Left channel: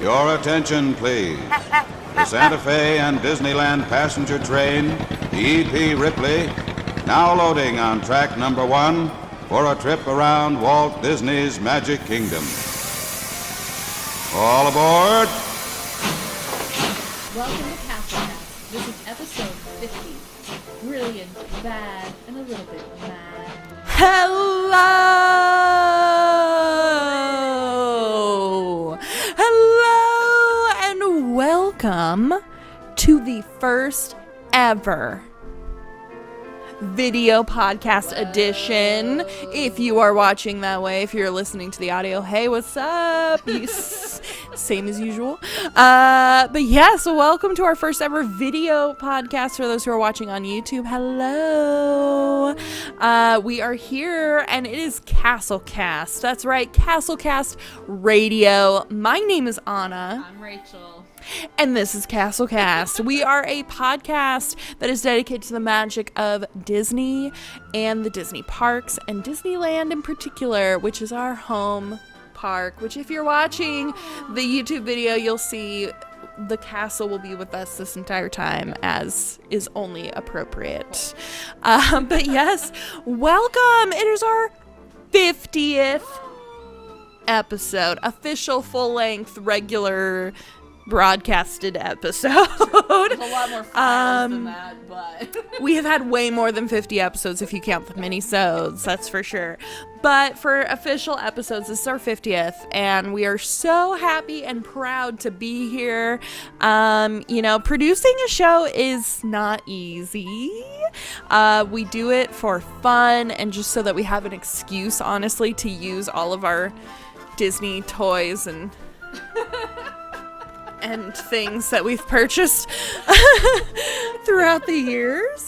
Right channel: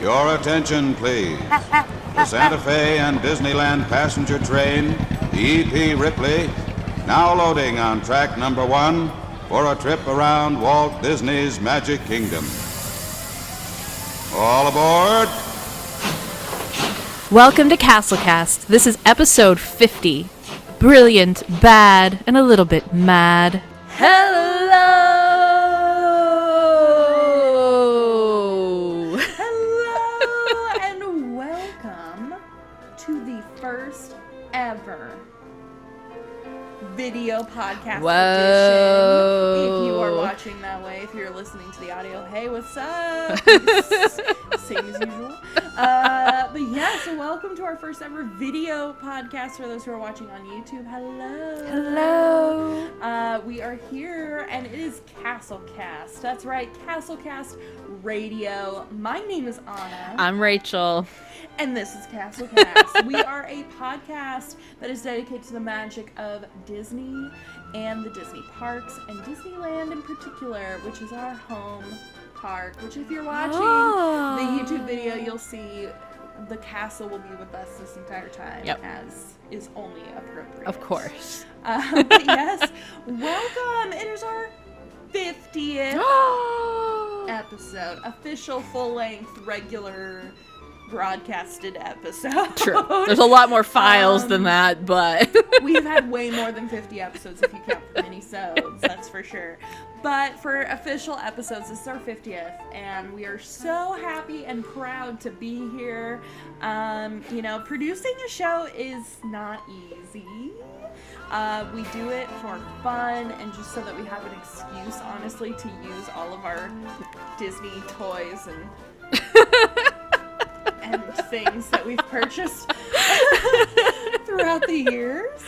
Your attention, please. The Santa Fe and Disneyland passenger train, the E.P. Ripley, now loading on track number 1 for a trip around Walt Disney's Magic Kingdom. All aboard! Welcome to CastleCast. This is episode 50. Brilliant, bad, and a little bit mad. Hello! Hello and welcome to the first ever video podcast edition. If you are watching that way, if you're listening to the audio, hey, what's up? Same as usual. But yeah, so welcome to our first ever video podcast for those who are watching on YouTube. Hello. We are here and it is CastleCast. That's right, CastleCast Radio. My name is Anna. I'm Rachel. And this is CastleCast. We are a podcast that is dedicated to the magic of Disney and the Disney parks and Disneyland in particular, which is our home park, which if you're watching the YouTube video, you'll see the castle will be with us this entire time, as is only appropriate. Of course. But yes, welcome. It is our 50th episode, official full-length regular broadcasted episode. True. There's a lot more files than that, but we have had way more than 50 episodes if you count the mini-sodes, that's for sure. But for official episodes, this is our 50th, and we are so happy and proud to be here. Producing a show is not easy. We do it for fun and just so that we have an excuse, honestly, to use all of our Disney toys and things that we've purchased throughout the years.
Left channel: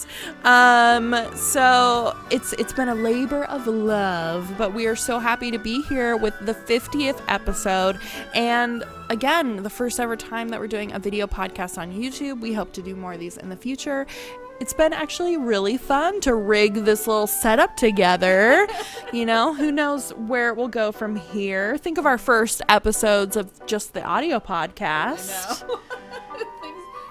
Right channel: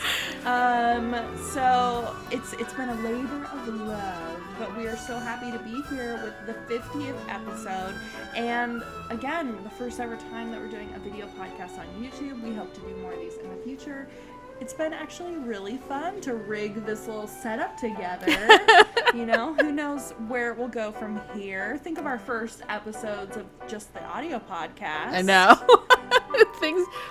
So it's been a labor of love, but we are so happy to be here with the 50th episode. And again, the first ever time that we're doing a video podcast on YouTube. We hope to do more of these in the future. It's been actually really fun to rig this little setup together. Who knows where it will go from here. Think of our first episodes of just the audio podcast. I know.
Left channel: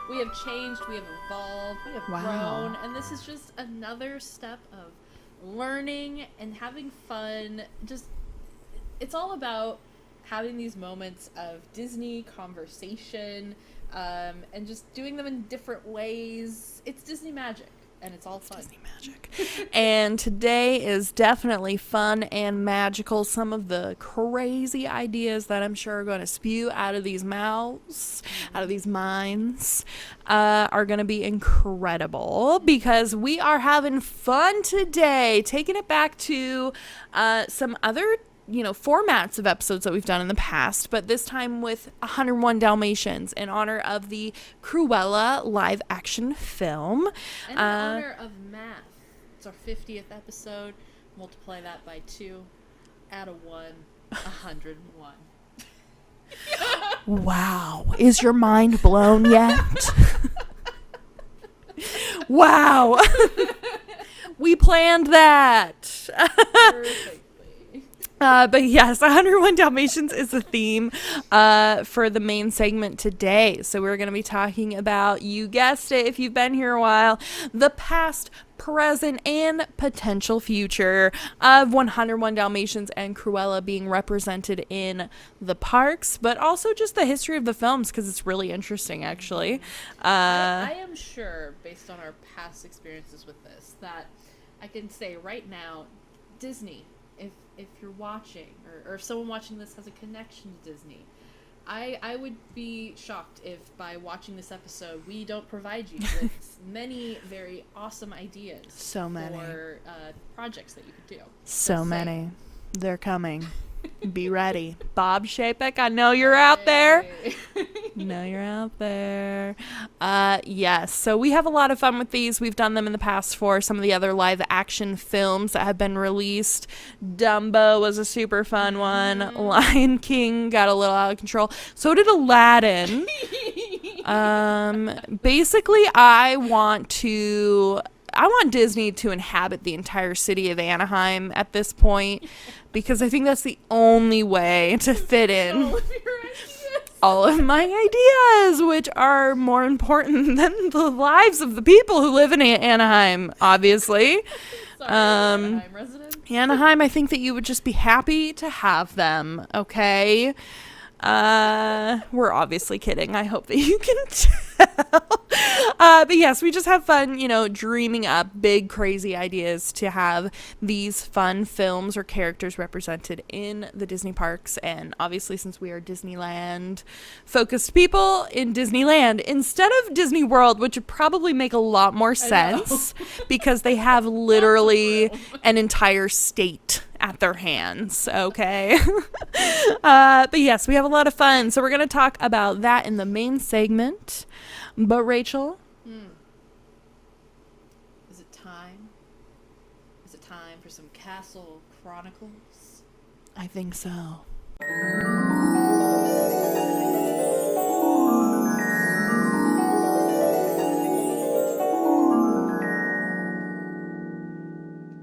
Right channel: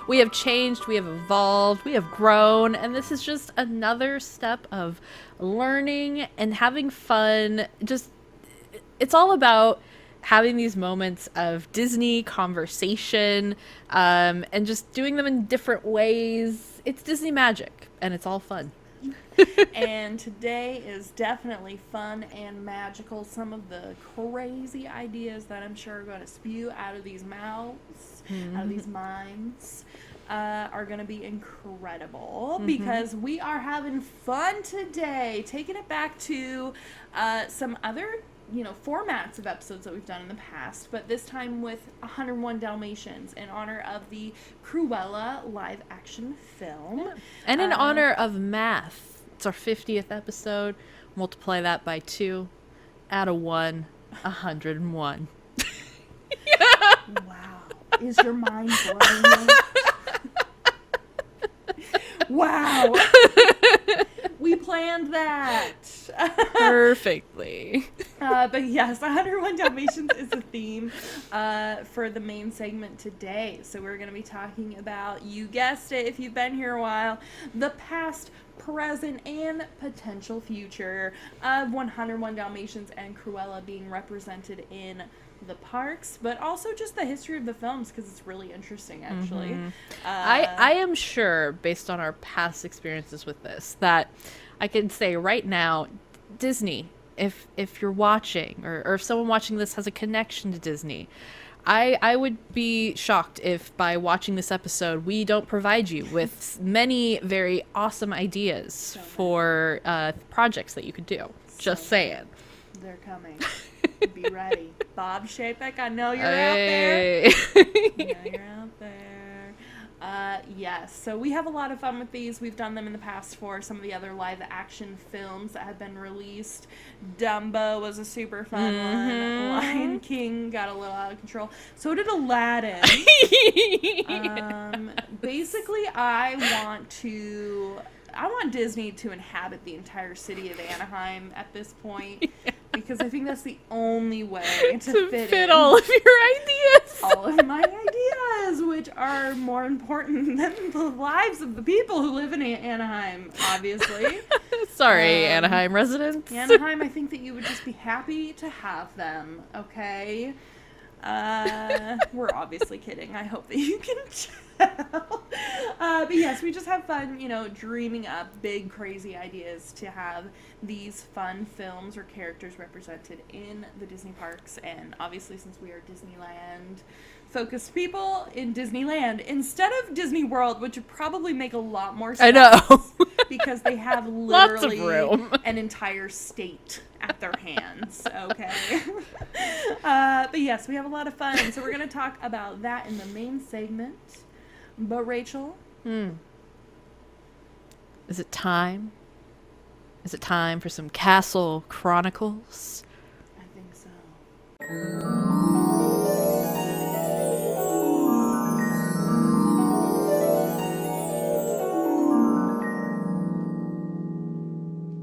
We have changed, we have evolved, we have grown, and this is just another step of learning and having fun. It's all about having these moments of Disney conversation, and just doing them in different ways. It's Disney magic, and it's all fun. And today is definitely fun and magical. Some of the crazy ideas that I'm sure are going to spew out of these mouths, out of these minds, are going to be incredible because we are having fun today, taking it back to some other formats of episodes that we've done in the past, but this time with 101 Dalmatians in honor of the Cruella live action film. And in honor of math. It's our 50th episode. Multiply that by 2. Add a 1. 101. Wow. Is your mind blown yet? Wow. We planned that. Perfectly. But yes, 101 Dalmatians is the theme for the main segment today. So we're going to be talking about, you guessed it, if you've been here a while, the past, present, and potential future of 101 Dalmatians and Cruella being represented in the parks, but also just the history of the films, because it's really interesting, actually. I am sure, based on our past experiences with this, that I can say right now, Disney, if you're watching, or if someone watching this has a connection to Disney, I would be shocked if by watching this episode we don't provide you with many very awesome ideas for projects that you could do. Just saying. They're coming. Be ready. Bob Chapek, I know you're out there. Yes. So we have a lot of fun with these. We've done them in the past for some of the other live action films that have been released. Dumbo was a super fun one. Lion King got a little out of control. So did Aladdin. Basically, I want Disney to inhabit the entire city of Anaheim at this point, because I think that's the only way to fit in all of your ideas. all of my ideas, which are more important than the lives of the people who live in Anaheim, obviously. Sorry, Anaheim residents. Anaheim, I think that you would just be happy to have them, okay? We're obviously kidding. I hope that you can tell. But yes, we just have fun, dreaming up big, crazy ideas to have these fun films or characters represented in the Disney parks. And obviously, since we are Disneyland focused people, in Disneyland instead of Disney World, which would probably make a lot more sense because they have literally an entire state at their hands. Okay. But yes, we have a lot of fun. So we're going to talk about that in the main segment. But Rachel, is it time? Is it time for some Castle Chronicles? I think so.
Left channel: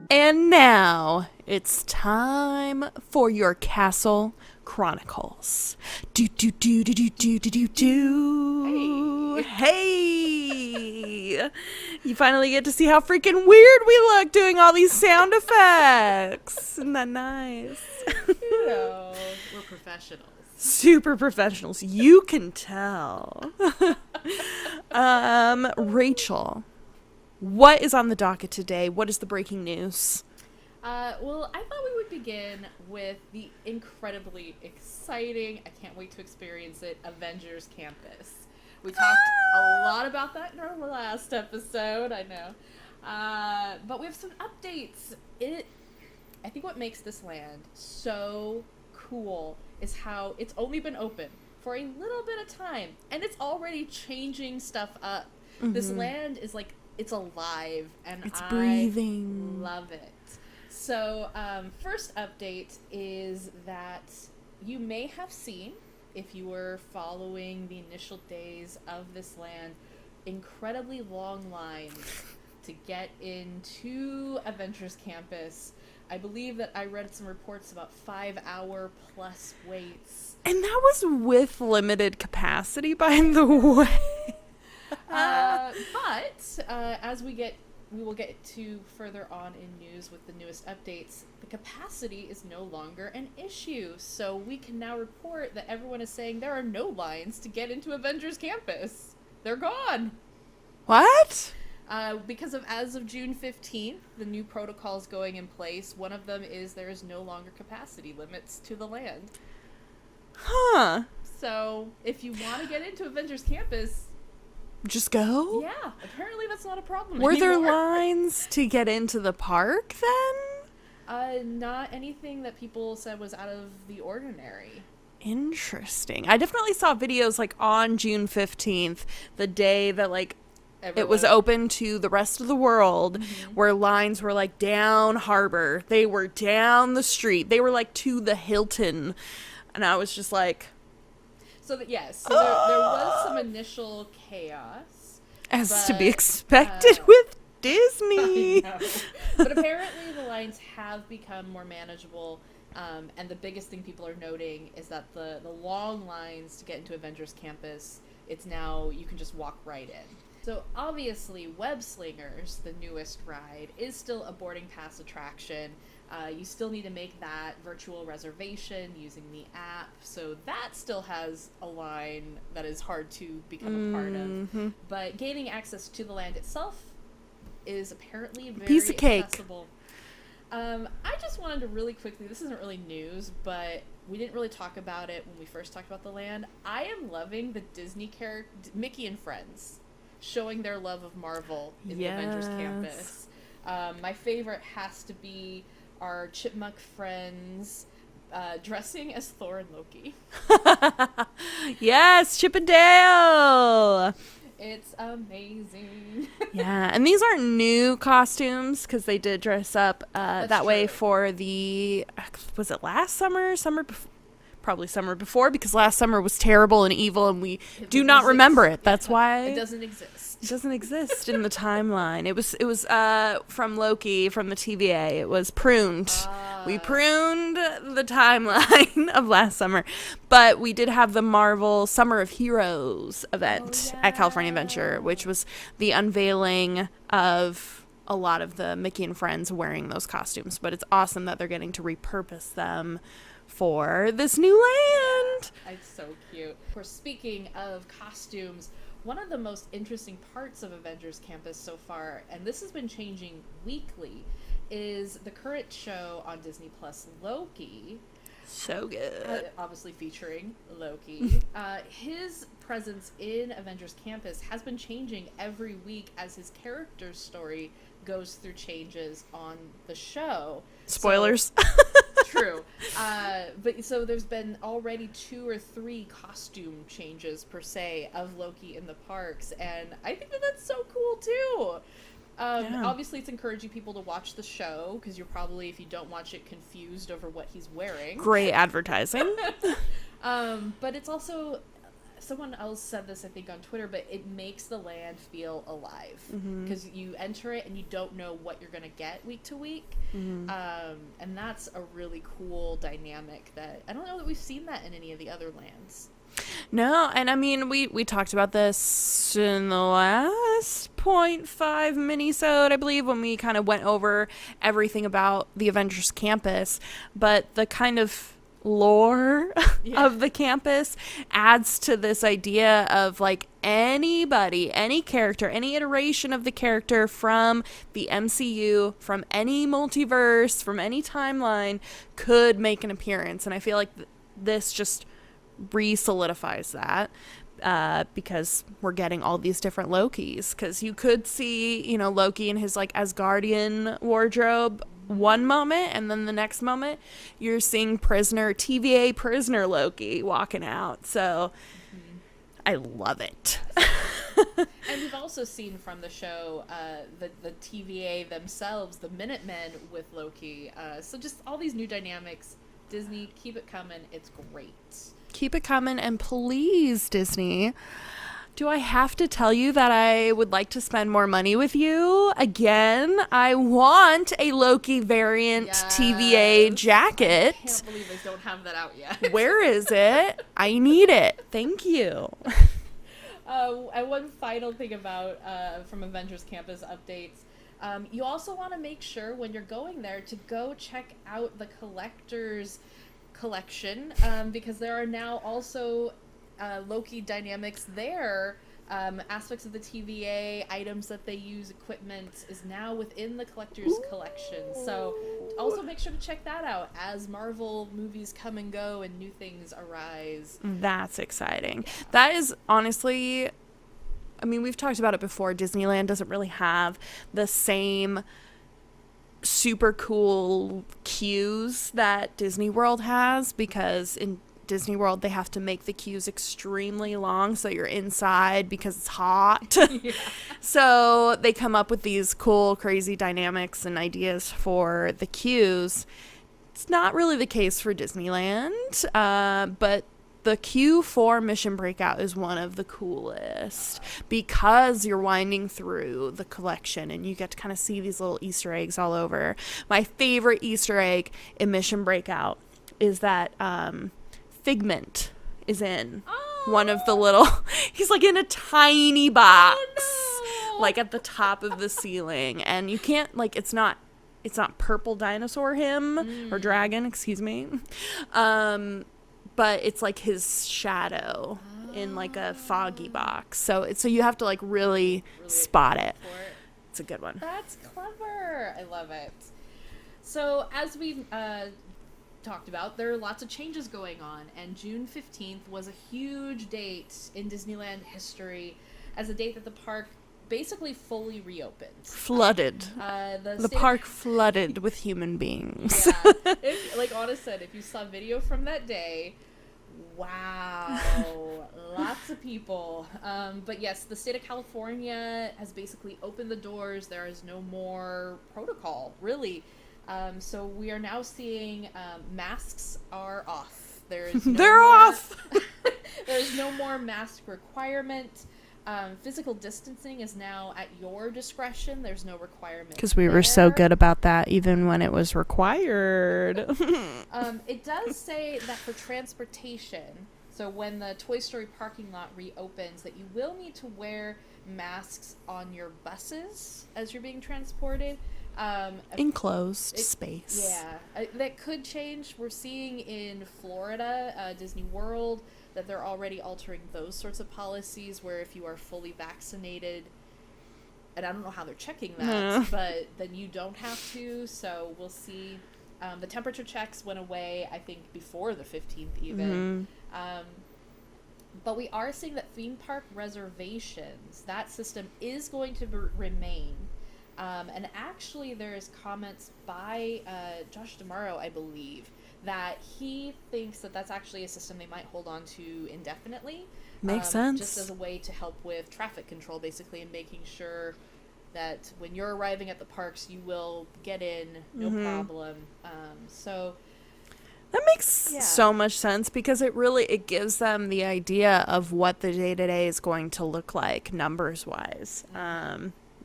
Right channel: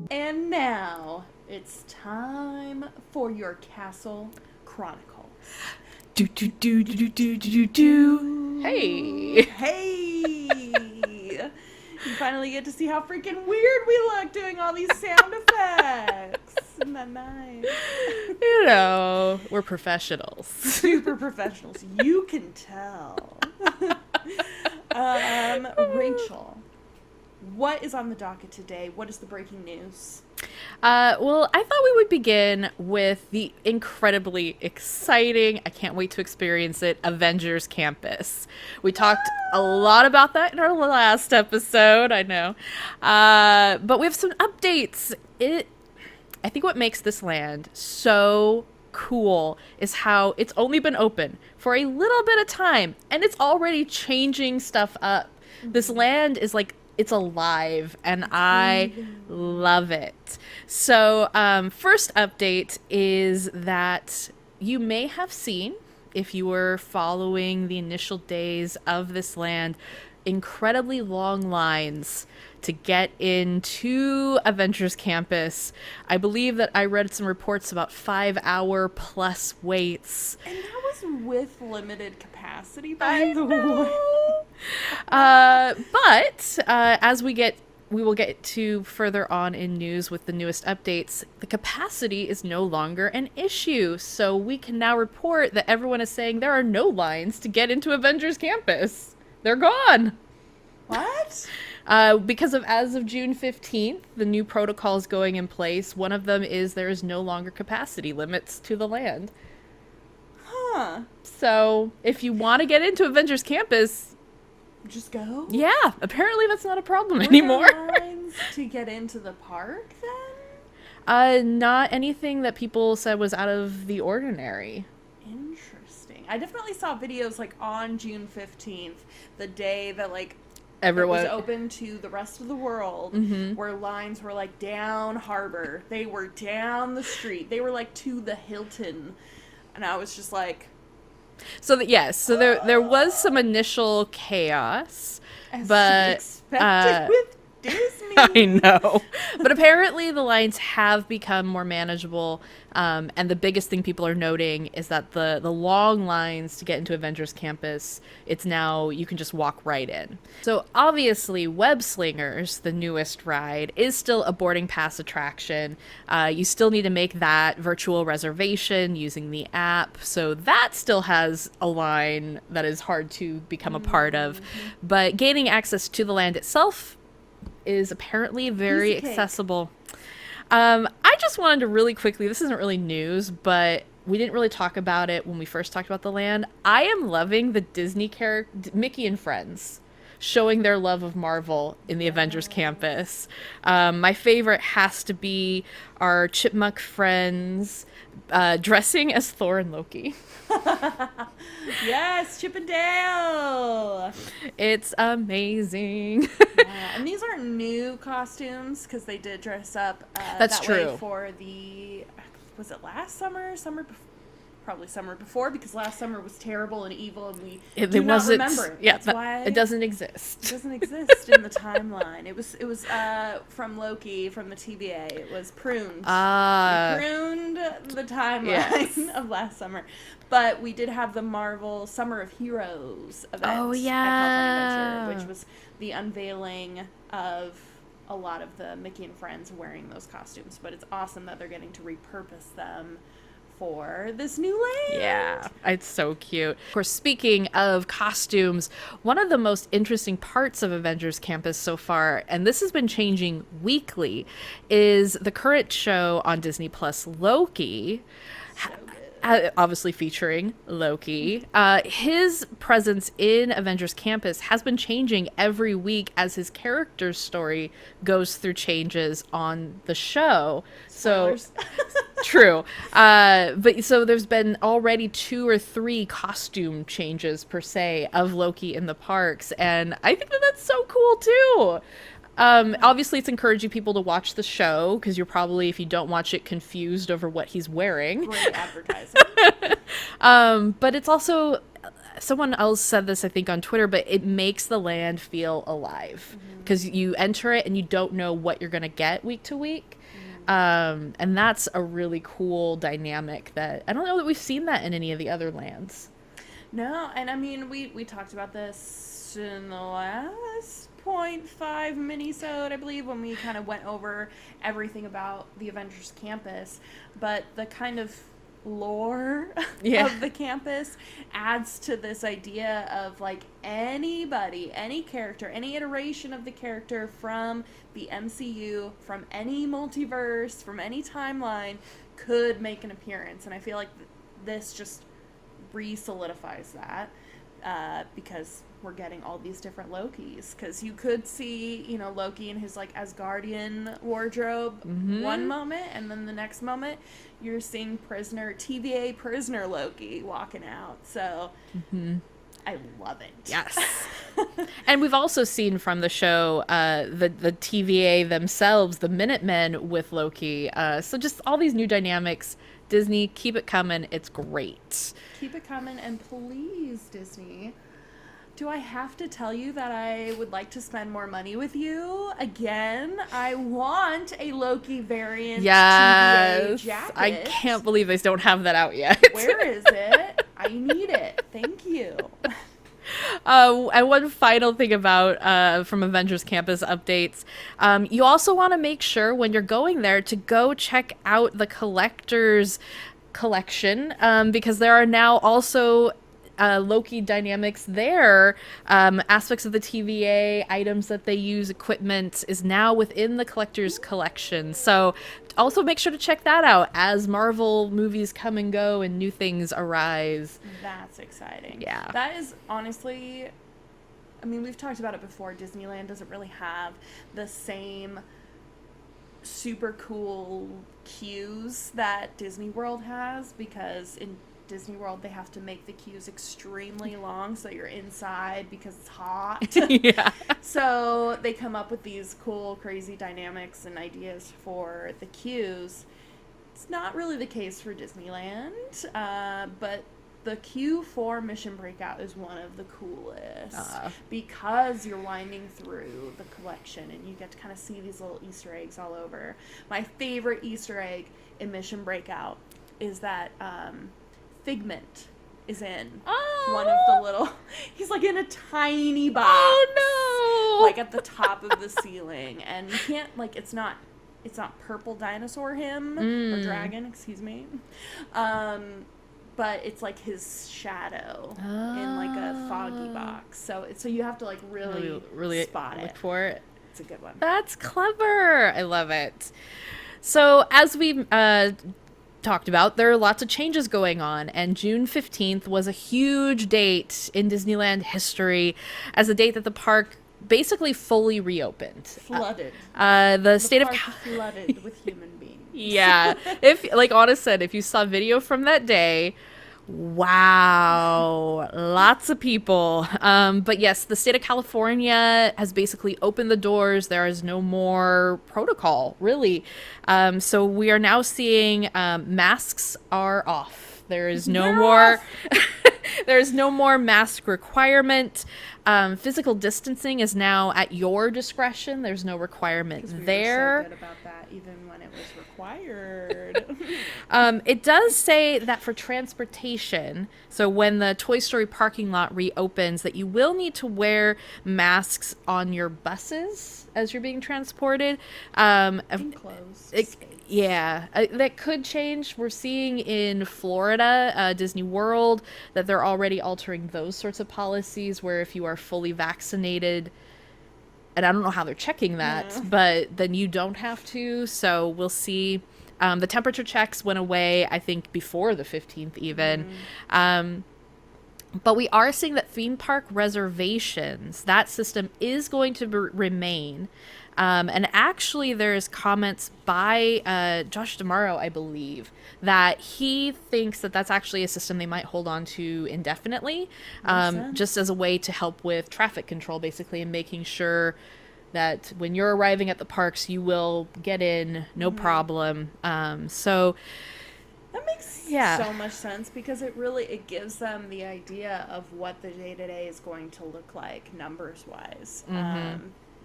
And now it's time for your Castle Chronicles. Do do do do do do do do do. Hey! You finally get to see how freaking weird we look doing all these sound effects. Isn't that nice? We're professionals. Super professionals. You can tell. Rachel, what is on the docket today? What is the breaking news? Well, I thought we would begin with the incredibly exciting, I can't wait to experience it, Avengers Campus. We talked a lot about that in our last episode, I know. But we have some updates. I think what makes this land so cool is how it's only been open for a little bit of time, and it's already changing stuff up. Mm-hmm. This land is like, it's alive, and I love it. So, first update is that you may have seen, if you were following the initial days of this land, incredibly long lines to get into Avengers Campus. I believe that I read some reports about 5-hour plus waits. And that was with limited capacity, by the way. But as we will get to further on in news with the newest updates, the capacity is no longer an issue. So we can now report that everyone is saying there are no lines to get into Avengers Campus. They're gone. What? Because as of June 15th, the new protocols going in place. One of them is there is no longer capacity limits to the land. Huh. So if you want to get into Avengers Campus, just go? Yeah, apparently that's not a problem anymore. Were there lines to get into the park then? Not anything that people said was out of the ordinary. Interesting. I definitely saw videos like on June 15th, the day that it was open to the rest of the world, where lines were like down harbor. They were down the street. They were like to the Hilton. And I was just like... So there was some initial chaos. As to be expected with Disney. I know. But apparently the lines have become more manageable. And the biggest thing people are noting is that the long lines to get into Avengers Campus, it's now, you can just walk right in. So obviously Web Slingers, the newest ride, is still a boarding pass attraction. You still need to make that virtual reservation using the app. So that still has a line that is hard to become a part of. But gaining access to the land itself is apparently very accessible. I just wanted to really quickly, this isn't really news, but we didn't really talk about it when we first talked about the land. I am loving the Disney character, Mickey and Friends, showing their love of Marvel in the Avengers Campus. My favorite has to be our chipmunk friends dressing as Thor and Loki. Yes, Chip and Dale. It's amazing. Yeah, and these aren't new costumes because they did dress up that way for the, was it last summer? probably summer before, because last summer was terrible and evil and we It do not wasn't- remember it. yeah, That's why it doesn't exist. it doesn't exist in the timeline. It was from Loki, from the TVA. It was pruned. We pruned the timeline of last summer. But we did have the Marvel Summer of Heroes event at California Adventure, which was the unveiling of a lot of the Mickey and Friends wearing those costumes. But it's awesome that they're getting to repurpose them for this new land. Yeah, it's so cute. Of course, speaking of costumes, one of the most interesting parts of Avengers Campus so far, and this has been changing weekly, is the current show on Disney Plus, Loki. So good. Obviously featuring Loki. His presence in Avengers Campus has been changing every week as his character's story goes through changes on the show. Spoilers. True. But so there's been already 2 or 3 costume changes per se of Loki in the parks, and I think that that's so cool too. Obviously, it's encouraging people to watch the show because you're probably, if you don't watch it, confused over what he's wearing. Great advertising. But it's also, someone else said this, I think, on Twitter, but it makes the land feel alive because you enter it and you don't know what you're going to get week to week. And that's a really cool dynamic that I don't know that we've seen that in any of the other lands. No, and I mean, we talked about this in the last 0.5 mini-sode, I believe, when we kind of went over everything about the Avengers Campus, but the kind of lore of the campus adds to this idea of like anybody, any character, any iteration of the character from the MCU, from any multiverse, from any timeline could make an appearance. And I feel like this just re-solidifies that because we're getting all these different Lokis, because you could see, you know, Loki in his like Asgardian wardrobe one moment, and then the next moment you're seeing TVA prisoner Loki walking out. So I love it. Yes. And we've also seen from the show the TVA themselves, the Minutemen with Loki. So just all these new dynamics. Disney, keep it coming. It's great. Keep it coming, and please, Disney, do I have to tell you that I would like to spend more money with you? Again, I want a Loki variant TVA jacket. I can't believe they don't have that out yet. Where is it? I need it. Thank you. And one final thing about from Avengers Campus updates, you also want to make sure when you're going there to go check out the collector's collection, because there are now also Loki dynamics there. Aspects of the TVA, items that they use, equipment is now within the collector's collection. So also make sure to check that out as Marvel movies come and go and new things arise. That's exciting. Yeah. That is honestly, I mean, we've talked about it before. Disneyland doesn't really have the same super cool queues that Disney World has, because in Disney World they have to make the queues extremely long so you're inside because it's hot. Yeah. So they come up with these cool, crazy dynamics and ideas for the queues. It's not really the case for Disneyland, but the queue for Mission Breakout is one of the coolest because you're winding through the collection and you get to kind of see these little Easter eggs all over. My favorite Easter egg in Mission Breakout is that Figment is in one of the little, he's like in a tiny box. Oh no! Like at the top of the ceiling, and you can't, like, it's not purple dinosaur him or dragon, excuse me. But it's like his shadow in like a foggy box. So you have to like really spot it. For it. It's a good one. That's clever. I love it. So as we talked about, there are lots of changes going on, and June 15th was a huge date in Disneyland history as a date that the park basically fully reopened. Flooded. The park flooded with human beings. Yeah. If, like Anna said, if you saw video from that day, wow, lots of people. But yes, the state of California has basically opened the doors. There is no more protocol, really. So we are now seeing masks are off. There is no They're more off. there's no more mask requirement. Physical distancing is now at your discretion. There's no requirement Because we were so good about that even when it was required. It does say that for transportation, so when the Toy Story parking lot reopens, that you will need to wear masks on your buses as you're being transported. Enclosed space. Yeah, that could change. We're seeing in Florida, Disney World, that they're already altering those sorts of policies where if you are fully vaccinated, and I don't know how they're checking that, but then you don't have to. So we'll see. The temperature checks went away, I think, before the 15th even. But we are seeing that theme park reservations, that system is going to remain. And actually, there's comments by Josh D'Amaro, I believe, that he thinks that that's actually a system they might hold on to indefinitely, Makes sense. just as a way to help with traffic control, basically, and making sure that when you're arriving at the parks, you will get in, no problem. So That makes so much sense because it gives them the idea of what the day-to-day is going to look like numbers-wise.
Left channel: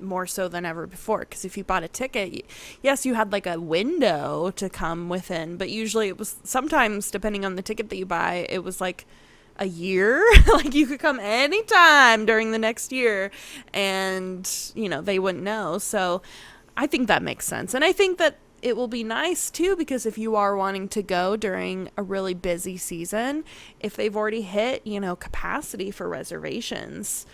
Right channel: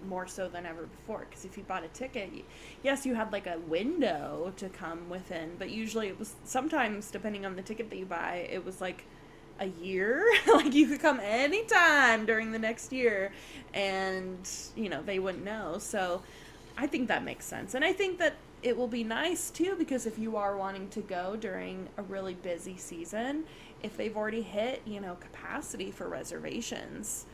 More so than ever before, because if you bought a ticket, yes, you had like a window to come within, but usually it was sometimes, depending on the ticket that you buy, it was like a year. Like you could come anytime during the next year and they wouldn't know. So I think that makes sense, and I think that it will be nice too, because if you are wanting to go during a really busy season, if they've already hit capacity for reservations,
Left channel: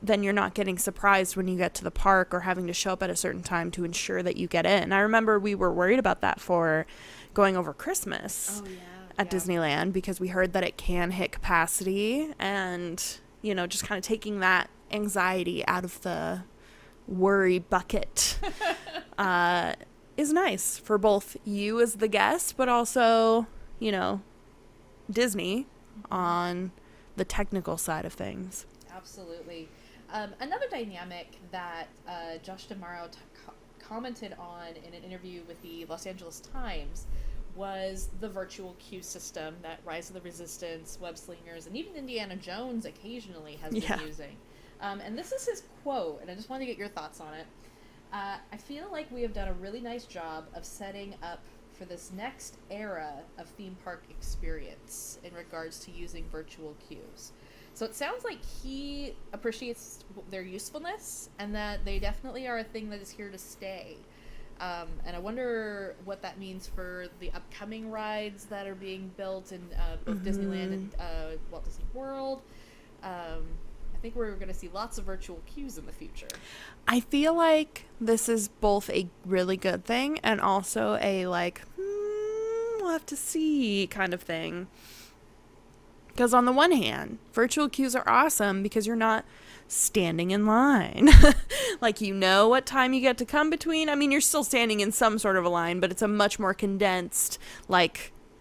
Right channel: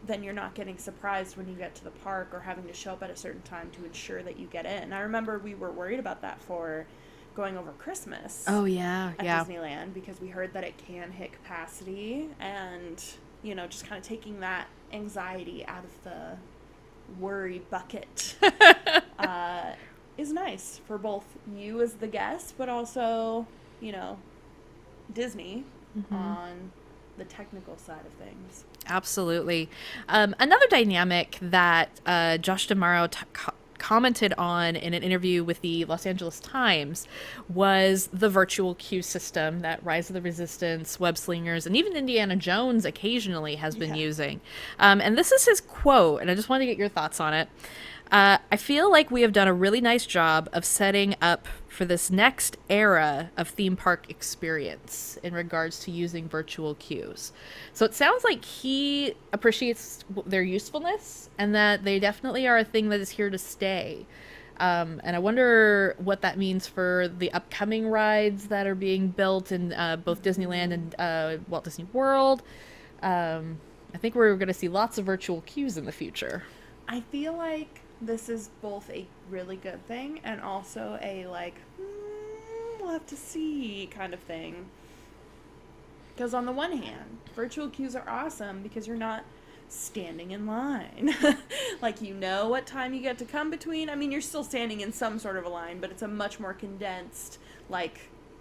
then you're not getting surprised when you get to the park or having to show up at a certain time to ensure that you get in. I remember we were worried about that for going over Christmas. Oh, yeah. At Disneyland, because we heard that it can hit capacity, and, just kind of taking that anxiety out of the worry bucket is nice for both you as the guest, but also, Disney on the technical side of things. Absolutely. Another dynamic that Josh D'Amaro commented on in an interview with the Los Angeles Times was the virtual queue system that Rise of the Resistance, Web Slingers, and even Indiana Jones occasionally has been using. And this is his quote, and I just wanted to get your thoughts on it. I feel like we have done a really nice job of setting up for this next era of theme park experience in regards to using virtual queues. So it sounds like he appreciates their usefulness and that they definitely are a thing that is here to stay. And I wonder what that means for the upcoming rides that are being built in both Disneyland and Walt Disney World. I think we're going to see lots of virtual queues in the future. I feel like this is both a really good thing and also a we'll have to see kind of thing. Because on the one hand, virtual queues are awesome because you're not standing in line. Like, what time you get to come between. I mean, you're still standing in some sort of a line, but it's a much more condensed,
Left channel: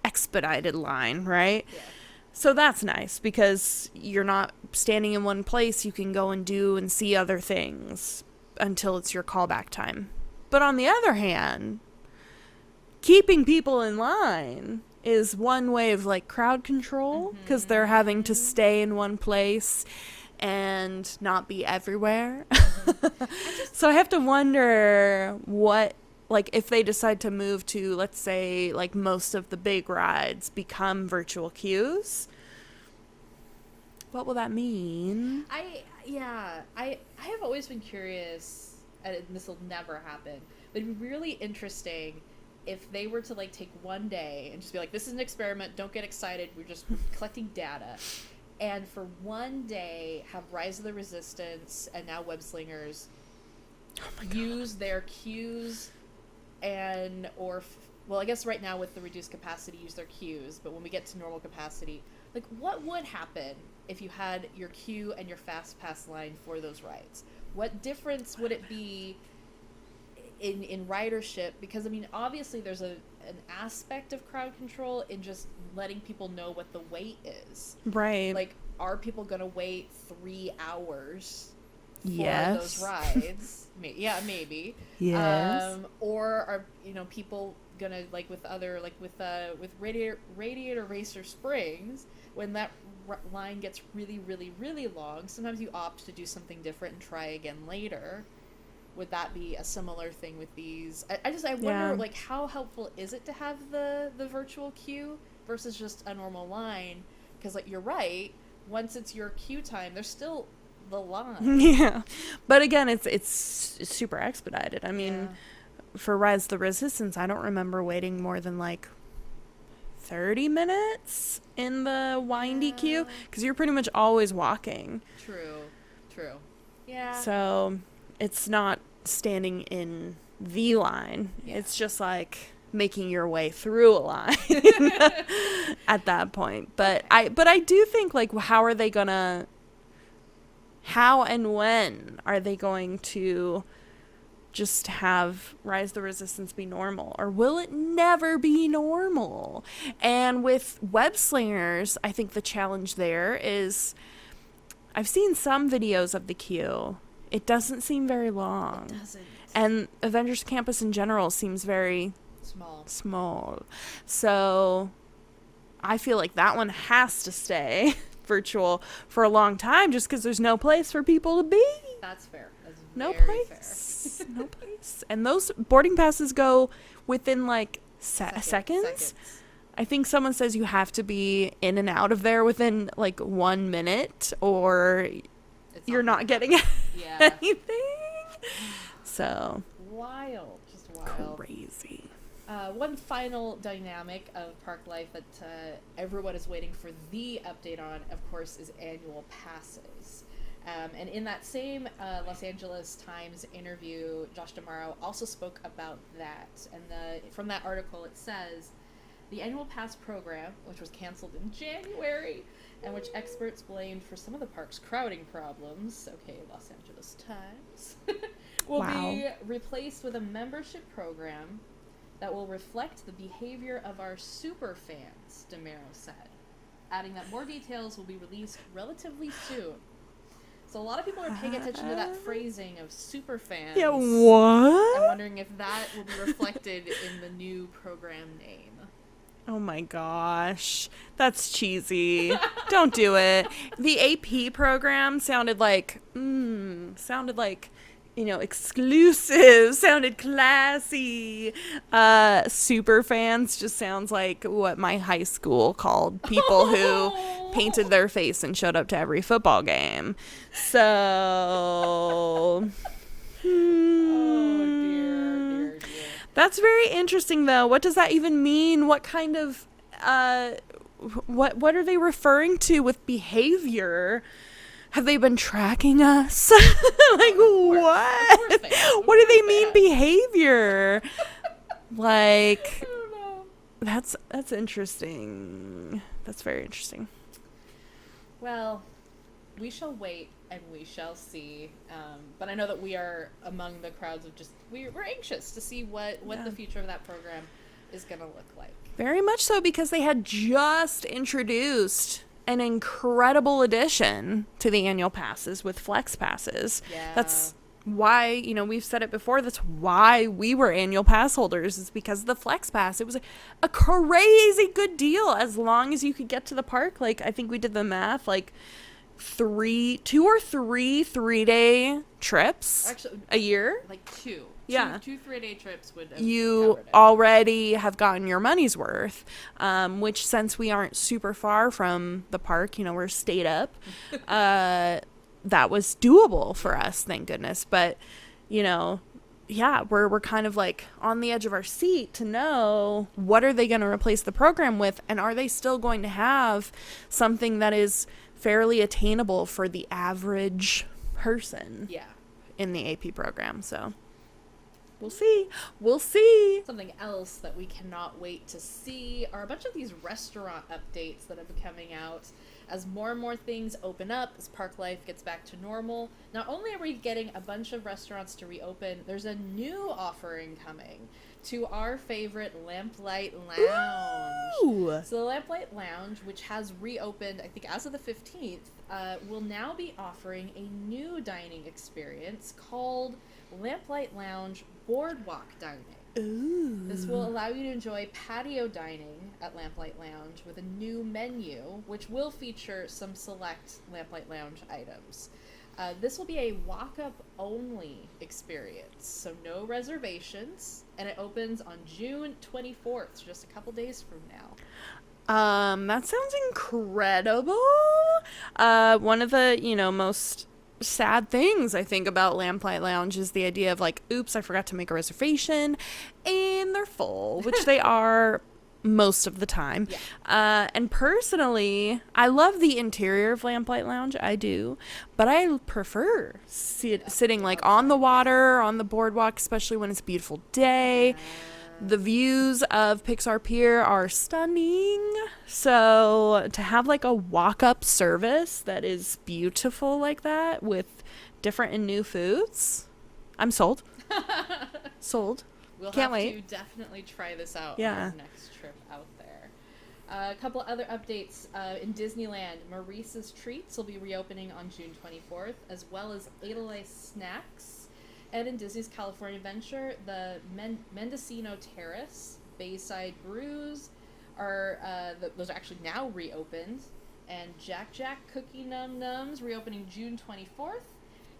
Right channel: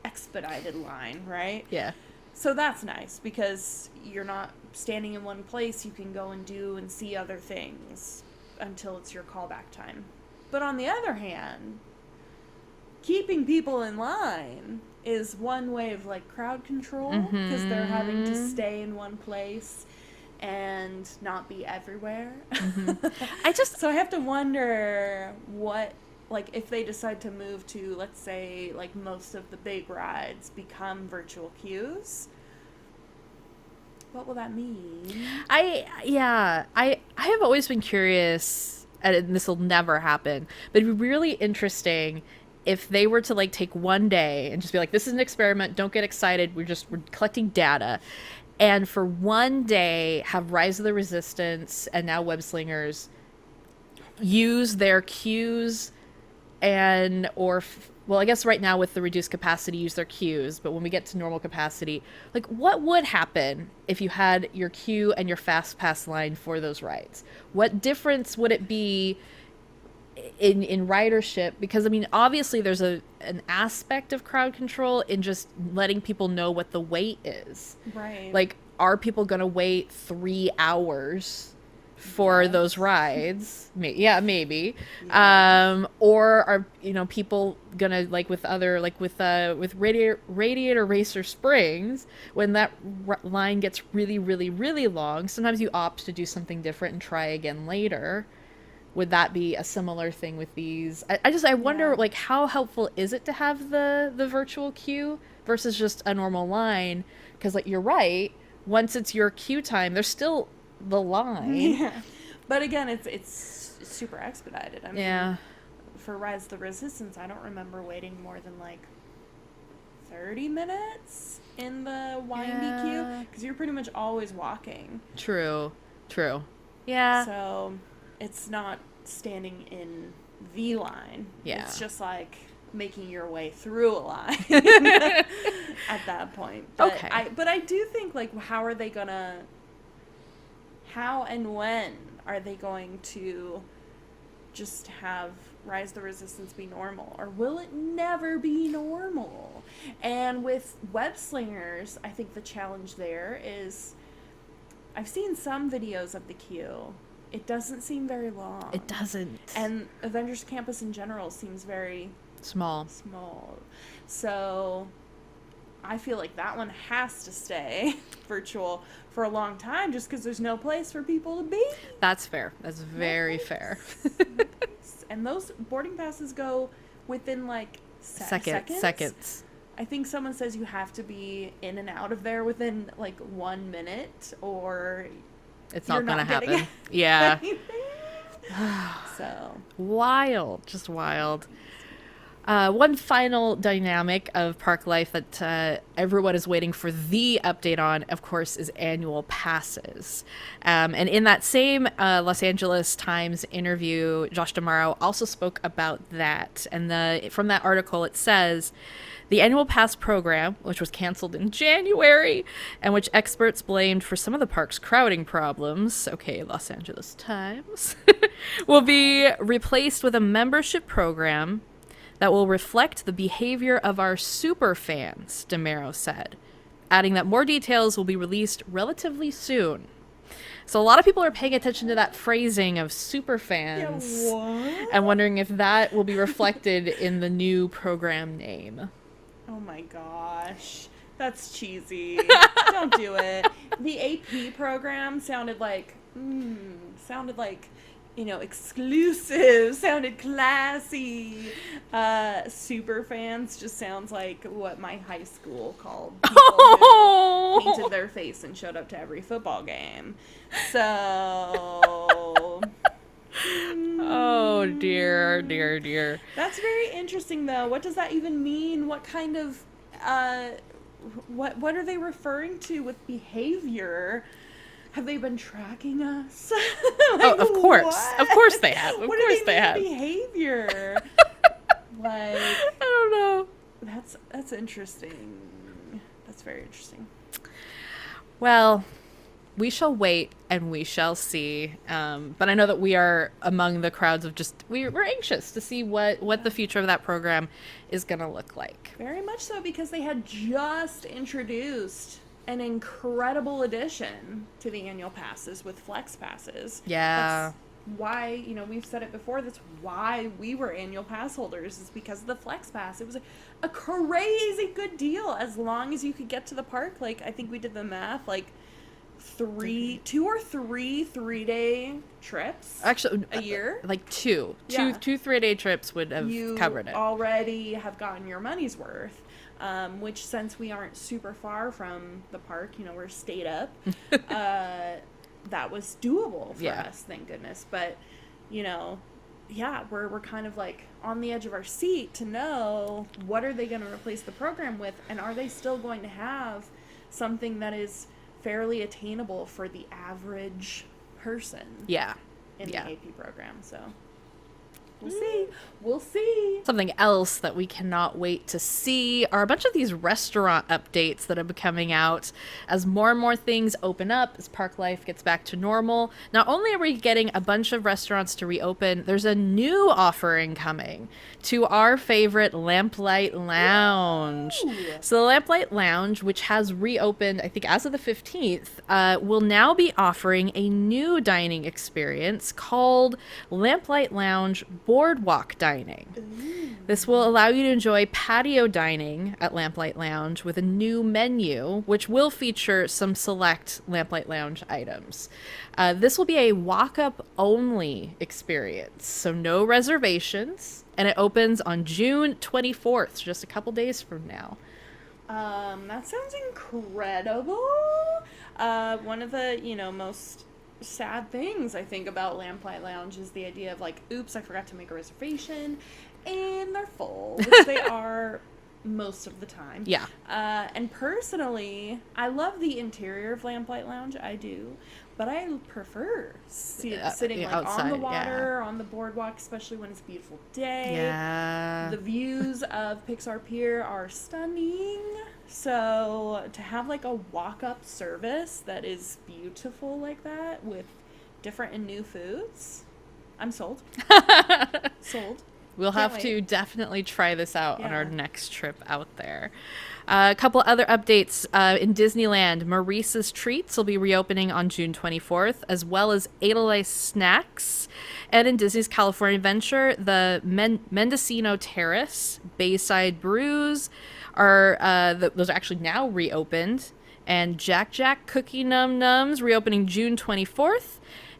expedited line, right? Yeah. So that's nice because you're not standing in one place. You can go and do and see other things until it's your callback time. But on the other hand, keeping people in line is one way of crowd control, because they're having to stay in one place and not be everywhere. So I have to wonder what, if they decide to move to, let's say, most of the big rides become virtual queues, what will that mean? I have always been curious, and this will never happen, but it'd be really interesting if they were to take one day and just be like, this is an experiment, don't get excited, we're collecting data, and for one day have Rise of the Resistance and now Web Slingers use their queues well, I guess right now with the reduced capacity, use their queues, but when we get to normal capacity, what would happen if you had your queue and your fast pass line for those rides? What difference would it be in ridership? Because, I mean, obviously there's an aspect of crowd control in just letting people know what the wait is. Right. Are people going to wait 3 hours for those Yes. rides. Yeah, maybe. Yes. Or are people gonna with Radiator Racer Springs, when that line gets really, really, really long, sometimes you opt to do something different and try again later. Would that be a similar thing with these? I wonder how helpful is it to have the virtual queue versus just a normal line? Because you're right, once it's your queue time, there's still the line. Yeah, but again, it's super expedited. I mean, for Rise of the Resistance, I don't remember waiting more than 30 minutes in the windy queue, because you're pretty much always walking. True. Yeah. So it's not standing in the line. Yeah. It's just making your way through a line at that point. But Okay. I do think how and when are they going to just have Rise of the Resistance be normal, or will it never be normal? And with Web Slingers, I think the challenge there is, I've seen some videos of the queue. It doesn't seem very long. It doesn't. And Avengers Campus in general seems very small. So I feel like that one has to stay virtual for a long time, just because there's no place for people to be. That's fair. That's very fair. No place. And those boarding passes go within seconds. Seconds. I think someone says you have to be in and out of there within 1 minute, or It's you're not not gonna getting happen. Yeah. anything. So Wild. Just wild. crazy. One final dynamic of park life that everyone is waiting for the update on, of course, is annual passes. And in that same Los Angeles Times interview, Josh D'Amaro also spoke about that. And from that article, it says, the annual pass program, which was canceled in January, and which experts blamed for some of the park's crowding problems, okay, Los Angeles Times, will be replaced with a membership program that will reflect the behavior of our super fans, D'Amaro said, adding that more details will be released relatively soon. So a lot of people are paying attention to that phrasing of super fans. Yeah, what? And wondering if that will be reflected in the new program name. Oh my gosh. That's cheesy. Don't do it. The AP program sounded like exclusive, sounded classy. Super fans just sounds like what my high school called people who painted their face and showed up to every football game. So Oh dear. that's very interesting though. What does that even mean? What kind of what are they referring to with behavior? Have they been tracking us? Of course. what? Of course they have. What do they mean behavior? I don't know. That's interesting. That's very interesting. Well, we shall wait and we shall see. But I know that we are among the crowds of we're anxious to see what the future of that program is going to look like. Very much so, because they had just introduced an incredible addition to the annual passes with flex passes. Yeah. That's why, we've said it before, that's why we were annual pass holders, is because of the flex pass. It was a crazy good deal as long as you could get to the park. I think we did the math, 2 or 3 3-day trips Actually, a year. two 3-day trips would have You covered it. already have gotten your money's worth, which, since we aren't super far from the park, we're stayed up, that was doable for us, thank goodness. But we're kind of on the edge of our seat to know, what are they going to replace the program with, and are they still going to have something that is fairly attainable for the average person in the AP program. So we'll see. Something else that we cannot wait to see are a bunch of these restaurant updates that have been coming out as more and more things open up, as park life gets back to normal. Not only are we getting a bunch of restaurants to reopen, there's a new offering coming. to our favorite Lamplight Lounge. Ooh. So the Lamplight Lounge, which has reopened, I think, as of the 15th, will now be offering a new dining experience called Lamplight Lounge Boardwalk Dining. Ooh. This will allow you to enjoy patio dining at Lamplight Lounge with a new menu, which will feature some select Lamplight Lounge items. This will be a walk-up only experience, so no reservations, and it opens on June 24th, just a couple days from now. That sounds incredible. One of the, most sad things I think about Lamplight Lounge is the idea of like, oops, I forgot to make a reservation, and they're full, which they are most of the time. Yeah. And personally, I love the interior of Lamplight Lounge. I do, but I prefer sitting like on the outside, water, on the boardwalk, especially when it's a beautiful day. Yeah. The views of Pixar Pier are stunning. So to have like a walk-up service that is beautiful like that with different and new foods, I'm sold. Sold. We'll Can't have to wait. definitely try this out on Yeah. our next trip out there. A couple other updates. In Disneyland, Maurice's Treats will be reopening on June 24th, as well as Edelweiss Snacks. And in Disney's California Adventure, the Mendocino Terrace, Bayside Brews, those are actually now reopened. And Jack Jack Cookie Num Nums reopening June 24th.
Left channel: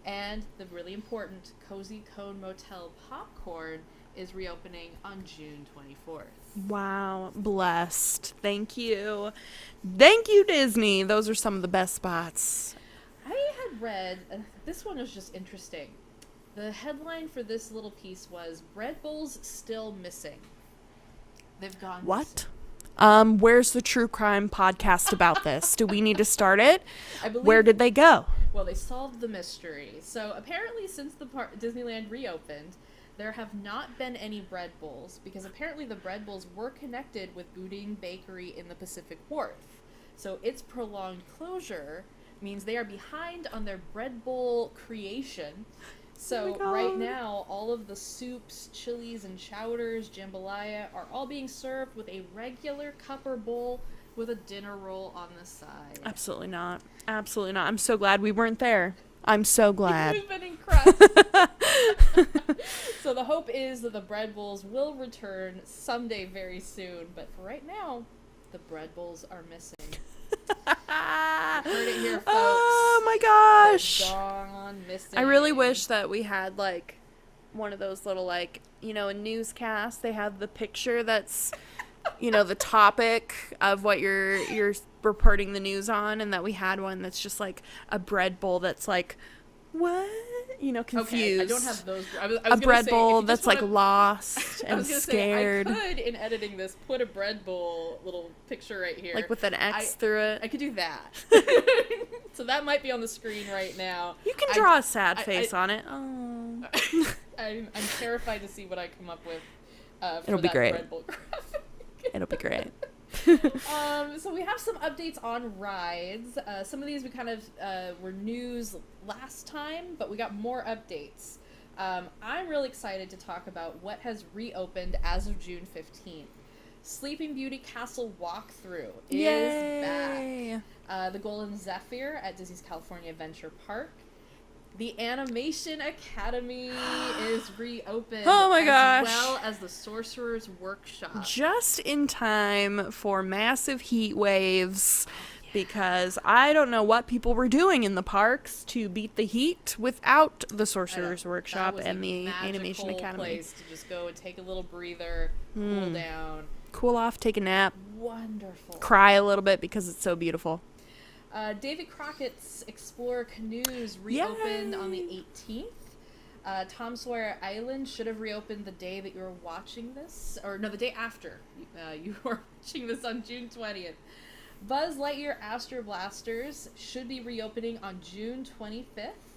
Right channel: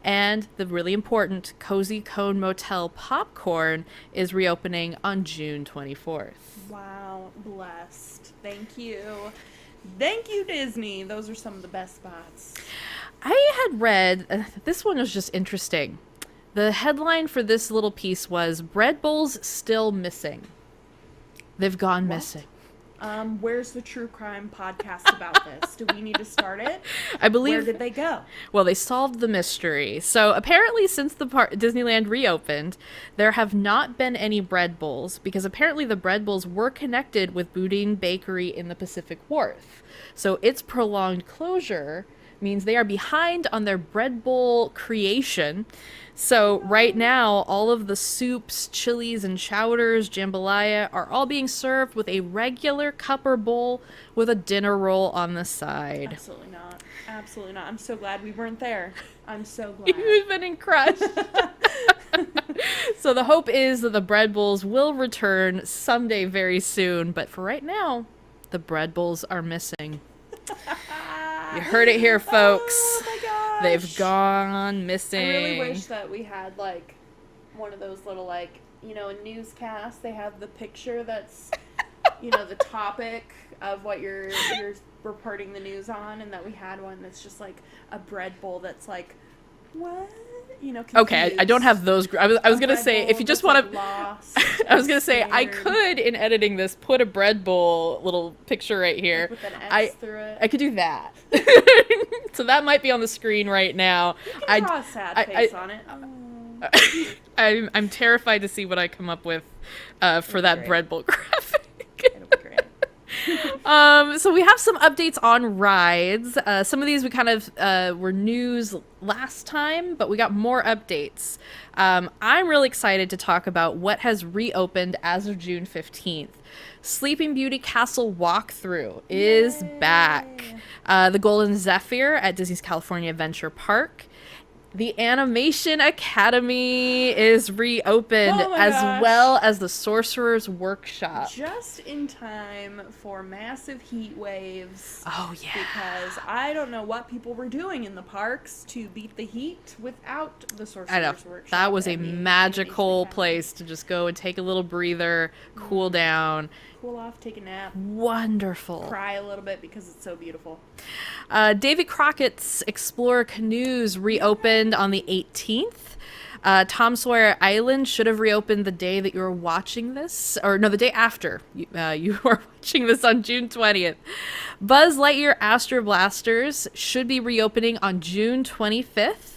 And the really important Cozy Cone Motel Popcorn is reopening on June 24th. Wow, blessed. Thank you. Thank you, Disney. Those are some of the best spots. I had read, this one was just interesting. The headline for this little piece was, Bread Bowls Still Missing. They've gone missing. Where's the true crime podcast about this? Do we need to start it? I believe. Where did they go? Well, they solved the mystery. So apparently, since the Disneyland reopened, there have not been any bread bowls because apparently the bread bowls were connected with Boudin Bakery in the Pacific Wharf. So its prolonged closure means they are behind on their bread bowl creation. So right now, all of the soups, chilies, and chowders, jambalaya are all being served with a regular cup or bowl with a dinner roll on the side. Absolutely not. Absolutely not. I'm so glad we weren't there. I'm so glad. We've been crushed. So the hope is that the bread bowls will return someday very soon. But for right now, the bread bowls are missing. You heard it here, folks. Oh my gosh. They've gone missing. I really wish that we had like one of those little like, a newscast. They have the picture that's, the topic of what you're reporting the news on, and that we had one that's just like a bread bowl that's like, what? Confused. Okay, I don't have those. I was gonna say, if you just want to, like, lost. I was gonna say I scared. could, in editing this, put a bread bowl little picture right here, Like with an X through it. I could do that. So that might be on the screen right now. You can draw a sad face on it. Oh. I'm terrified to see what I come up with for that great. bread bowl graphic. It'll be great. So we have some updates on rides. Some of these we kind of were news last time, but we got more updates. I'm really excited to talk about what has reopened as of June 15th. Sleeping Beauty Castle Walkthrough is Yay. back. The Golden Zephyr at Disney's California Adventure Park. The Animation Academy is reopened, Oh my as gosh. well as the Sorcerer's Workshop. Just in time for massive heat waves. Oh, yeah. Because I don't know what people were doing in the parks to beat the heat without the I know. Sorcerer's Workshop. That was a and the magical Animation Academy. place to just go and take a little breather, cool down. Cool off, take a nap, Wonderful. cry a little bit because it's so beautiful. David Crockett's Explorer Canoes reopened on the 18th. Tom Sawyer Island should have reopened the day that you were watching this, or no, the day after you were watching this on June 20th. Buzz Lightyear Astro Blasters should be reopening on June 25th.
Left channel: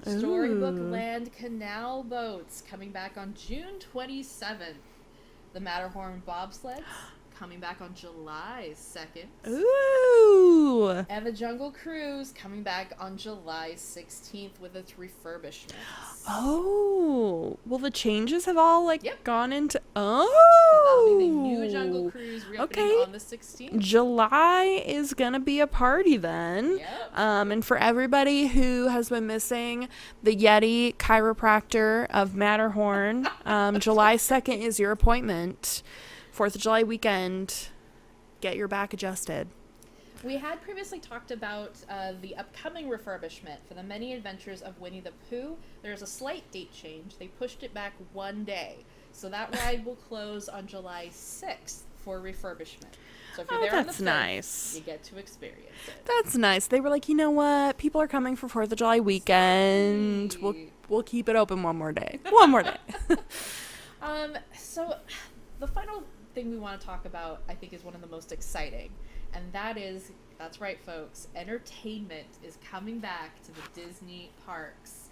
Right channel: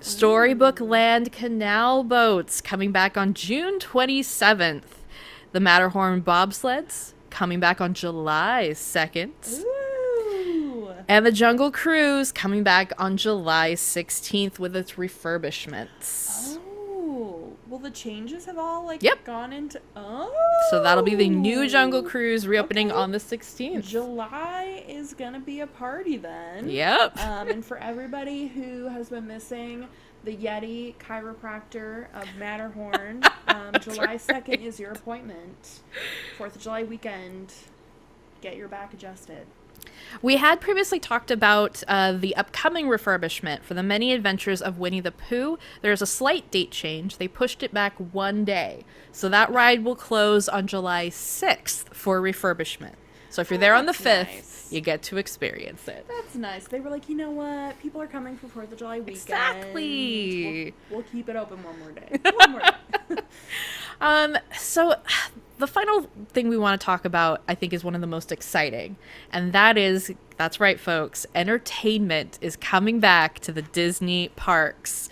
Storybook Land Canal Boats coming back on June 27th. The Matterhorn Bobsleds coming back on July 2nd. Ooh. And the Jungle Cruise coming back on July 16th with its refurbishments. Oh. Oh, well, the changes have all Yep. gone into. Oh, So that'll be the new Jungle Cruise reopening Okay. on the 16th. July is gonna be a party then. Yep. And for everybody who has been missing the Yeti chiropractor of Matterhorn, July 2nd is your appointment. 4th of July weekend. Get your back adjusted. We had previously talked about the upcoming refurbishment for the Many Adventures of Winnie the Pooh. There's a slight date change. They pushed it back one day. So that ride will close on July 6th for refurbishment. So if you're there on the that's 5th, nice. you get to experience it. That's nice. They were like, you know what? People are coming for 4th of July weekend. Exactly. We'll keep it open one more day. One more day. So the final thing we want to talk about, I think, is one of the most exciting. And that's right, folks, entertainment is coming back to the Disney parks.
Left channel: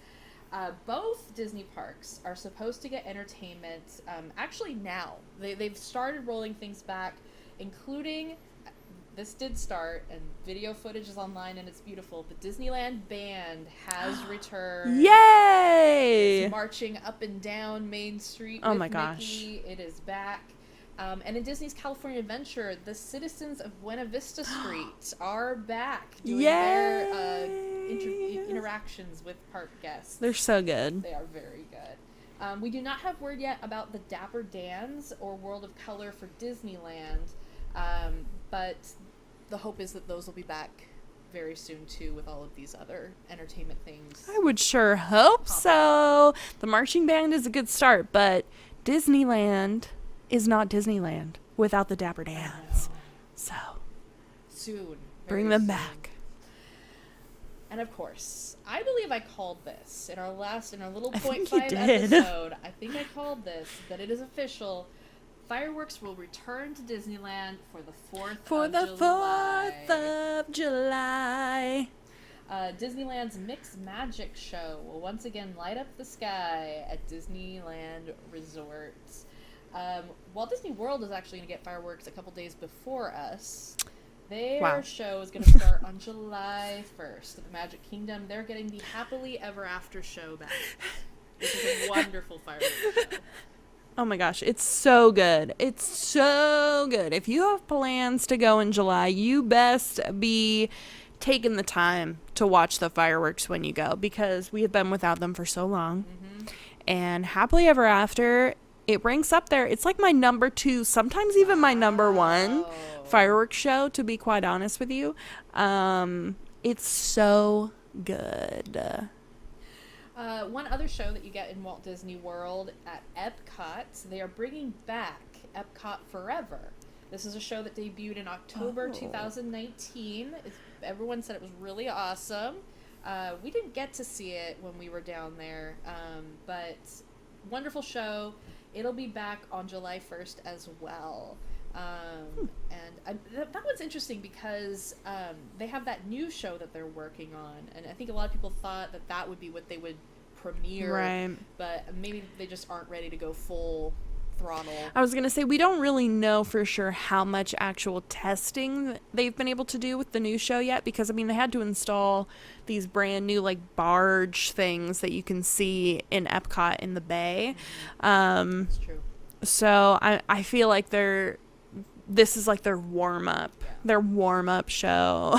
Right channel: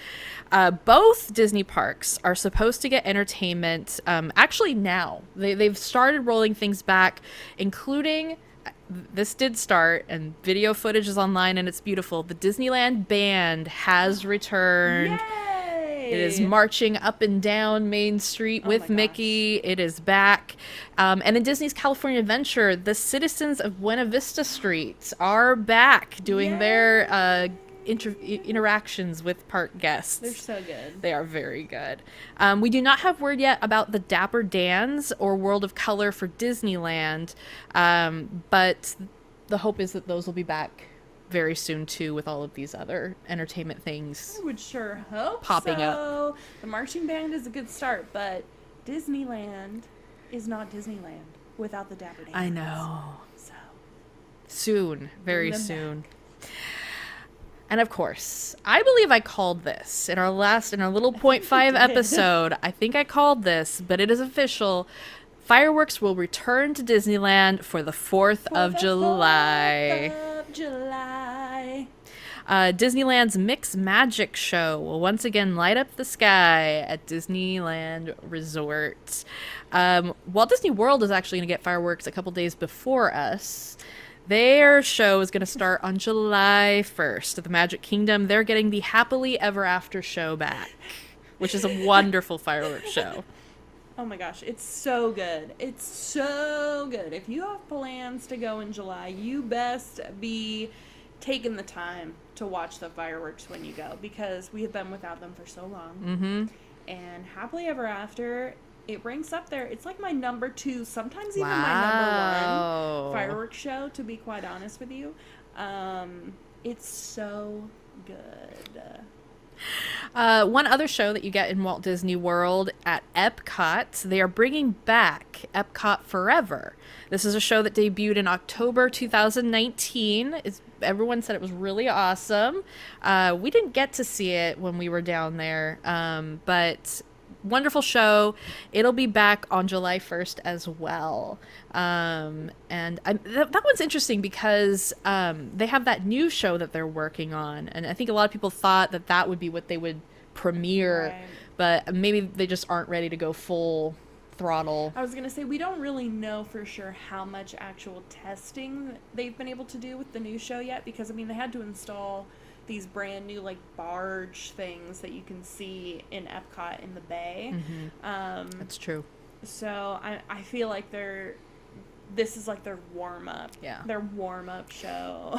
Both Disney parks are supposed to get entertainment actually now. They've started rolling things back, including, this did start, and video footage is online and it's beautiful. The Disneyland band has returned. Yay! It is marching up and down Main Street Oh my with gosh. Mickey. It is back. And in Disney's California Adventure, the citizens of Buena Vista Street are back doing their interactions with park guests. They're so good. They are very good. We do not have word yet about the Dapper Dans or World of Color for Disneyland, but the hope is that those will be back very soon too, with all of these other entertainment things. I would sure hope Popping so. The marching band is a good start, but Disneyland is not Disneyland without the Dapper Dans. I know. So Soon, very bring them soon. back. And of course, I believe I called this in our little think you 0.5 did. episode. I think I called this, but it is official. Fireworks will return to Disneyland for the 4th of July. 4th of July. Disneyland's Mix Magic Show will once again light up the sky at Disneyland Resort. Walt Disney World is actually going to get fireworks a couple days before us. Their show is going to start on July 1st at the Magic Kingdom. They're getting the Happily Ever After show back, which is a wonderful fireworks show. Oh my gosh, it's so good. It's so good. If you have plans to go in July, you best be taking the time to watch the fireworks when you go, because we have been without them for so long. Mm-hmm. And Happily Ever After, it ranks up there. It's like my number 2, sometimes even my number 1 fireworks show, to be quite honest with you. It's so good. One other show that you get in Walt Disney World at Epcot, they are bringing back Epcot Forever. This is a show that debuted in October 2019. Everyone said it was really awesome. We didn't get to see it when we were down there, but wonderful show. It'll be back on July 1st as well. And that one's interesting because they have that new show that they're working on, and I think a lot of people thought that would be what they would premiere, Right. but maybe they just aren't ready to go full throttle. I was going to say, we don't really know for sure how much actual testing they've been able to do with the new show yet, because, I mean, they had to install these brand new, like, barge things that you can see in Epcot in the bay. That's true. So I feel like this is like their warm-up. Yeah. Their warm-up show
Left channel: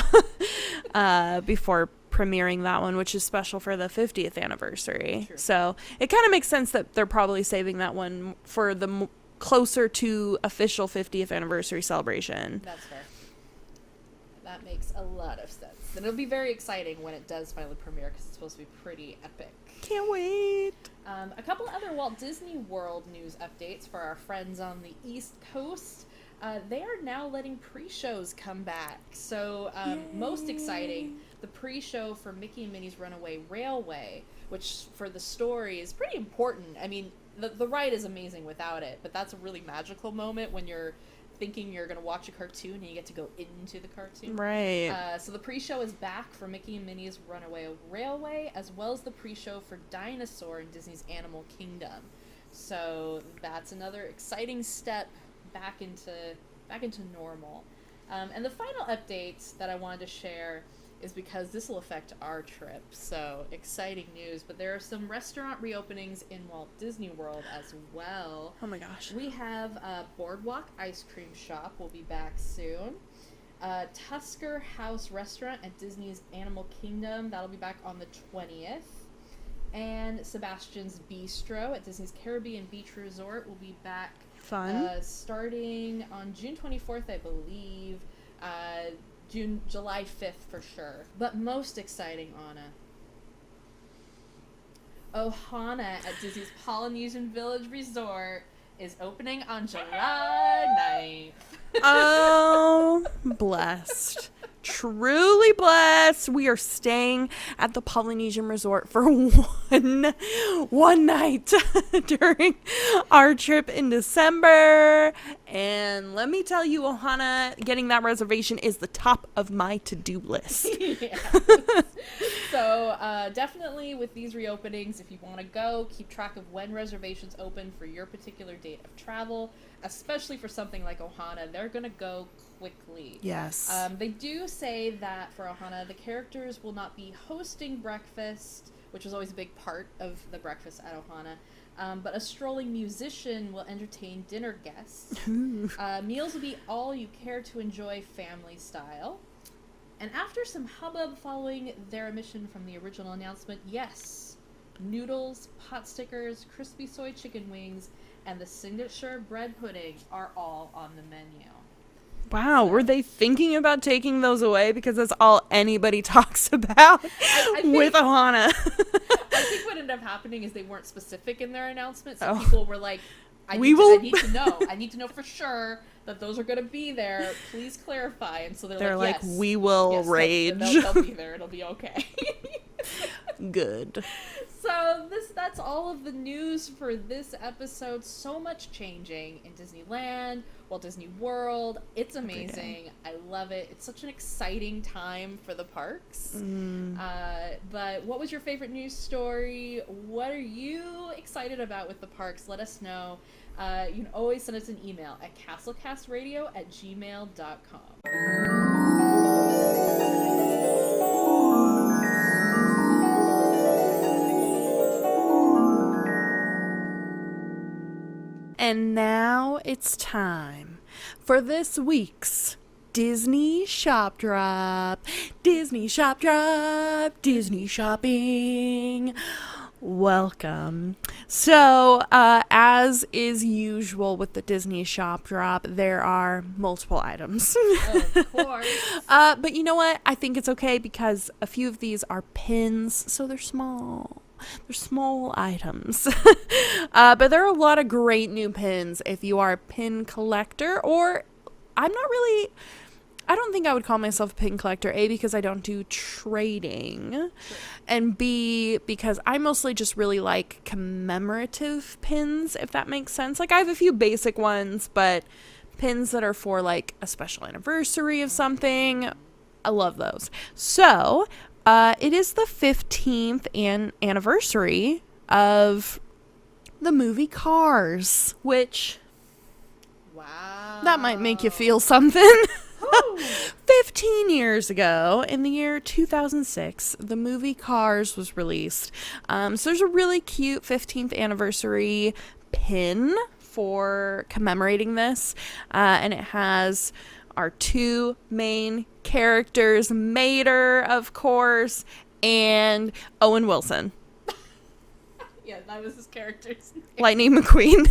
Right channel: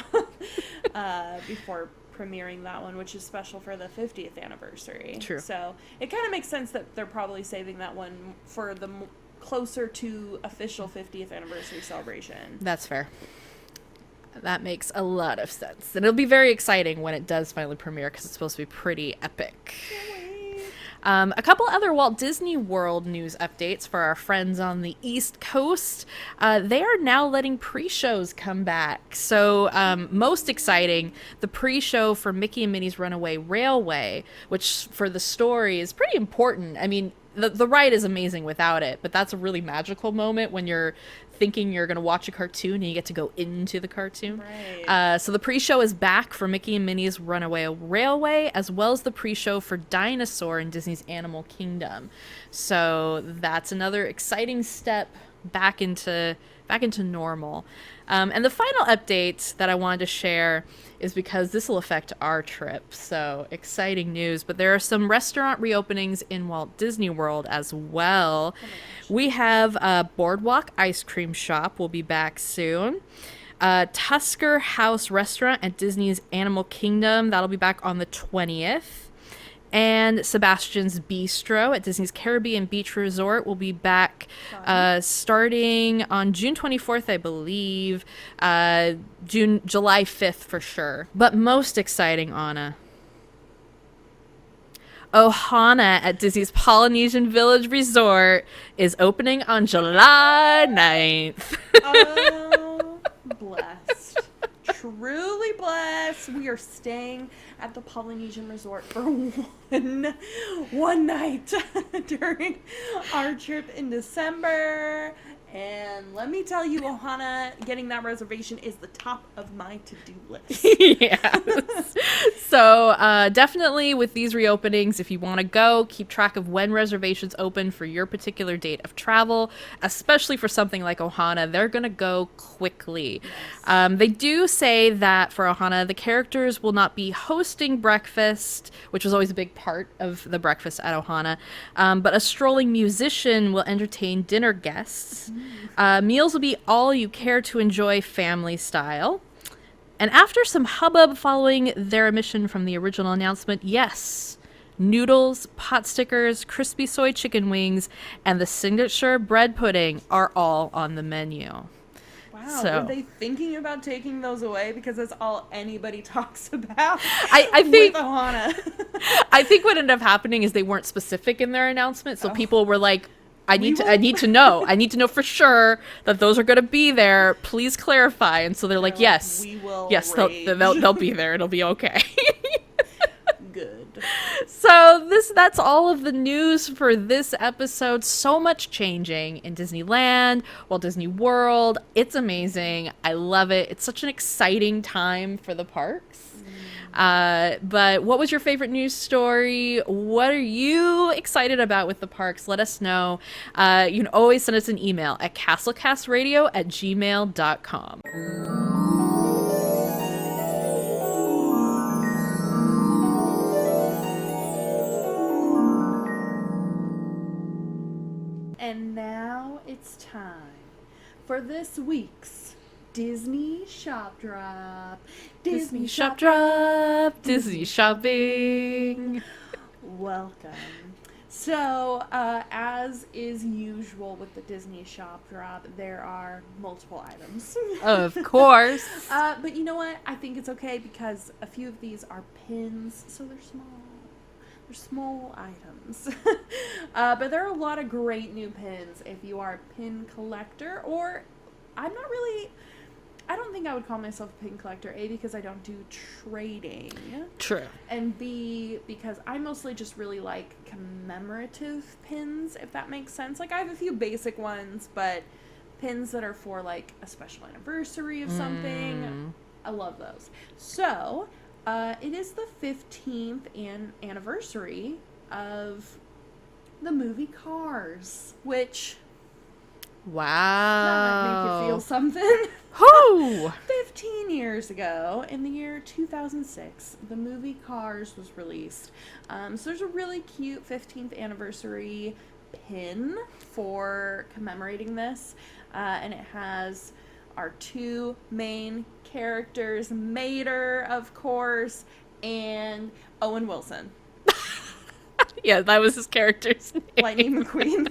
before premiering that one, which is special for the 50th anniversary. True. So it kind of makes sense that they're probably saving that one for the closer to official 50th anniversary celebration. That's fair. That makes a lot of sense. And it'll be very exciting when it does finally premiere, because it's supposed to be pretty epic. Can't wait. A couple other Walt Disney World news updates for our friends on the East Coast. They are now letting pre-shows come back. So most exciting, the pre-show for Mickey and Minnie's Runaway Railway, which for the story is pretty important. I mean, the ride is amazing without it, but that's a really magical moment when you're thinking you're going to watch a cartoon and you get to go into the cartoon. Right. So the pre-show is back for Mickey and Minnie's Runaway Railway, as well as the pre-show for Dinosaur in Disney's Animal Kingdom. So that's another exciting step back into normal. And the final update that I wanted to share is because this will affect our trip. So exciting news. But there are some restaurant reopenings in Walt Disney World as well. Oh my gosh. We have Boardwalk Ice Cream Shop will be back soon. Tusker House Restaurant at Disney's Animal Kingdom, that'll be back on the 20th. And Sebastian's Bistro at Disney's Caribbean Beach Resort will be back starting on June 24th, I believe. July 5th for sure. But most exciting, Anna. Ohana at Disney's Polynesian Village Resort is opening on July 9th. Oh, blessed. Truly blessed. We are staying at the Polynesian Resort for one night during our trip in December. And let me tell you, Ohana, getting that reservation is the top of my to-do list. Yes. So definitely with these reopenings, if you want to go, keep track of when reservations open for your particular date of travel, especially for something like Ohana. They're going to go quickly. Yes. They do say that for Ohana, the characters will not be hosting breakfast, which was always a big part of the breakfast at Ohana, but a strolling musician will entertain dinner guests. Meals will be all you care to enjoy family style. And after some hubbub following their omission from the original announcement, yes, noodles, pot stickers, crispy soy chicken wings, and the signature bread pudding are all on the menu. Wow, So- were they thinking about taking those away? Because that's all anybody talks about I with think Ohana. I think what ended up happening is they weren't specific in their announcement, so Oh. people were like, I need to know for sure that those are going to be there. Please clarify. And so they're like, yes, we will yes, rage. they'll be there. It'll be okay. Good. So that's all of the news for this episode. So much changing in Disneyland, Walt Disney World. It's amazing. I love it. It's such an exciting time for the parks. But what was your favorite news story? What are you excited about with the parks? Let us know. You can always send us an email at castlecastradio@gmail.com. And now it's time for this week's Disney Shop Drop. Disney Shop Drop. Disney shopping. Welcome. So, as is usual with the Disney Shop Drop, there are multiple items. Of course. But you know what? I think it's okay because a few of these are pins, so they're small. They're small items. But there are a lot of great new pins if you are a pin collector, or I don't think I would call myself a pin collector, A, because I don't do trading. True. And B, because I mostly just really like commemorative pins, if that makes sense. Like, I have a few basic ones, but pins that are for, like, a special anniversary of something, I love those. So, it is the 15th anniversary of the movie Cars, which... Wow. that might make you feel something. Whoo! 15 years ago, in the year 2006, the movie Cars was released. So there's a really cute 15th anniversary pin for commemorating this. And it has our two main characters, Mater, of course, and Owen Wilson. Yeah, that was his character's name. Lightning McQueen.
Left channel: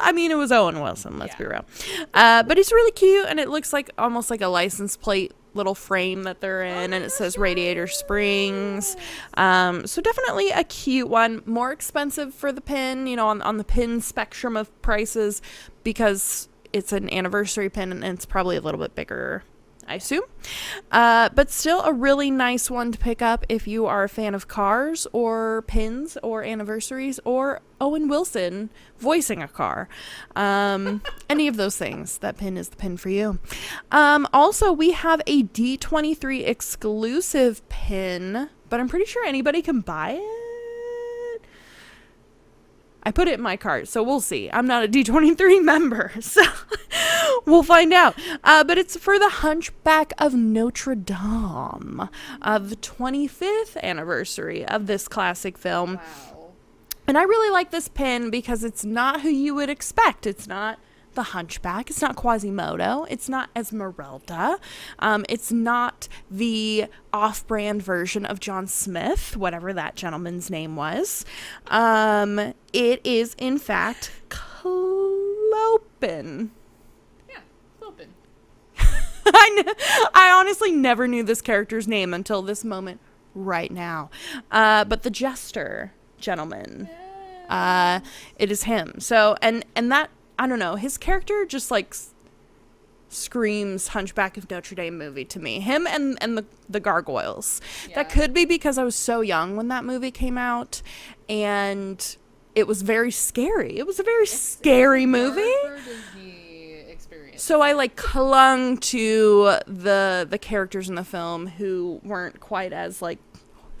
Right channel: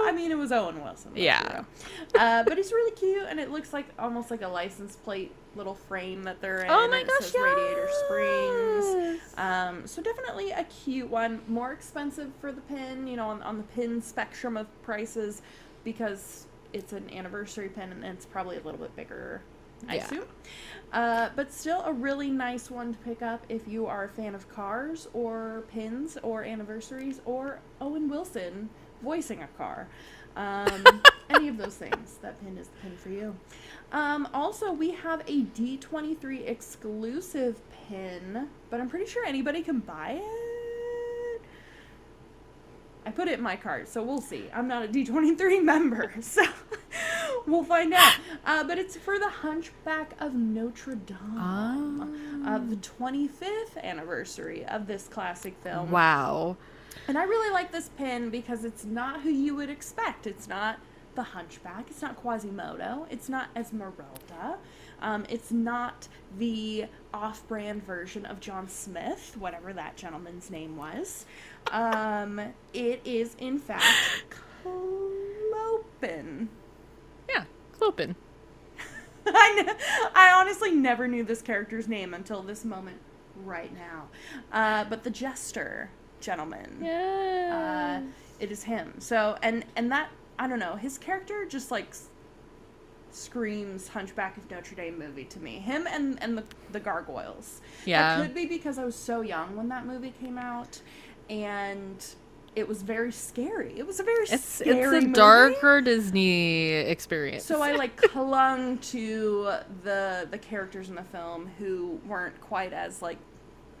I mean, it was Owen Wilson, let's be real. But it's really cute, and it looks like almost like a license plate little frame that they're in, and it says Radiator Springs. So definitely a cute one. More expensive for the pin, you know, on the pin spectrum of prices, because it's an anniversary pin, and it's probably a little bit bigger, I assume. But still a really nice one to pick up if you are a fan of Cars or pins or anniversaries or Owen Wilson voicing a car. Any of those things. That pin is the pin for you. Also, we have a D23 exclusive pin, but I'm pretty sure anybody can buy it. I put it in my cart, so we'll see. I'm not a D23 member, so We'll find out. But it's for the Hunchback of Notre Dame, the 25th anniversary of this classic film. Wow. And I really like this pin because it's not who you would expect. It's not the Hunchback. It's not Quasimodo. It's not Esmeralda. It's not the off-brand version of John Smith, whatever that gentleman's name was. It is, in fact, Clopin. Yeah, Clopin. I honestly never knew this character's name until this moment right now. But the Jester gentleman, it is him. So, and that, I don't know, his character just like screams Hunchback of Notre Dame movie to me. Him and the gargoyles. Yeah. That could be because I was so young when that movie came out, and it was very scary. It was a very scary movie. Darker Disney experience. So I like clung to the characters in the film who weren't quite as like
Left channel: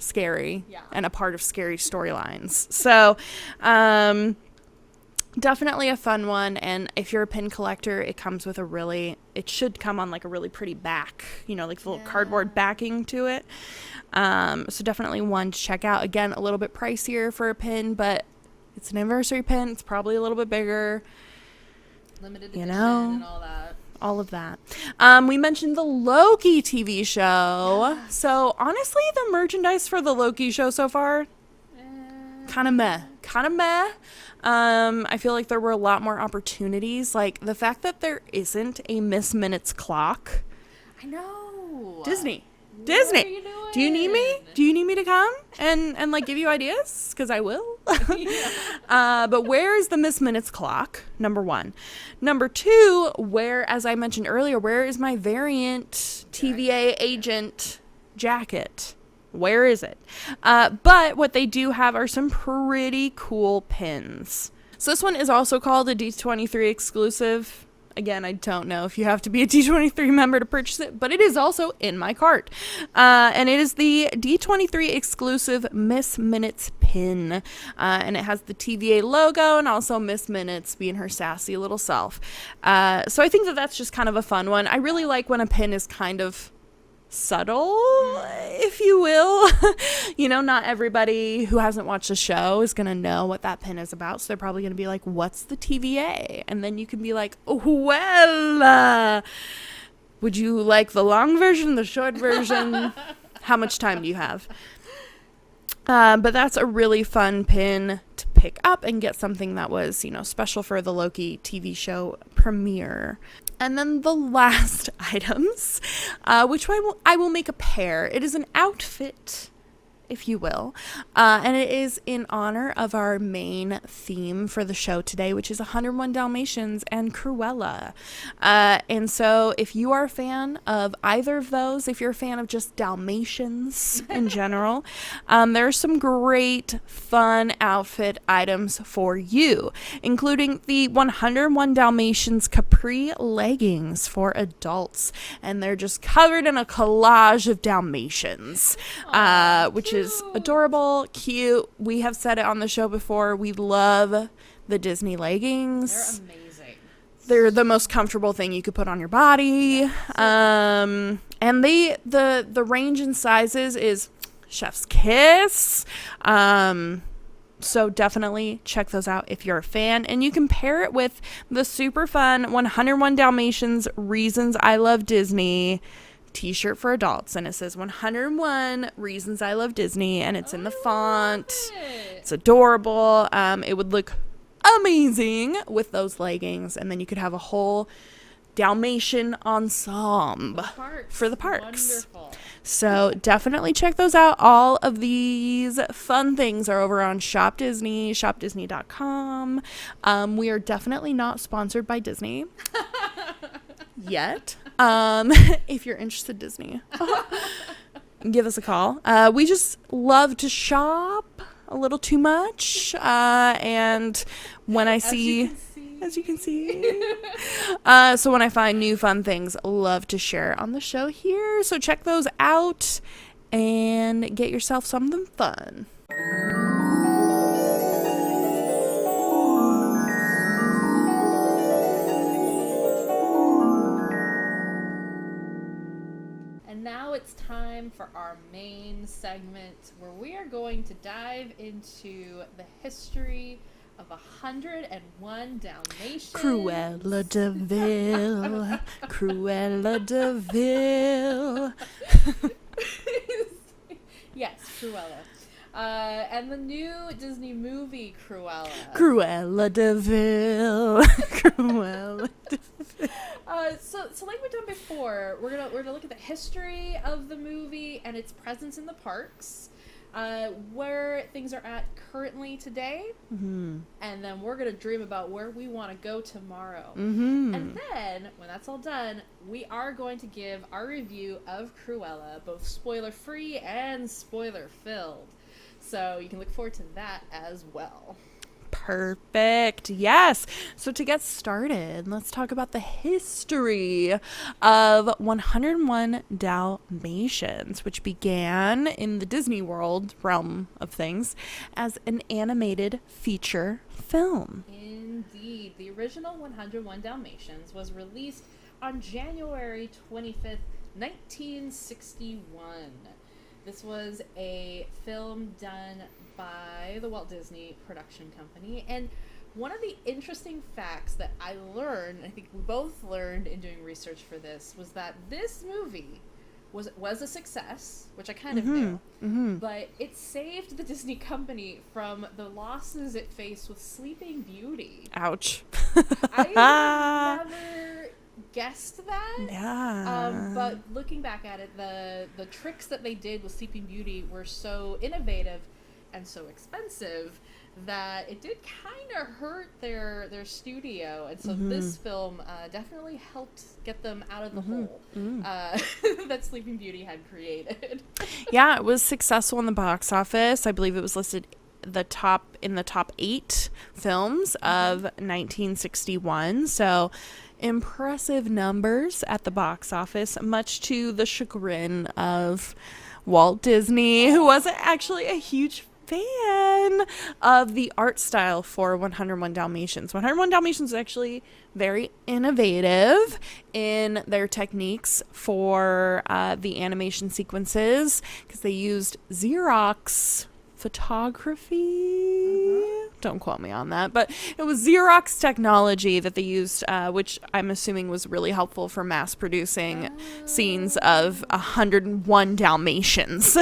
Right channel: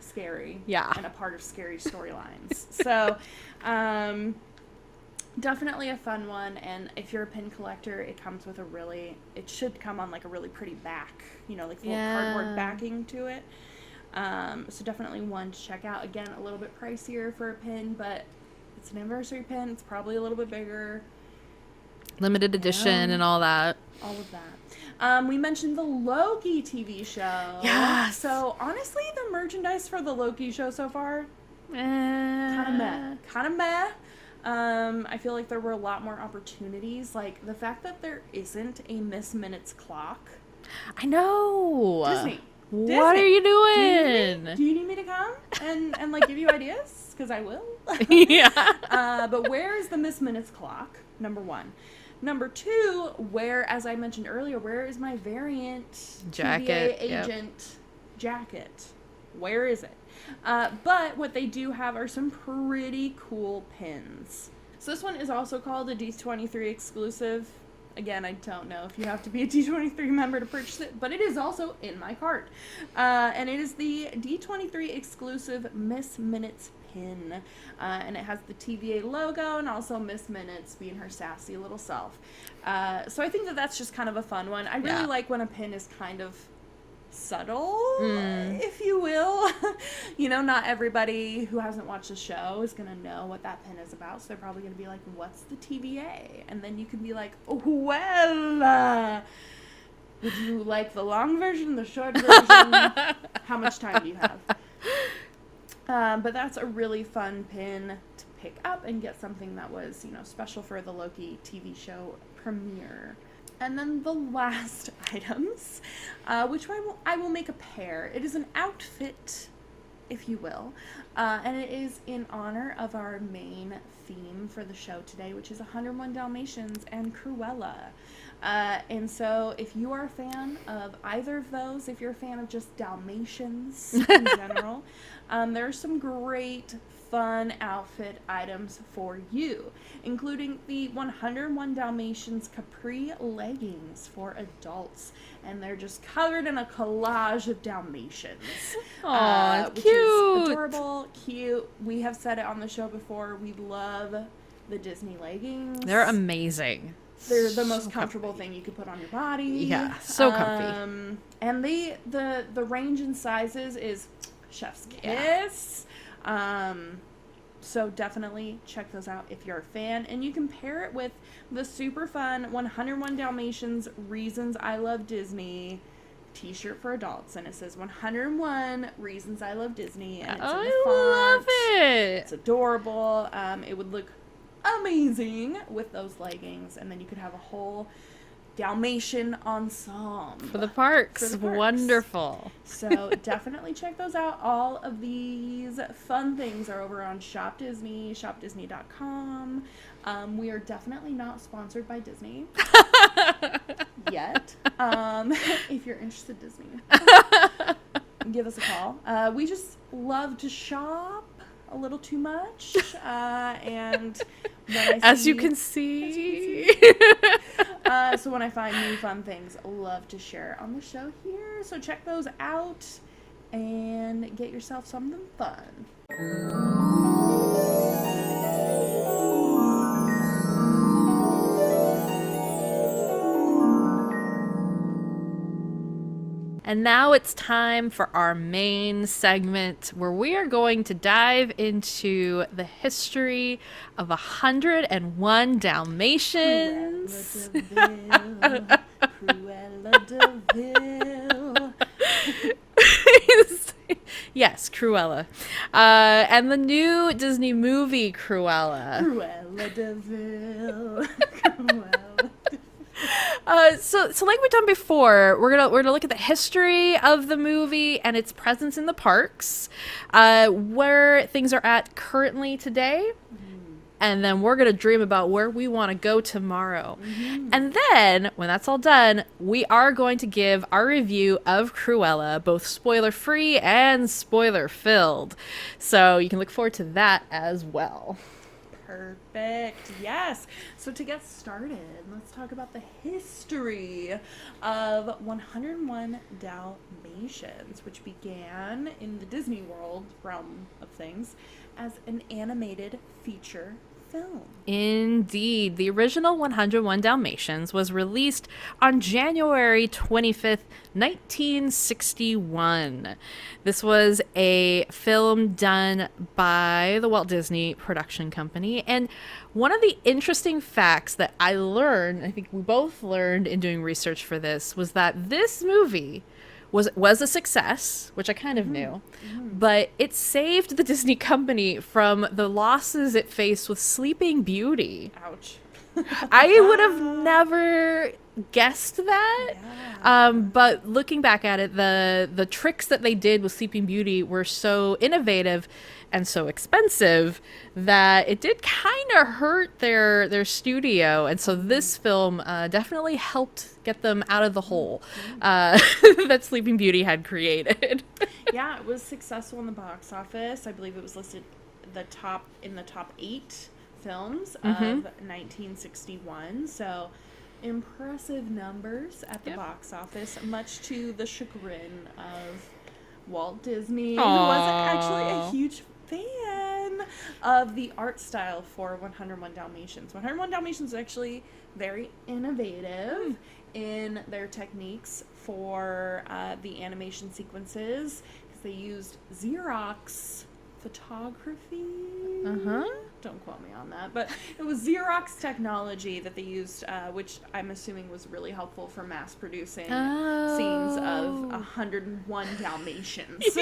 scary, and a part of scary storylines. So, definitely a fun one. And if you're a pin collector, it comes with it should come on like a really pretty back, like the little cardboard backing to it. So definitely one to check out. Again, a little bit pricier for a pin, but it's an anniversary pin. It's probably a little bit bigger. Limited edition and all that. All of that. We mentioned the Loki TV show. Yes. So honestly, the merchandise for the Loki show so far, kind of meh. I feel like there were a lot more opportunities. Like the fact that there isn't a Miss Minutes clock. I know. Disney. What are you doing? Do you need me? Do you need me to come and like give you ideas? Because I will. Yeah. But where is the Miss Minutes clock? Number one. Number two, as I mentioned earlier, where is my variant TVA agent jacket? Where is it? But what they do have are some pretty cool pins. So this one is also called a D23 exclusive. Again, I don't know if you have to be a D23 member to purchase it, but it is also in my cart. And it is the D23 exclusive Miss Minutes pin. And it has the TVA logo and also Miss Minutes being her sassy little self. So I think that's just kind of a fun one. I really like when a pin is kind of subtle, if you will. Not everybody who hasn't watched the show is gonna know what that pin is about, so they're probably gonna be like, what's the TVA? And then you can be like, well, would you like the long version, the short version? How much time do you have? But that's a really fun pin to pick up and get something that was, special for the Loki TV show premiere. And then the last items, which I will make a pair. It is an outfit, if you will, and it is in honor of our main theme for the show today, which is 101 Dalmatians and Cruella. And so if you are a fan of either of those, if you're a fan of just Dalmatians in general, there are some great fun outfit items for you, including the 101 Dalmatians capri leggings for adults. And they're just covered in a collage of Dalmatians, which is adorable, cute. We have said it on the show before. We love the Disney leggings. They're amazing. They're the most comfortable thing you could put on your body. Yeah, so comfy. And the range in sizes is chef's kiss. So definitely check those out if you're a fan. And you can pair it with the super fun 101 Dalmatians Reasons I Love Disney t-shirt for adults, and it says 101 Reasons I Love Disney, and it's in the font. It's adorable. It would look amazing with those leggings, and then you could have a whole Dalmatian ensemble for the parks. Wonderful. So definitely check those out. All of these fun things are over on Shop Disney, shopdisney.com. We are definitely not sponsored by Disney yet. If you're interested, Disney, give us a call. We just love to shop a little too much, and when I see, as you can see, so when I find new fun things, love to share on the show here. So check those out and get yourself something fun. And now it's time for our main segment where we are going to dive into the history of 101 Dalmatians. Cruella de Vil. Cruella de Vil. Yes, Cruella. And the new Disney movie, Cruella. Cruella de Vil. Cruella de So like we've done before, we're gonna look at the history of the movie and its presence in the parks, where things are at currently today, and then we're gonna dream about where we want to go tomorrow. And then when that's all done, we are going to give our review of Cruella, both spoiler free and spoiler filled. So you can look forward to that as well. Perfect. Yes. So to get started, let's talk about the history of 101 Dalmatians, which began in the Disney World realm of things as an animated feature film. Indeed. The original 101 Dalmatians was released on January 25th, 1961. This was a film done by the Walt Disney Production Company. And one of the interesting facts that I learned, I think we both learned in doing research for this, was that this movie was a success, which I kind of knew, but it saved the Disney company from the losses it faced with Sleeping Beauty. Ouch. I would have never guessed that. Yeah. But looking back at it, the tricks that they did with Sleeping Beauty were so innovative and so expensive that it did kind of hurt their studio, and so this film definitely helped get them out of the hole that Sleeping Beauty had created. Yeah, it was successful in the box office. I believe it was listed in the top 8 films of 1961. So impressive numbers at the box office, much to the chagrin of Walt Disney, who wasn't actually a huge fan of the art style for 101 Dalmatians. 101 Dalmatians is actually very innovative in their techniques for the animation sequences, because they used Xerox photography. Don't quote me on that, but it was Xerox technology that they used, which I'm assuming was really helpful for mass producing scenes of 101 Dalmatians.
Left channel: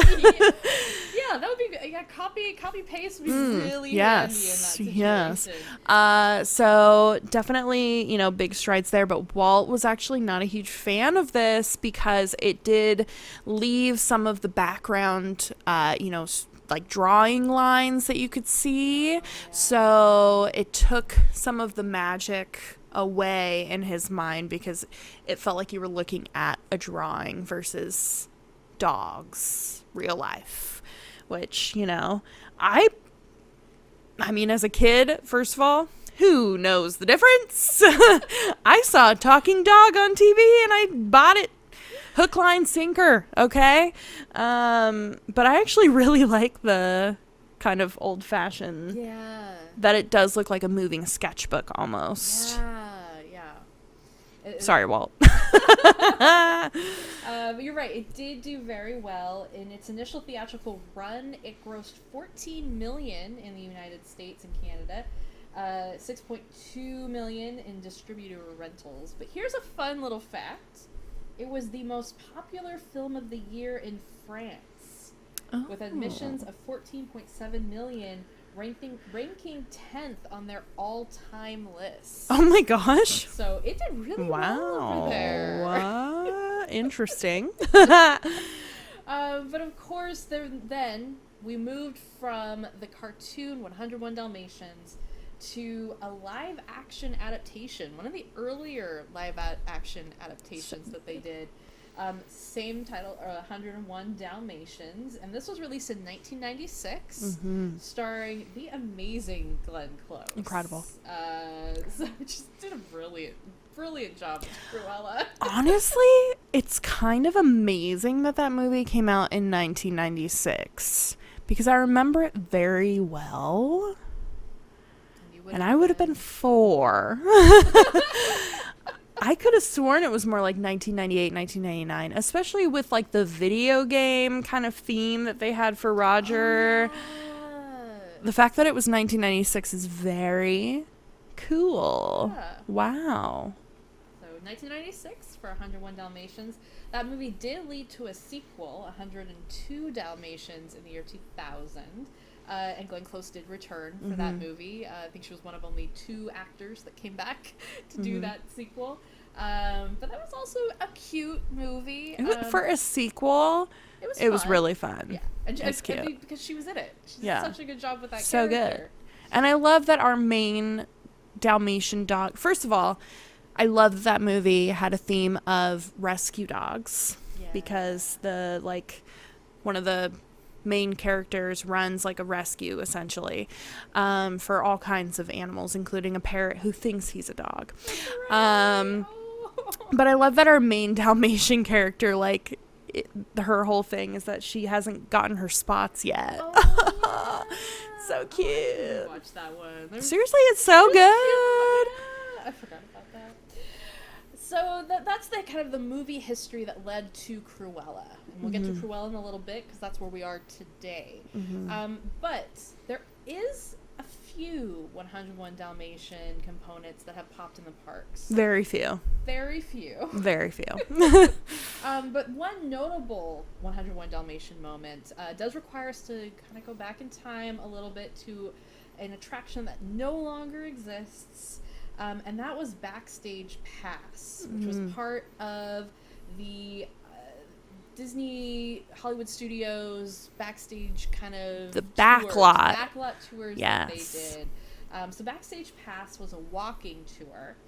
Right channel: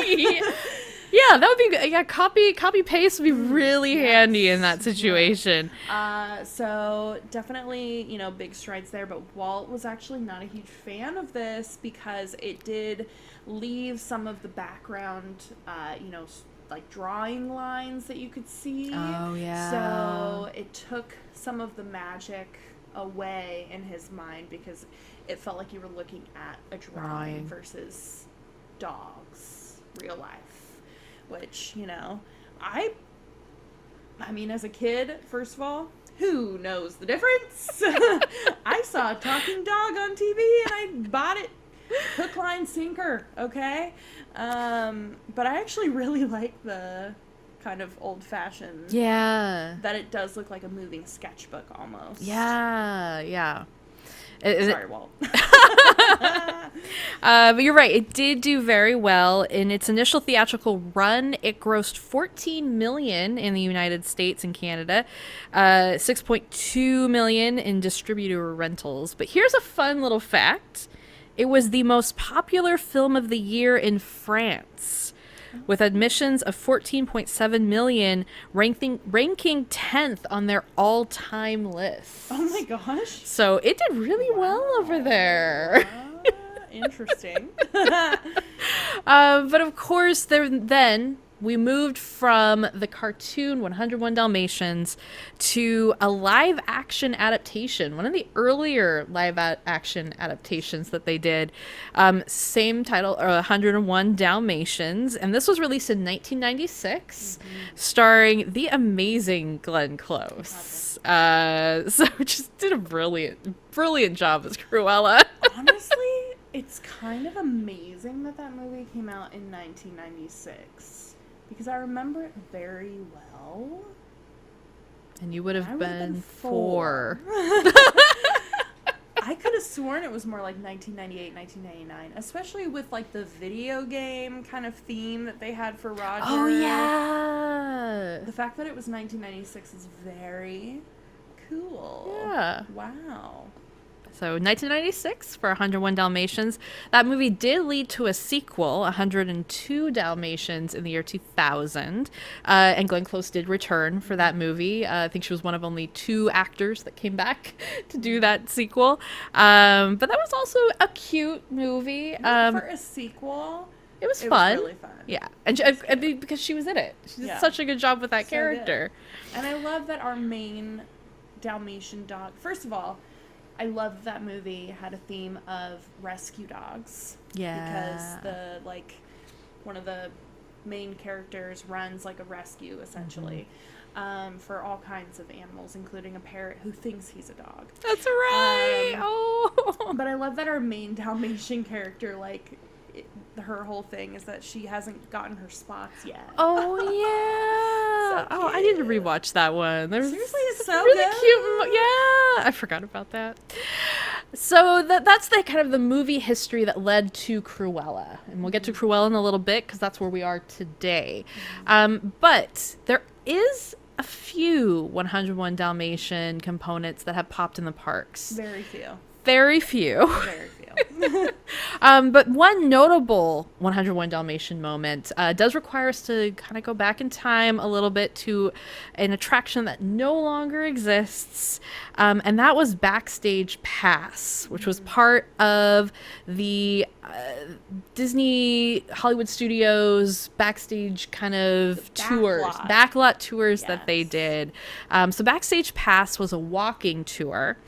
Yeah, that would be good. Yeah, copy paste would be really handy in that situation. So definitely, big strides there, but Walt was actually not a huge fan of this because it did leave some of the background, like drawing lines that you could see. Oh, yeah. So it took some of the magic away in his mind because it felt like you were looking at a drawing versus dogs, real life, which, I mean, as a kid, first of all, who knows the difference? I saw a talking dog on TV and I bought it hook, line, sinker, okay? But I actually really like the kind of old-fashioned. Yeah. That it does look like a moving sketchbook almost. Yeah. Sorry, Walt. But you're right. It did do very well. In its initial theatrical run, it grossed $14 million in the United States and Canada, $6.2 million in distributor rentals. But here's a fun little fact. It was the most popular film of the year in France, with admissions of 14.7 million, ranking 10th on their all-time list. Oh my gosh. So it did really well over there. Interesting. But of course, then we moved from the cartoon 101 Dalmatians to a live action adaptation, one of the earlier live action adaptations that they did. Same title, 101 Dalmatians, and this was released in 1996, starring the amazing Glenn Close. Incredible. So just did a brilliant job as Cruella. Honestly, it's kind of amazing that movie came out in 1996 because I remember it very well. And you would have I would have been 4. I could have sworn it was more like 1998, 1999, especially with like the video game kind of theme that they had for Roger. Oh, yeah. The fact that it was 1996 is very cool. Yeah. Wow. So 1996 for 101 Dalmatians. That movie did lead to a sequel, 102 Dalmatians, in the year 2000. And Glenn Close did return for that movie. I think she was one of only 2 actors that came back to do that sequel. But that was also a cute movie. For a sequel, it was it fun. was really fun. Yeah. And I mean, because she was in it. She did such a good job with that So character. good. And I love that our main Dalmatian dog, first of all, I love that movie had a theme of rescue dogs. Yeah. Because one of the main characters runs like a rescue essentially, for all kinds of animals, including a parrot who thinks he's a dog. That's right. But I love that our main Dalmatian character, her whole thing is that she hasn't gotten her spots yet. Oh, yeah. So I need to rewatch that one. Seriously, it's so really good. Cute. Yeah, I forgot about that. So that's the kind of the movie history that led to Cruella, and we'll get to Cruella in a little bit because that's where we are today. But there is a few 101 Dalmatian components that have popped in the parks. Very few. Very few. Very few. But one notable 101 Dalmatian moment does require us to kind of go back in time a little bit to an attraction that no longer exists, and that was Backstage Pass, which was part of the Disney Hollywood Studios backstage kind of backlot tours that they did. So Backstage Pass was a walking tour.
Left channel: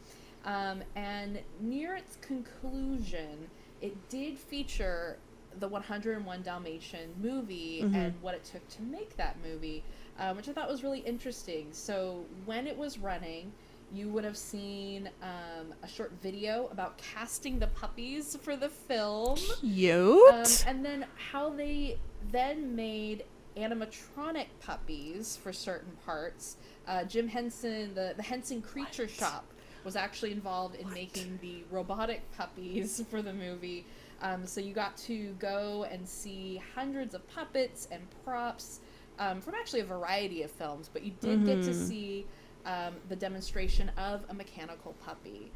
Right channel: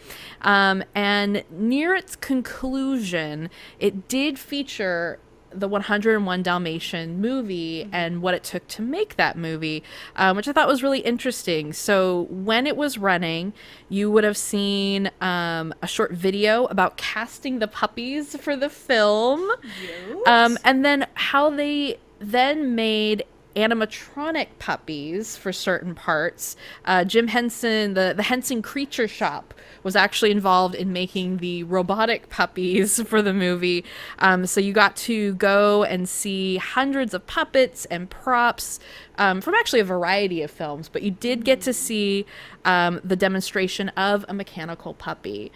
And near its conclusion, it did feature the 101 Dalmatian movie and what it took to make that movie, which I thought was really interesting. So when it was running, you would have seen a short video about casting the puppies for the film. Cute. And then how they then made animatronic puppies for certain parts. Jim Henson, the Henson Creature Shop, was actually involved in making the robotic puppies for the movie. So you got to go and see hundreds of puppets and props from actually a variety of films, but you did get to see the demonstration of a mechanical puppy.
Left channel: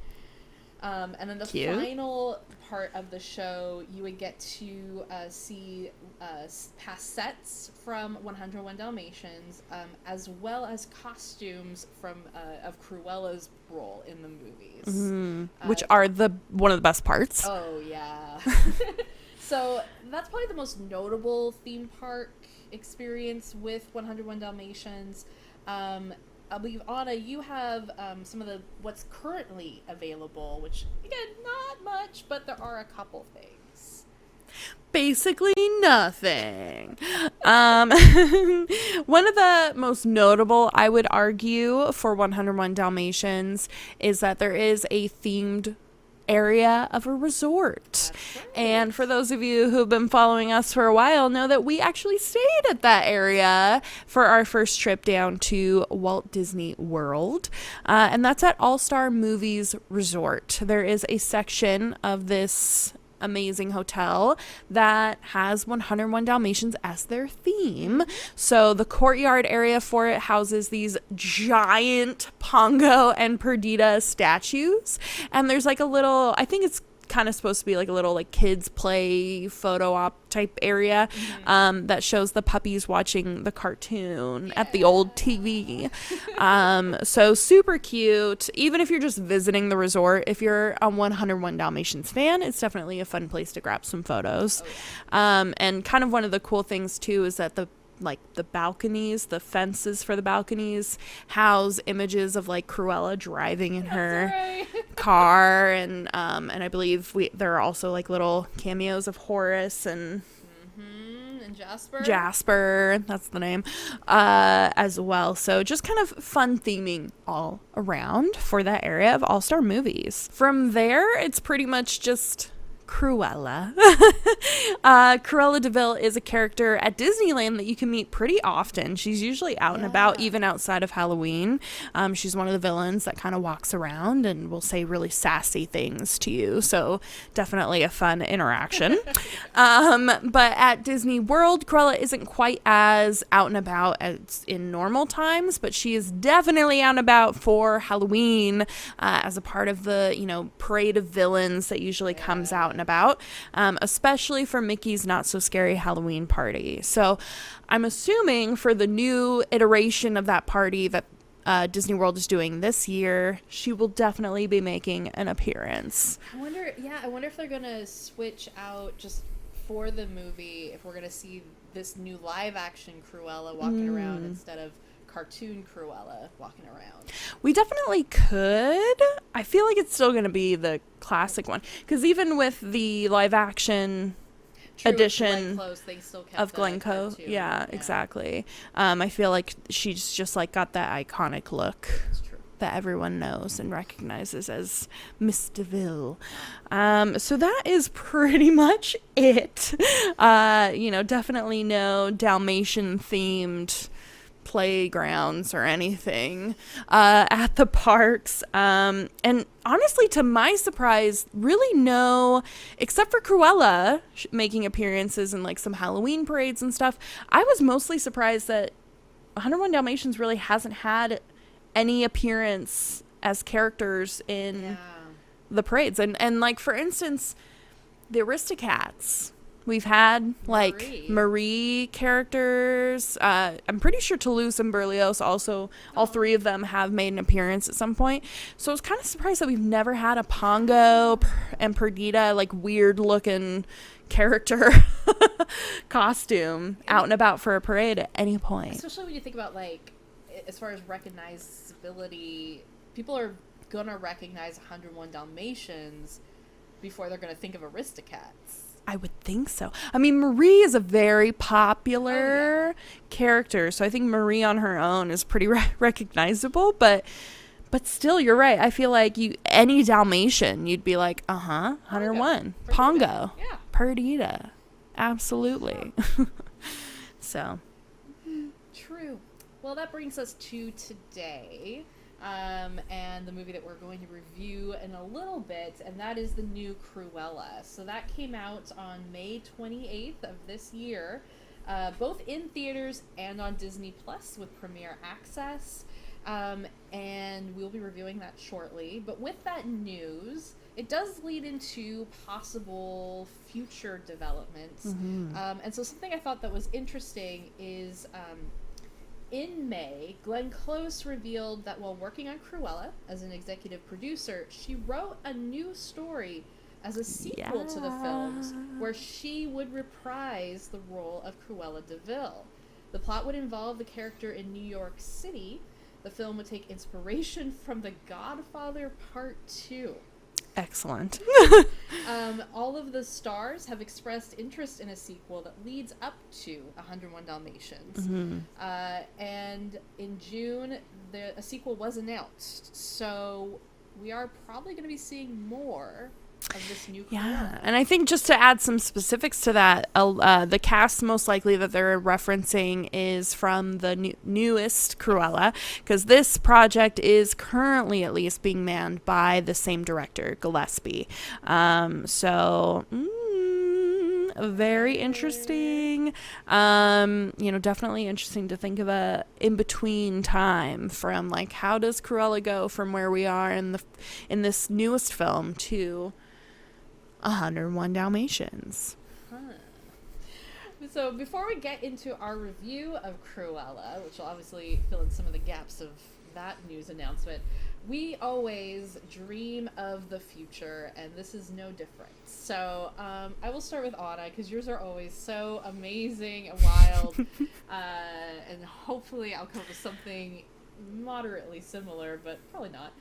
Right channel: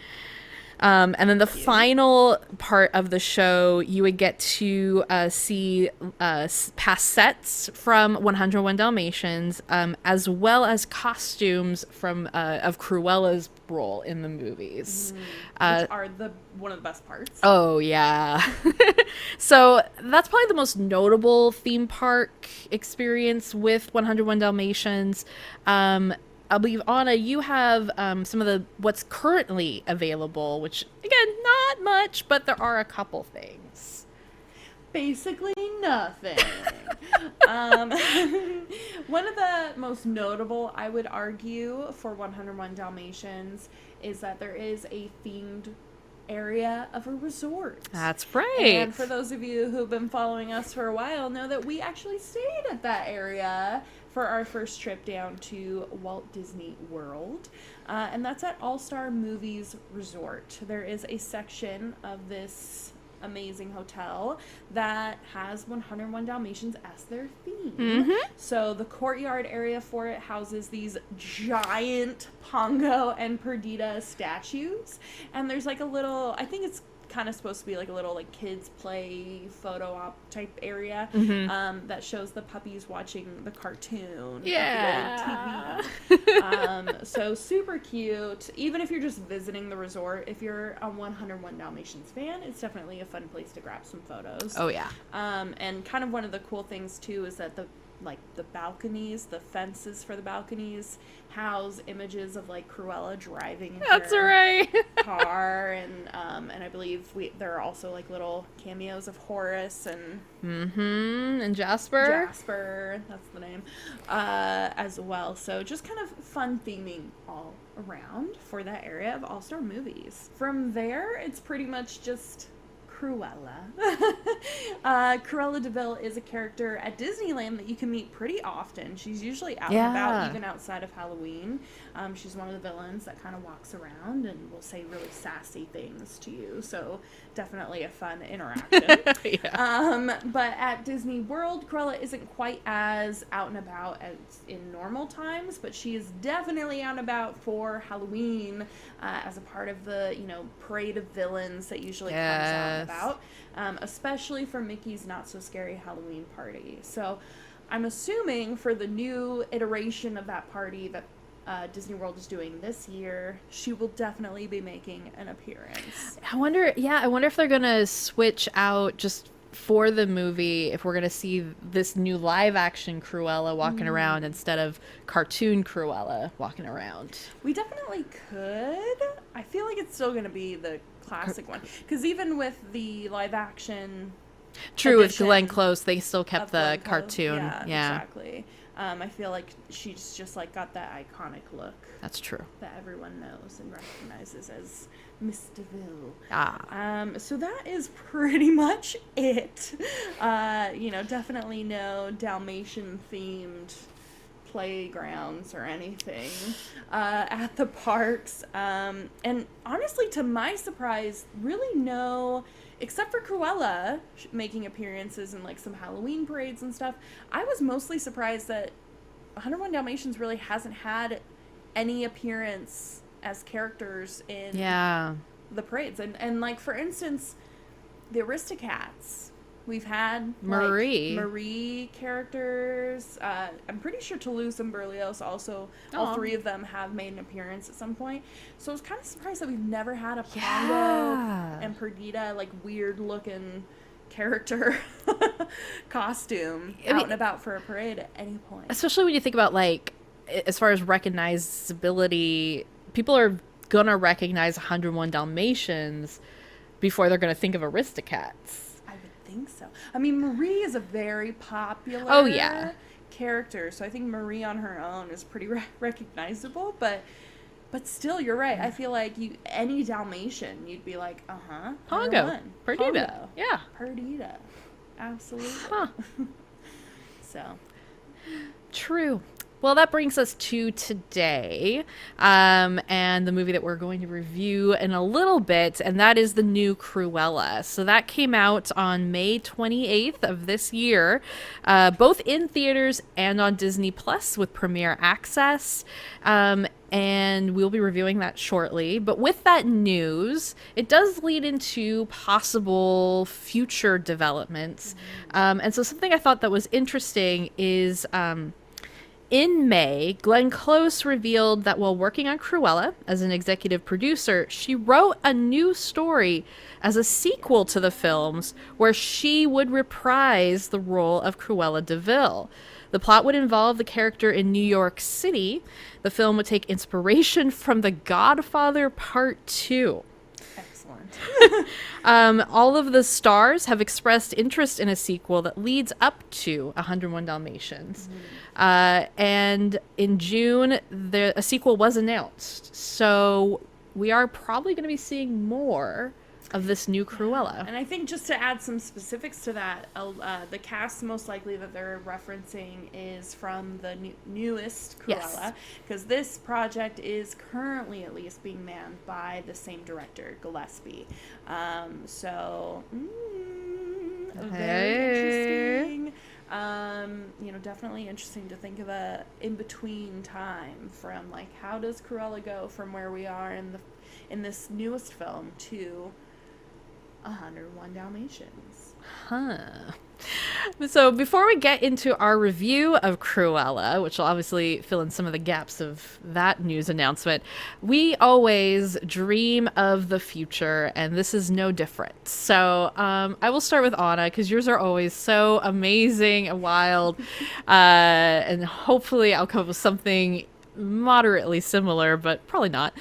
And then the final part of the show, you would get to see past sets from 101 Dalmatians, as well as costumes from of Cruella's role in the movies, which are one of the best parts. Oh yeah. So that's probably the most notable theme park experience with 101 Dalmatians. I believe, Anna, you have some of what's currently available, which, again, not much, but there are a couple things. Basically nothing. One of the most notable, I would argue, for 101 Dalmatians is that there is a themed area of a resort. That's right. And for those of you who've been following us for a while know that we actually stayed at that area for our first trip down to Walt Disney World. And that's at All Star Movies Resort. There is a section of this amazing hotel that has 101 Dalmatians as their theme. So the courtyard area for it houses these giant Pongo and Perdita statues, and there's like a little, I think it's kind of supposed to be like a little kids play photo op type area that shows the puppies watching the cartoon at the old TV. So super cute. Even if you're just visiting the resort, if you're a 101 Dalmatians fan, it's definitely a fun place to grab some photos. Oh yeah. And kind of one of the cool things too is that the balconies, the fences for the balconies house images of Cruella driving in her car, and I believe there are also little cameos of Horace and Jasper, that's the name, as well. So just kind of fun theming all around for that area of All-Star Movies. From there, it's pretty much just Cruella. Cruella de Vil is a character at Disneyland that you can meet pretty often. She's usually out and about, even outside of Halloween. She's one of the villains that kind of walks around and will say really sassy things to you. So definitely a fun interaction. But at Disney World, Cruella isn't quite as out and about as in normal times, but she is definitely out and about for Halloween as a part of the, parade of villains that usually comes out and about, especially for Mickey's Not So Scary Halloween party. So I'm assuming for the new iteration of that party that Disney World is doing this year, she will definitely be making an appearance. I wonder if they're going to switch out just for the movie, if we're going to see this new live action Cruella walking around instead of cartoon Cruella walking around. We definitely could. I feel like it's still going to be the classic one, because even with the live action with Glenn Close, they still kept the cartoon. Yeah, exactly. I feel like she's just like got that iconic look. That's true. That everyone knows and recognizes as Miss DeVille. So that is pretty much it. Definitely no Dalmatian themed playgrounds or anything at the parks, and honestly, to my surprise, really no, except for Cruella making appearances in like some Halloween parades and stuff. I was mostly surprised that 101 Dalmatians really hasn't had any appearance as characters in the parades, and like, for instance, the Aristocats. We've had Marie characters. I'm pretty sure Toulouse and Berlioz also, all three of them have made an appearance at some point. So I was kind of surprised that we've never had a Pongo and Perdita, like, weird looking character costume out and about for a parade at any point. Especially when you think about, like, as far as recognizability, people are going to recognize 101 Dalmatians before they're going to think of Aristocats. I would think so. I mean, Marie is a very popular character, so I think Marie on her own is pretty recognizable, but still, you're right. I feel like any Dalmatian, you'd be like, 101. Pongo. Yeah. Perdita. Absolutely. So. True. Well, that brings us to today, and the movie that we're going to review in a little bit, and that is the new Cruella. So that came out on May 28th of this year, both in theaters and on Disney Plus with premiere access, and we'll be reviewing that shortly. But with that news, it does lead into possible future developments, and so something I thought that was interesting is... in May, Glenn Close revealed that while working on Cruella as an executive producer, she wrote a new story as a sequel to the films where she would reprise the role of Cruella de Vil. The plot would involve the character in New York City. The film would take inspiration from The Godfather Part 2. Excellent. All of the stars have expressed interest in a sequel that leads up to 101 Dalmatians. And in June, a sequel was announced. So we are probably going to be seeing more of this new Cruella. And I think just to add some specifics to that, the cast most likely that they're referencing is from the newest Cruella, because this project is currently at least being manned by the same director, Gillespie. Very interesting. Definitely interesting to think of a in-between time from, like, how does Cruella go from where we are in this newest film to 101 Dalmatians. So before we get into our review of Cruella, which will obviously fill in some of the gaps of that news announcement, we always dream of the future, and this is no different. So I will start with Anna, because yours are always so amazing and wild, and hopefully I'll come up with something moderately similar, but probably not.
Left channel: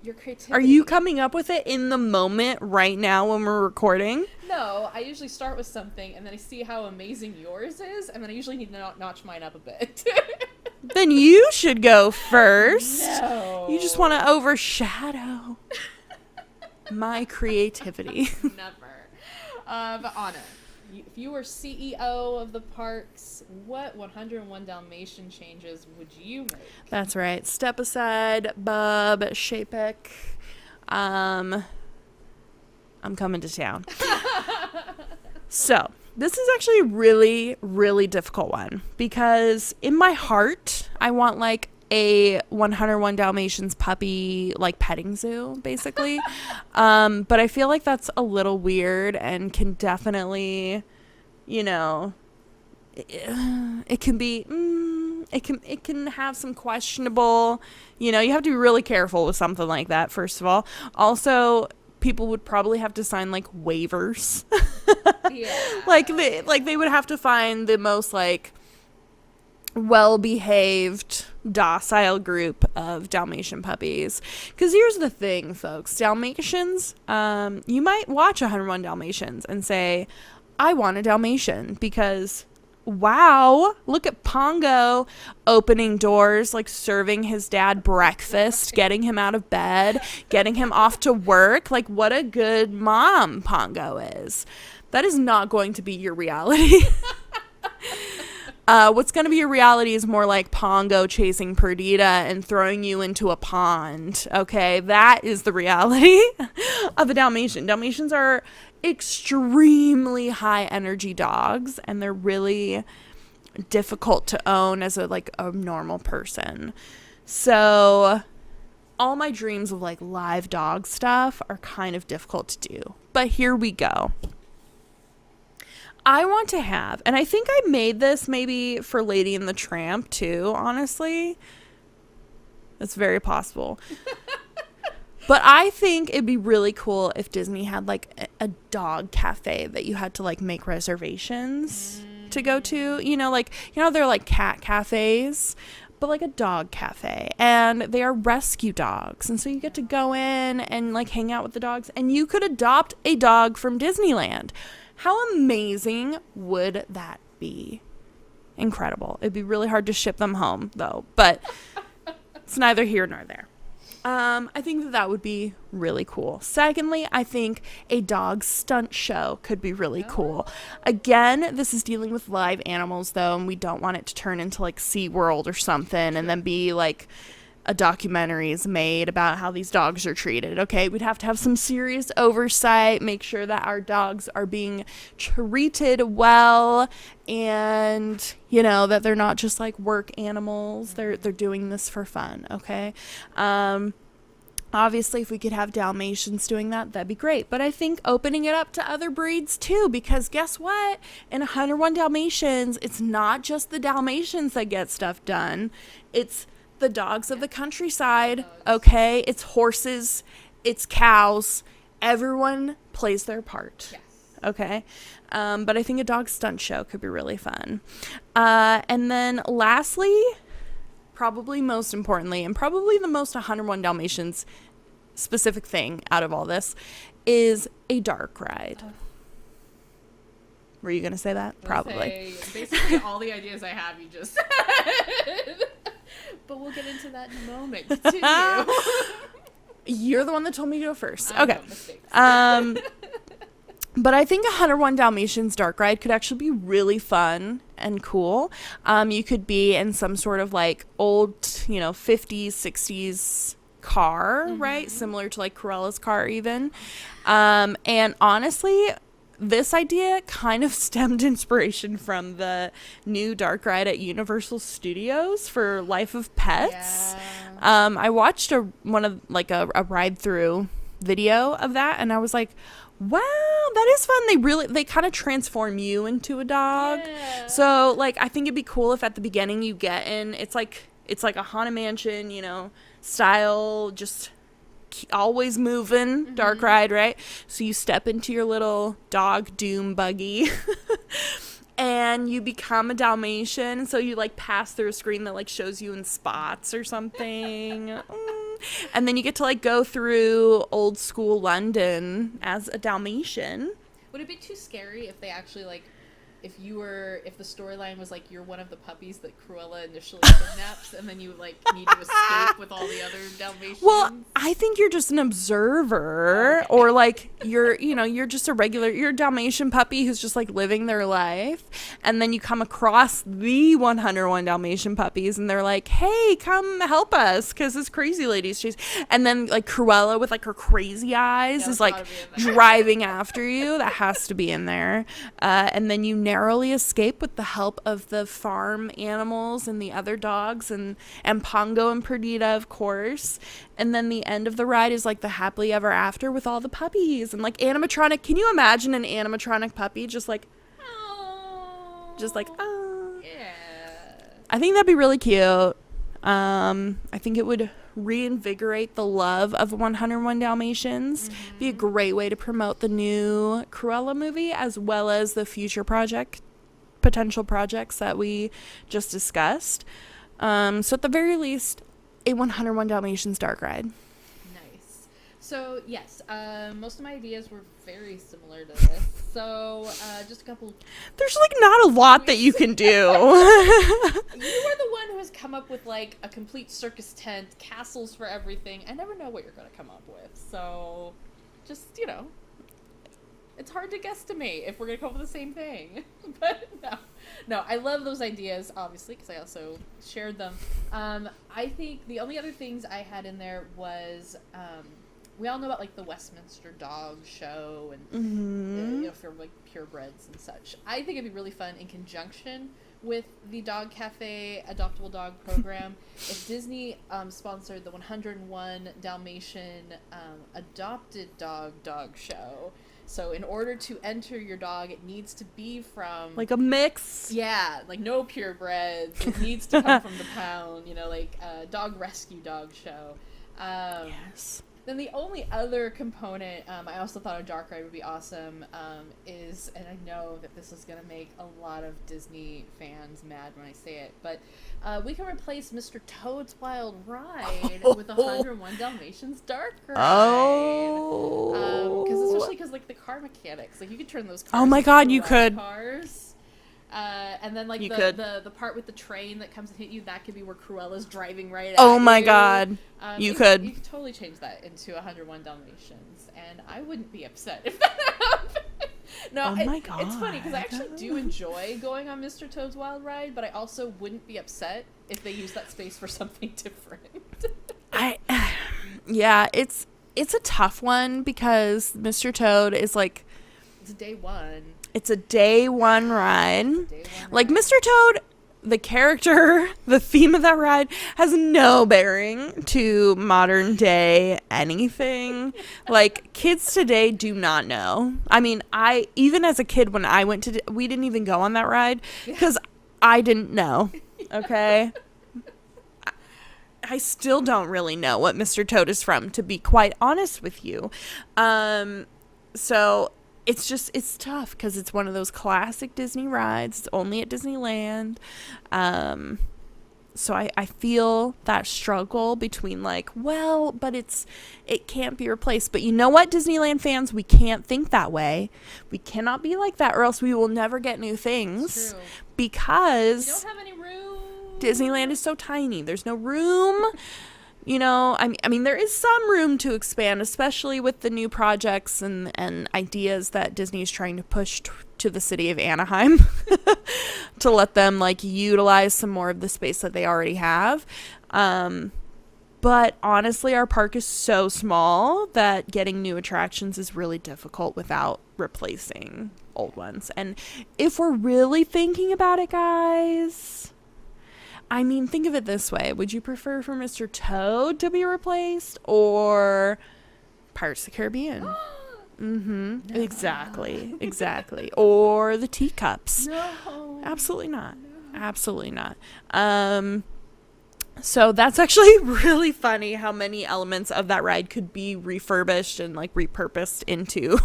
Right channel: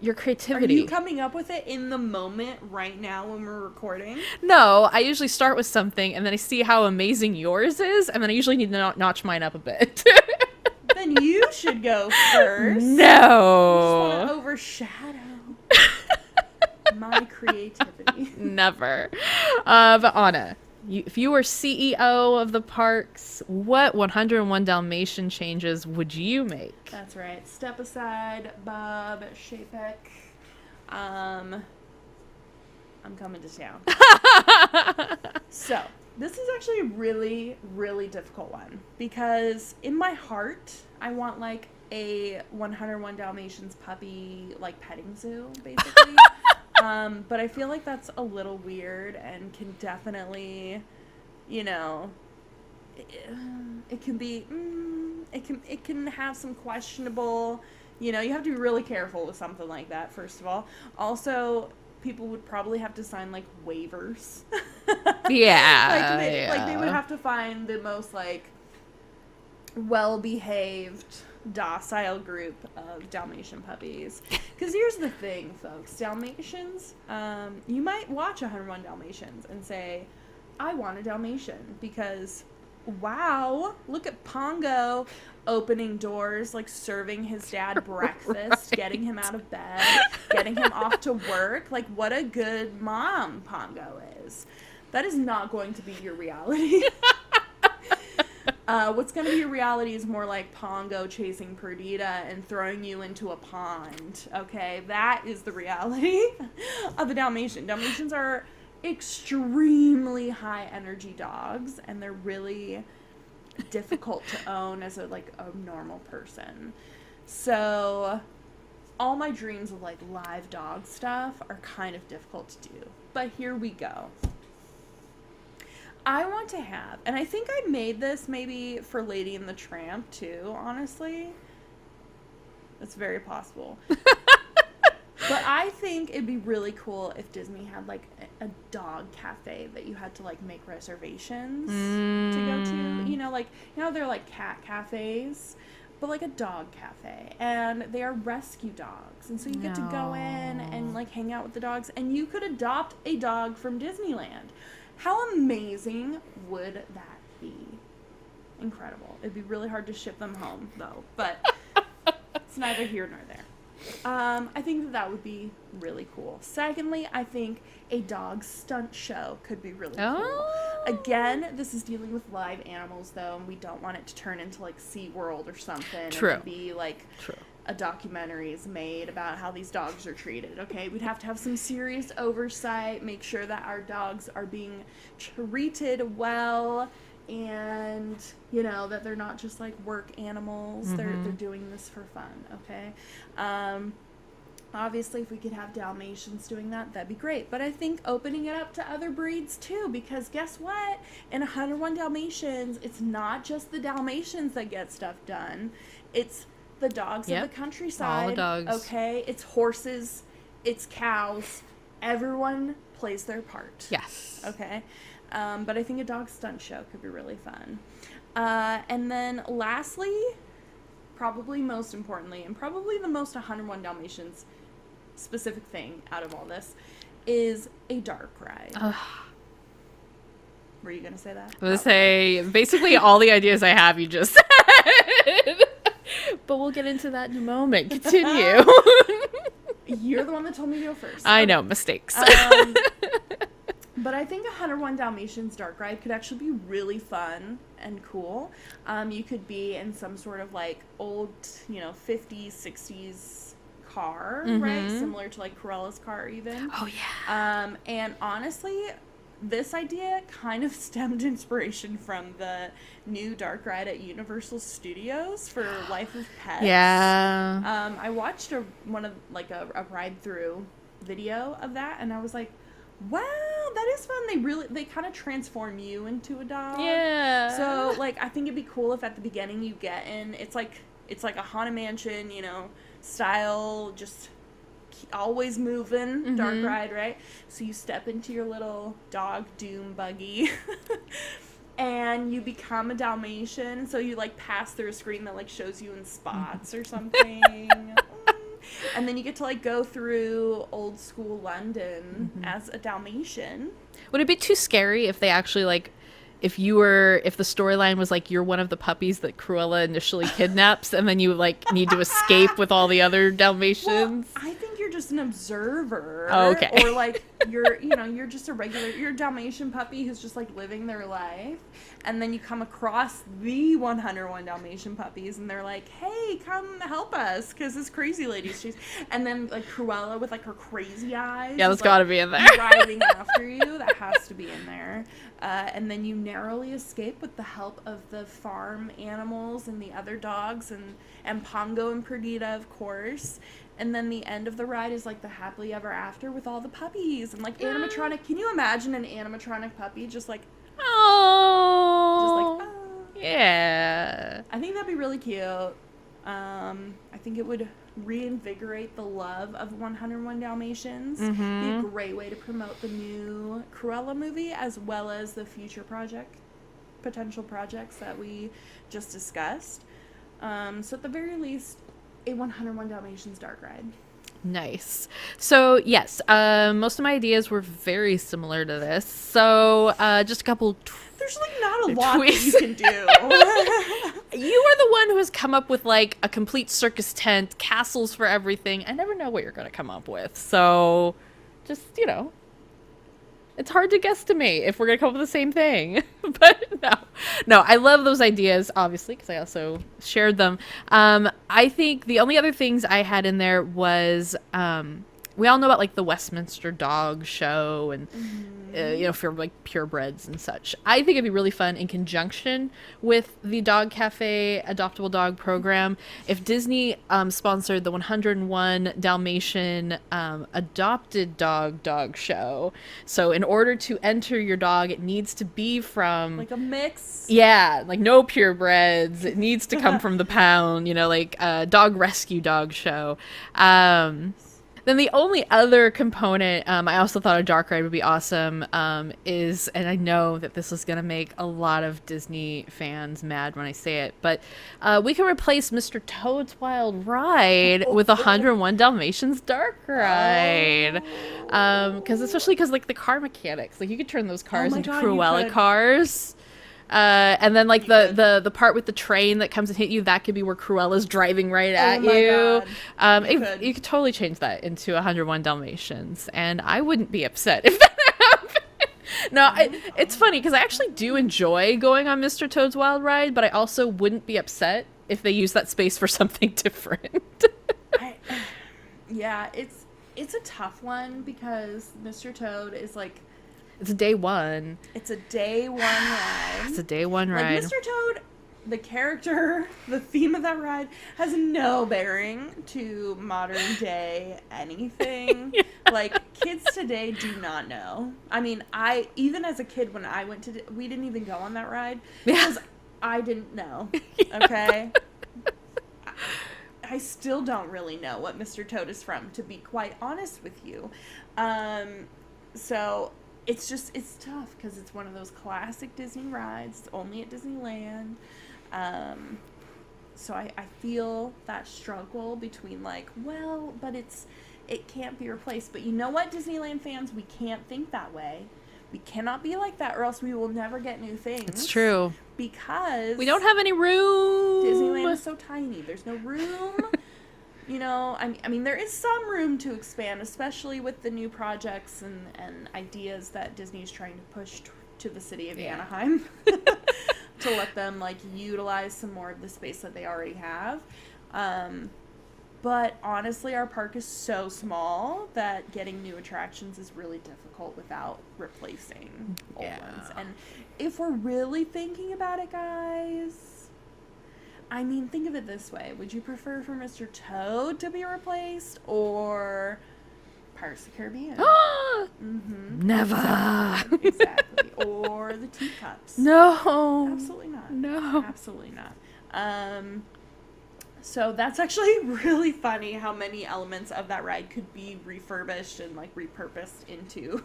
Your creativity. Are you coming up with it in the moment right now when we're recording? No, I usually start with something and then I see how amazing yours is, and then I usually need to notch mine up a bit. Then you should go first. No. You just want to overshadow. My creativity. Never. But Anna, if you were CEO of the parks, what 101 Dalmatian changes would you make? That's right. Step aside, Bub, Shapek. I'm coming to town. So, this is actually a really, really difficult one because in my heart, I want like a 101 Dalmatians puppy like petting zoo, basically. But I feel like that's a little weird and can definitely, you know, it can be, it can have some questionable, you know, you have to be really careful with something like that, first of all. Also, people would probably have to sign like waivers. Yeah. Like they would have to find the most like well-behaved, docile group of Dalmatian puppies. Because here's the thing, folks. Dalmatians, you might watch 101 Dalmatians and say, I want a Dalmatian because, wow, look at Pongo opening doors, like serving his dad breakfast, getting him out of bed, getting him off to work. Like, what a good mom Pongo is. That is not going to be your reality. What's going to be your reality is more like Pongo chasing Perdita and throwing you into a pond. Okay, that is the reality of a Dalmatian. Dalmatians are extremely high energy dogs, and they're really difficult to own as a normal person. So all my dreams of like live dog stuff are kind of difficult to do. But here we go. I want to have, and I think I made this maybe for Lady and the Tramp too, honestly. That's very possible. But I think it'd be really cool if Disney had like a dog cafe that you had to like make reservations to go to. You know, they're like cat cafes, but like a dog cafe. And they are rescue dogs. And so you get to go in and like hang out with the dogs. And you could adopt a dog from Disneyland. How amazing would that be? Incredible. It'd be really hard to ship them home, though. But it's neither here nor there. I think that would be really cool. Secondly, I think a dog stunt show could be really cool. Again, this is dealing with live animals, though, and we don't want it to turn into like SeaWorld or something and then be like a documentary is made about how these dogs are treated. Okay, we'd have to have some serious oversight, make sure that our dogs are being treated well, and you know that they're not just like work animals. They're doing this for fun. Okay. Obviously, if we could have Dalmatians doing that, that'd be great. But I think opening it up to other breeds too, because guess what? In 101 Dalmatians, it's not just the Dalmatians that get stuff done. It's the dogs of the countryside. Okay, it's horses, it's cows. Everyone plays their part. Yes. Okay. But I think a dog stunt show could be really fun. And then lastly, probably most importantly, and probably the most 101 Dalmatians specific thing out of all this, is a dark ride. Were you going to say that? I was going to say, basically all the ideas I have, you just said. But we'll get into that in a moment. Continue. You're the one that told me to go first. I know, mistakes. But I think 101 Dalmatians dark ride could actually be really fun and cool. You could be in some sort of like old, 50s, 60s car, right? Similar to like Cruella's car even. Oh, yeah. And honestly, this idea kind of stemmed inspiration from the new dark ride at Universal Studios for Life of Pets. Yeah. I watched a ride through video of that, and I was like, wow, that is fun. They kind of transform you into a dog. Yeah. So like I think it'd be cool if at the beginning you get in, it's like a Haunted Mansion, style, just always moving dark ride, right? So you step into your little dog doom buggy and you become a Dalmatian. So you like pass through a screen that like shows you in spots or something. And then you get to like go through old school London as a Dalmatian. Would it be too scary if they actually like if the storyline was like you're one of the puppies that Cruella initially kidnaps, and then you like need to escape with all the other Dalmatians. Well, I think you're just an observer, okay. or like you're just you're a Dalmatian puppy who's just like living their life, and then you come across the 101 Dalmatian puppies, and they're like, "Hey, come help us, because this crazy lady's chasing." And then like Cruella with like her crazy eyes Yeah, is that's gotta like be in there. driving after you. That has to be in there. And then you narrowly escape with the help of the farm animals and the other dogs and Pongo and Perdita, of course. And then the end of the ride is like the happily ever after with all the puppies and like animatronic. Can you imagine an animatronic puppy just like, Oh. Yeah. I think that'd be really cute. I think it would reinvigorate the love of 101 Dalmatians. Be a great way to promote the new Cruella movie, as well as the future potential projects that we just discussed. So at the very least, a 101 Dalmatians dark ride. Nice. So yes, most of my ideas were very similar to this. So just a couple. There's like not a lot that you can do. You are the one who has come up with like a complete circus tent, castles for everything. I never know what you're going to come up with. So just, it's hard to guesstimate if we're going to come up with the same thing. But no, I love those ideas, obviously, because I also shared them. I think the only other things I had in there was, we all know about like the Westminster Dog Show and, for like purebreds and such. I think it'd be really fun in conjunction with the Dog Cafe Adoptable Dog program if Disney sponsored the 101 Dalmatian Adopted Dog Show. So in order to enter your dog, it needs to be from Like a mix. Yeah, like no purebreds. It needs to come from the pound, like a dog rescue dog show. Then the only other component, I also thought a dark ride would be awesome, is, and I know that this is going to make a lot of Disney fans mad when I say it, but we can replace Mr. Toad's Wild Ride with 101 Dalmatians dark ride. Especially because like the car mechanics, like you could turn those cars into Cruella cars. And then like the part with the train that comes and hit you, that could be where Cruella's driving right at you. Oh my god. You could totally change that into 101 Dalmatians, and I wouldn't be upset if that happened. No, it's funny because I actually do enjoy going on Mr. Toad's Wild Ride, but I also wouldn't be upset if they use that space for something different. Yeah, it's a tough one because Mr. Toad is like, it's a day one. It's a day one ride. It's a day one ride. Like Mr. Toad, the character, the theme of that ride has no bearing to modern day anything. Yeah. Like kids today do not know. I mean, even as a kid when I went we didn't even go on that ride because I didn't know. Okay. I still don't really know what Mr. Toad is from, to be quite honest with you. So it's tough because it's one of those classic Disney rides. It's only at Disneyland. So I feel that struggle between like, well, but it can't be replaced. But you know what, Disneyland fans, we can't think that way. We cannot be like that, or else we will never get new things. It's true. Because we don't have any room. Disneyland is so tiny. There's no room. I mean, there is some room to expand, especially with the new projects and ideas that Disney is trying to push to the city of Anaheim to let them like utilize some more of the space that they already have. But honestly, our park is so small that getting new attractions is really difficult without replacing old ones. And if we're really thinking about it, guys, I mean, think of it this way. Would you prefer for Mr. Toad to be replaced or Pirates of the Caribbean? Never. Exactly. Or the teacups. No. Absolutely not. No. Absolutely not. So that's actually really funny how many elements of that ride could be refurbished and like repurposed into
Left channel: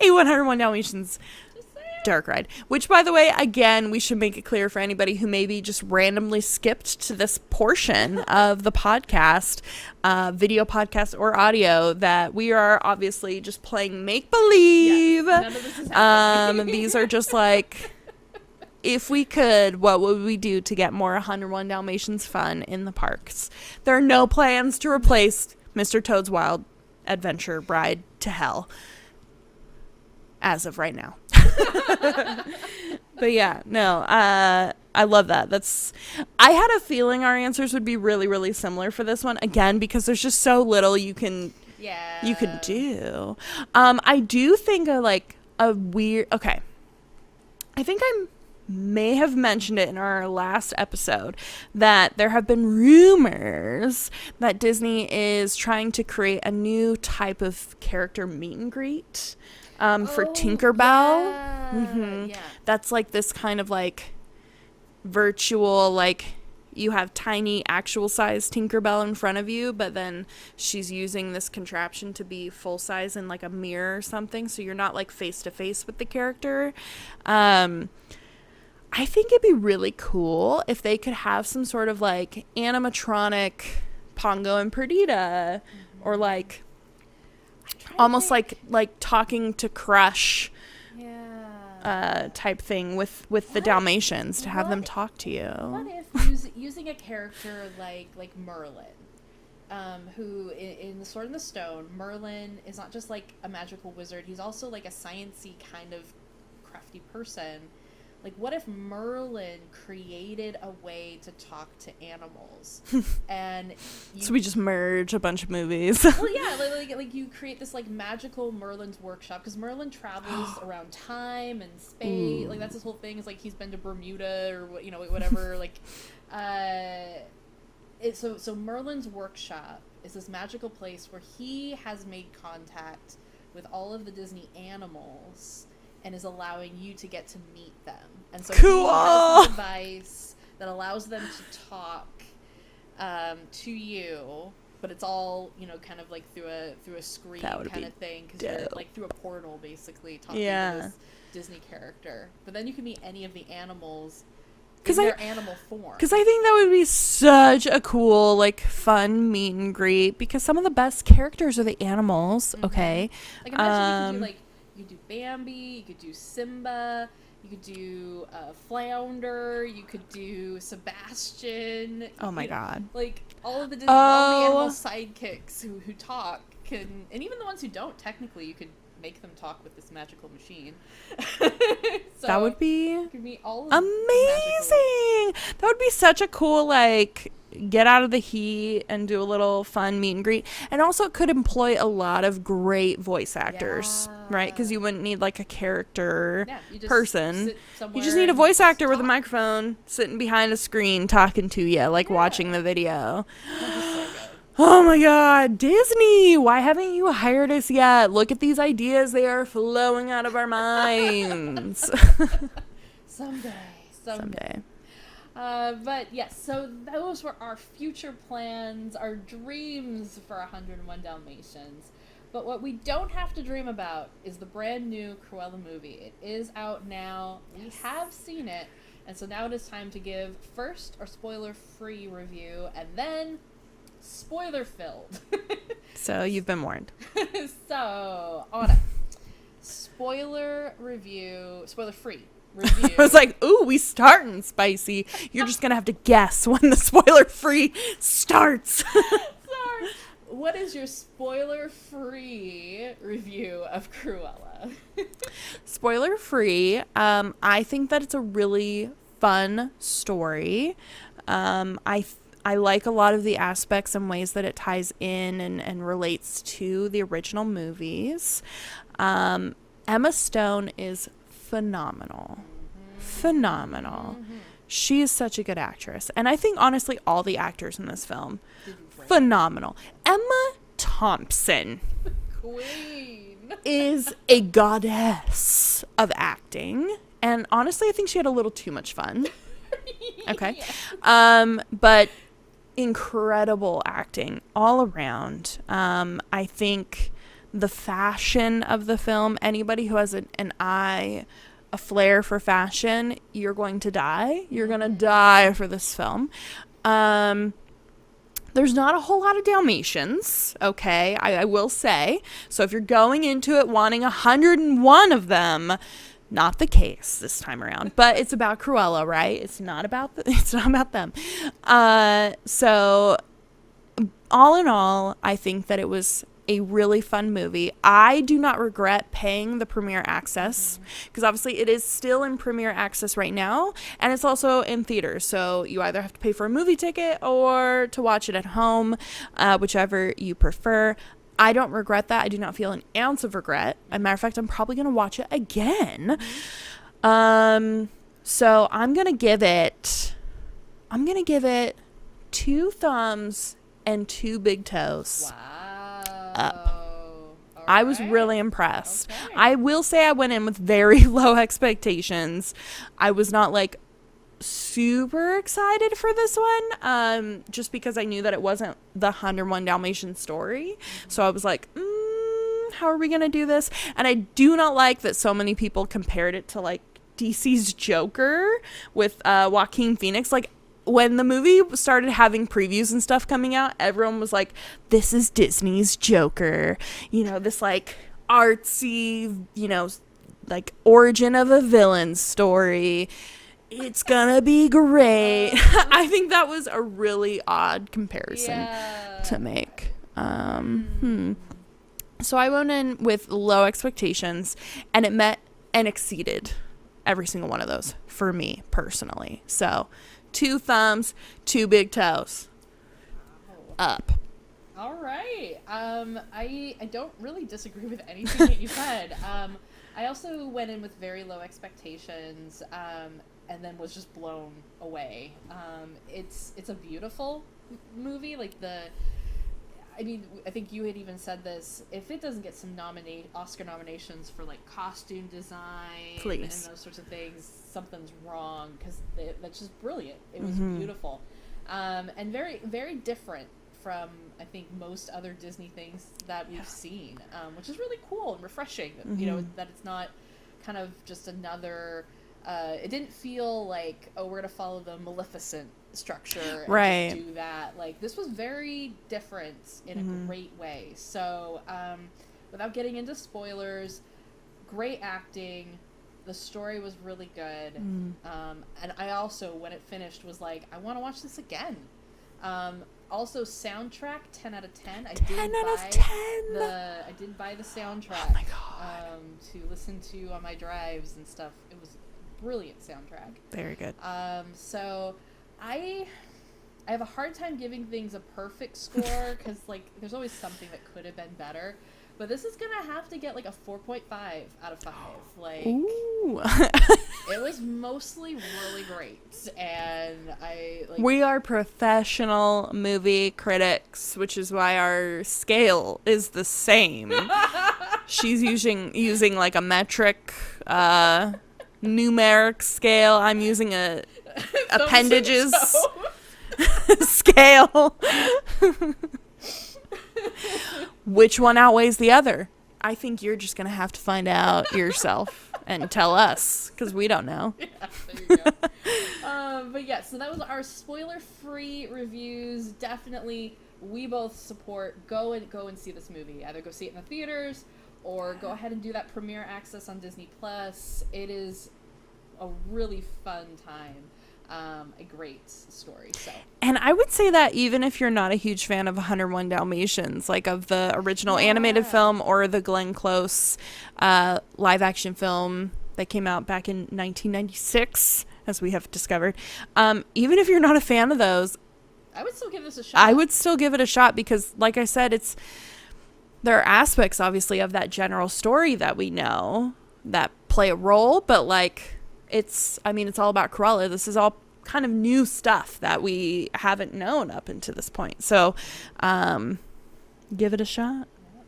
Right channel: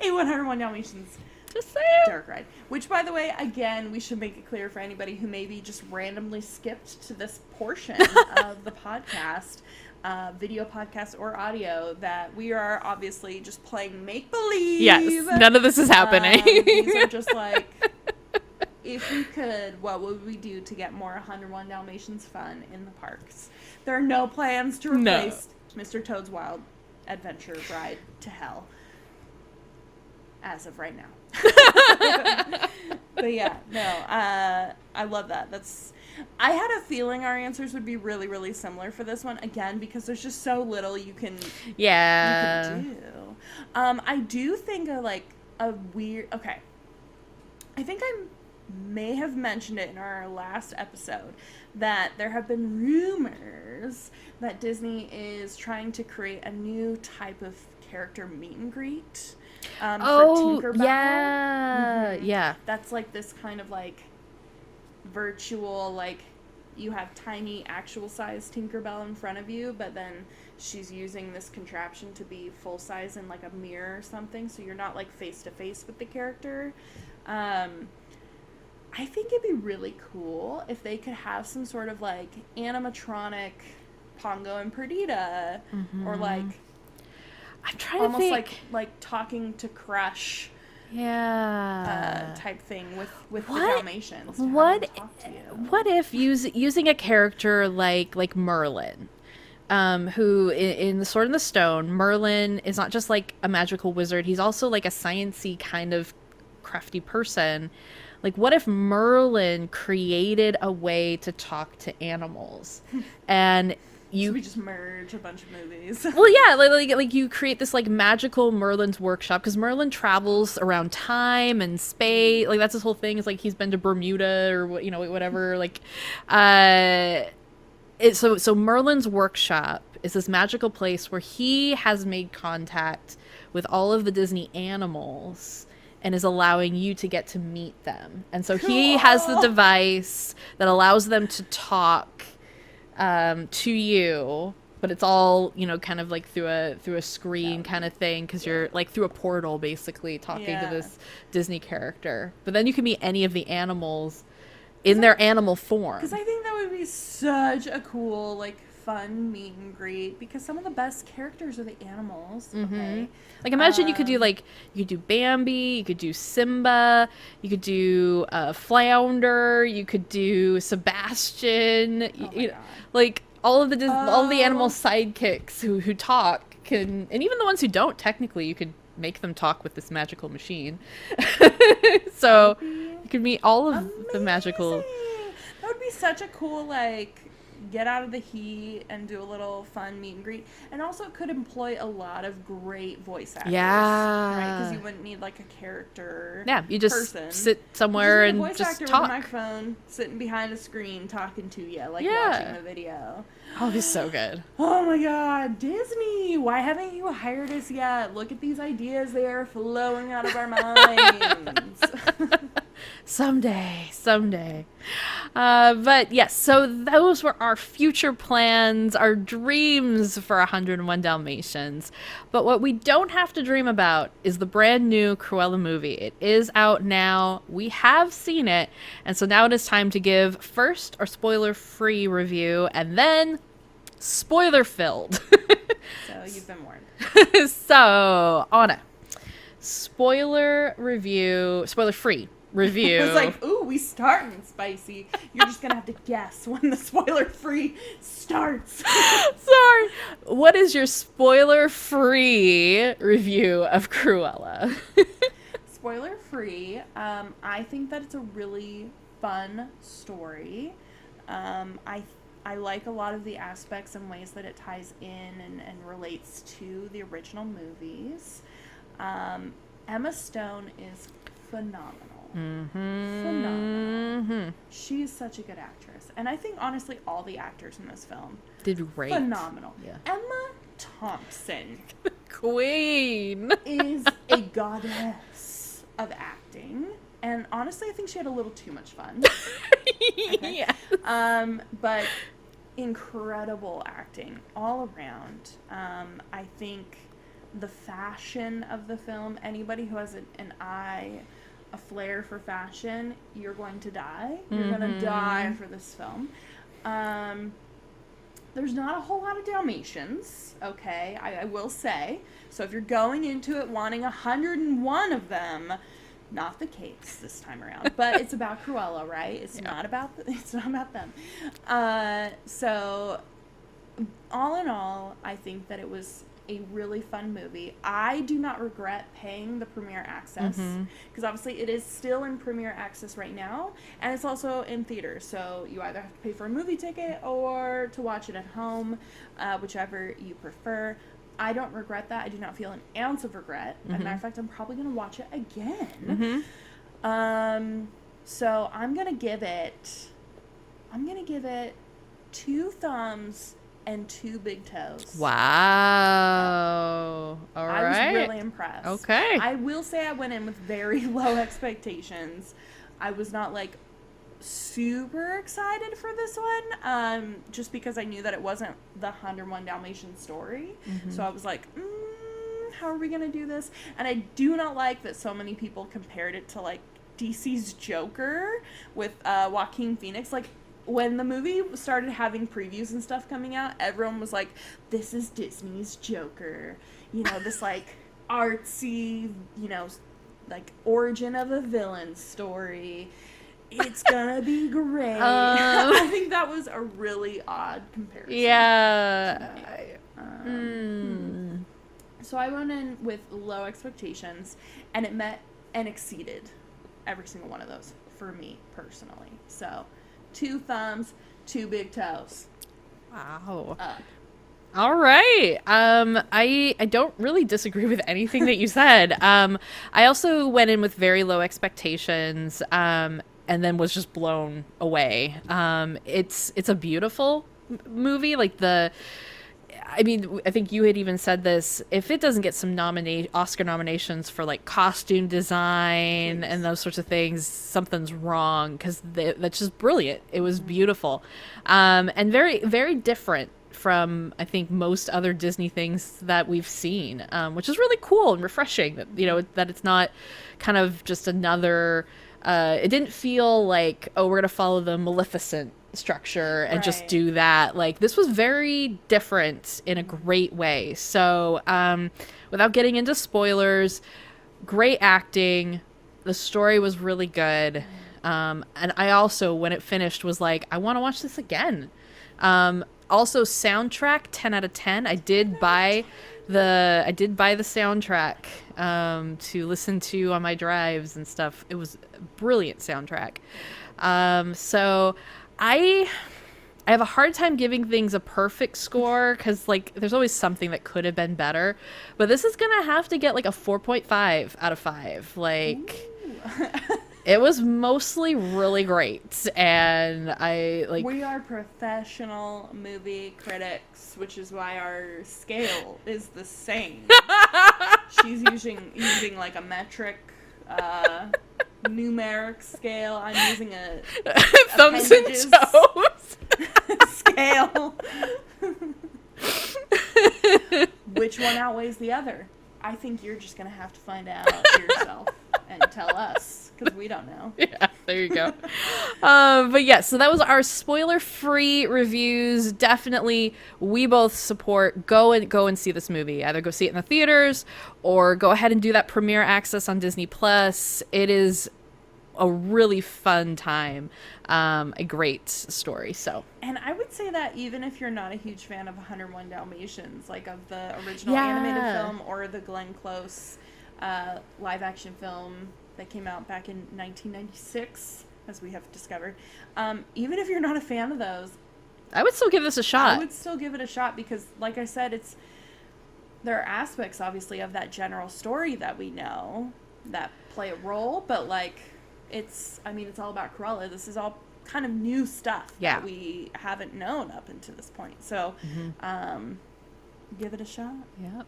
A 101 Dalmatians Just saying. dark ride. Which, by the way, again, we should make it clear for anybody who maybe just randomly skipped to this portion of the podcast, video podcast or audio, that we are obviously just playing make-believe. Yes, none of this is happening. These are just like, if we could, what would we do to get more 101 Dalmatians fun in the parks? There are no plans to replace Mr. Toad's Wild Adventure Ride to Hell as of right now. But yeah, no, I love that. I had a feeling our answers would be really, really similar for this one, again, because there's just so little you could do. I do think okay, I think I may have mentioned it in our last episode that there have been rumors that Disney is trying to create a new type of character meet and greet for Tinkerbell. Yeah. Mhm. Yeah. That's like this kind of like virtual, like you have tiny actual size Tinkerbell in front of you, but then she's using this contraption to be full size in like a mirror or something, so you're not like face to face with the character. I think it'd be really cool if they could have some sort of like animatronic Pongo and Perdita, or like I'm trying almost to think. like talking to Crush type thing with the Dalmatians, to have them talk to you. What if using a character like Merlin, who in The Sword in the Stone, Merlin is not just like a magical wizard, he's also like a sciencey kind of crafty person. Like, what if Merlin created a way to talk to animals, and so we just merge a bunch of movies. Well, yeah, like you create this like magical Merlin's workshop, because Merlin travels around time and space. Like that's his whole thing. Is like he's been to Bermuda or whatever. Like, so Merlin's workshop is this magical place where he has made contact with all of the Disney animals and is allowing you to get to meet them. And so he has the device that allows them to talk to you, but it's all, kind of like through a screen kind of thing, because you're like through a portal basically talking to this Disney character. But then you can meet any of the animals in their animal form. Because I think that would be such a cool, like, fun meet and greet, because some of the best characters are the animals. Okay, like imagine you could do Bambi, you could do Simba, you could do Flounder, you could do Sebastian. Oh my god! Like all of the animal sidekicks who talk and even the ones who don't, technically you could make them talk with this magical machine. So you could meet all of the magical. That would be such a cool, like, get out of the heat and do a little fun meet and greet. And also it could employ a lot of great voice actors, right? Because you wouldn't need like a character you just person. Sit somewhere. You just need a voice actor talk with a microphone sitting behind a screen talking to you, like watching the video. Oh, it's so good. Oh my god, Disney, why haven't you hired us yet? Look at these ideas, they are flowing out of our minds. Someday. But yes, so those were our future plans, our dreams for 101 Dalmatians. But what we don't have to dream about is the brand new Cruella movie. It is out now. We have seen it. And so now it is time to give first our spoiler-free review and then spoiler-filled. So you've been warned. So, Anna, spoiler-free review. I was like, ooh, we starting spicy. You're just gonna have to guess when the spoiler free starts. Sorry. What is your spoiler free review of Cruella? Spoiler free. I think that it's a really fun story. I like a lot of the aspects and ways that it ties in and relates to the original movies. Emma Stone is phenomenal. She is such a good actress, and I think honestly all the actors in this film did great. Phenomenal. Emma Thompson queen is a goddess of acting, and honestly I think she had a little too much fun. Okay. But incredible acting all around. I think the fashion of the film. Anybody who has a flair for fashion, you're going to die. You're going to die for this film. There's not a whole lot of Dalmatians, okay, I will say. So if you're going into it wanting 101 of them, not the case this time around. But it's about Cruella, right? It's not about them. So all in all, I think that it was a really fun movie. I do not regret paying the premiere access, because obviously it is still in premiere access right now, and it's also in theaters. So you either have to pay for a movie ticket or to watch it at home, whichever you prefer. I don't regret that. I do not feel an ounce of regret. As a matter of fact, I'm probably going to watch it again. So I'm going to give it 2 thumbs and 2 big toes. Wow. All I was right. really impressed. Okay. I will say I went in with very low expectations. I was not like super excited for this one, just because I knew that it wasn't the 101 Dalmatian story. So I was like, how are we going to do this? And I do not like that so many people compared it to like DC's Joker with Joaquin Phoenix. Like, when the movie started having previews and stuff coming out, everyone was like, this is Disney's Joker. You know, this like artsy, you know, like origin of a villain story. It's gonna be great. I think that was a really odd comparison to make. So I went in with low expectations, and it met and exceeded every single one of those for me personally. So 2 thumbs, 2 big toes. Wow. Up. All right. I don't really disagree with anything that you said. I also went in with very low expectations, and then was just blown away. It's a beautiful movie. Like I think you had even said this. If it doesn't get some Oscar nominations for like costume design and those sorts of things, something's wrong, because that's just brilliant. It was beautiful, and very, very different from, I think, most other Disney things that we've seen, which is really cool and refreshing. That you know, that it's not kind of just another. It didn't feel like, oh, we're gonna follow the Maleficent structure and just do that. Like, this was very different in a great way. So without getting into spoilers, great acting, the story was really good, and I also, when it finished, was like, I want to watch this again. Also, soundtrack 10 out of 10. I did buy the soundtrack to listen to on my drives and stuff. It was a brilliant soundtrack. Very good. So I have a hard time giving things a perfect score, because like there's always something that could have been better, but this is gonna have to get like a 4.5 out of 5. Like, it was mostly really great, and we are professional movie critics, which is why our scale is the same. She's using like a metric numeric scale. I'm using a appendages scale. Which one outweighs the other? I think you're just gonna have to find out yourself and tell us, because we don't know. Yeah, there you go. But yeah, so that was our spoiler-free reviews. Definitely, we both support go and see this movie. Either go see it in the theaters or go ahead and do that premiere access on Disney Plus. It is a really fun time. A great story. So, and I would say that even if you're not a huge fan of 101 Dalmatians, like of the original animated film or the Glenn Close live action film that came out back in 1996, as we have discovered, even if you're not a fan of those, I would still give this a shot. I would still give it a shot, because like I said, there are aspects obviously of that general story that we know that play a role, but like it's all about Cruella. This is all kind of new stuff that we haven't known up until this point. So give it a shot. Yep.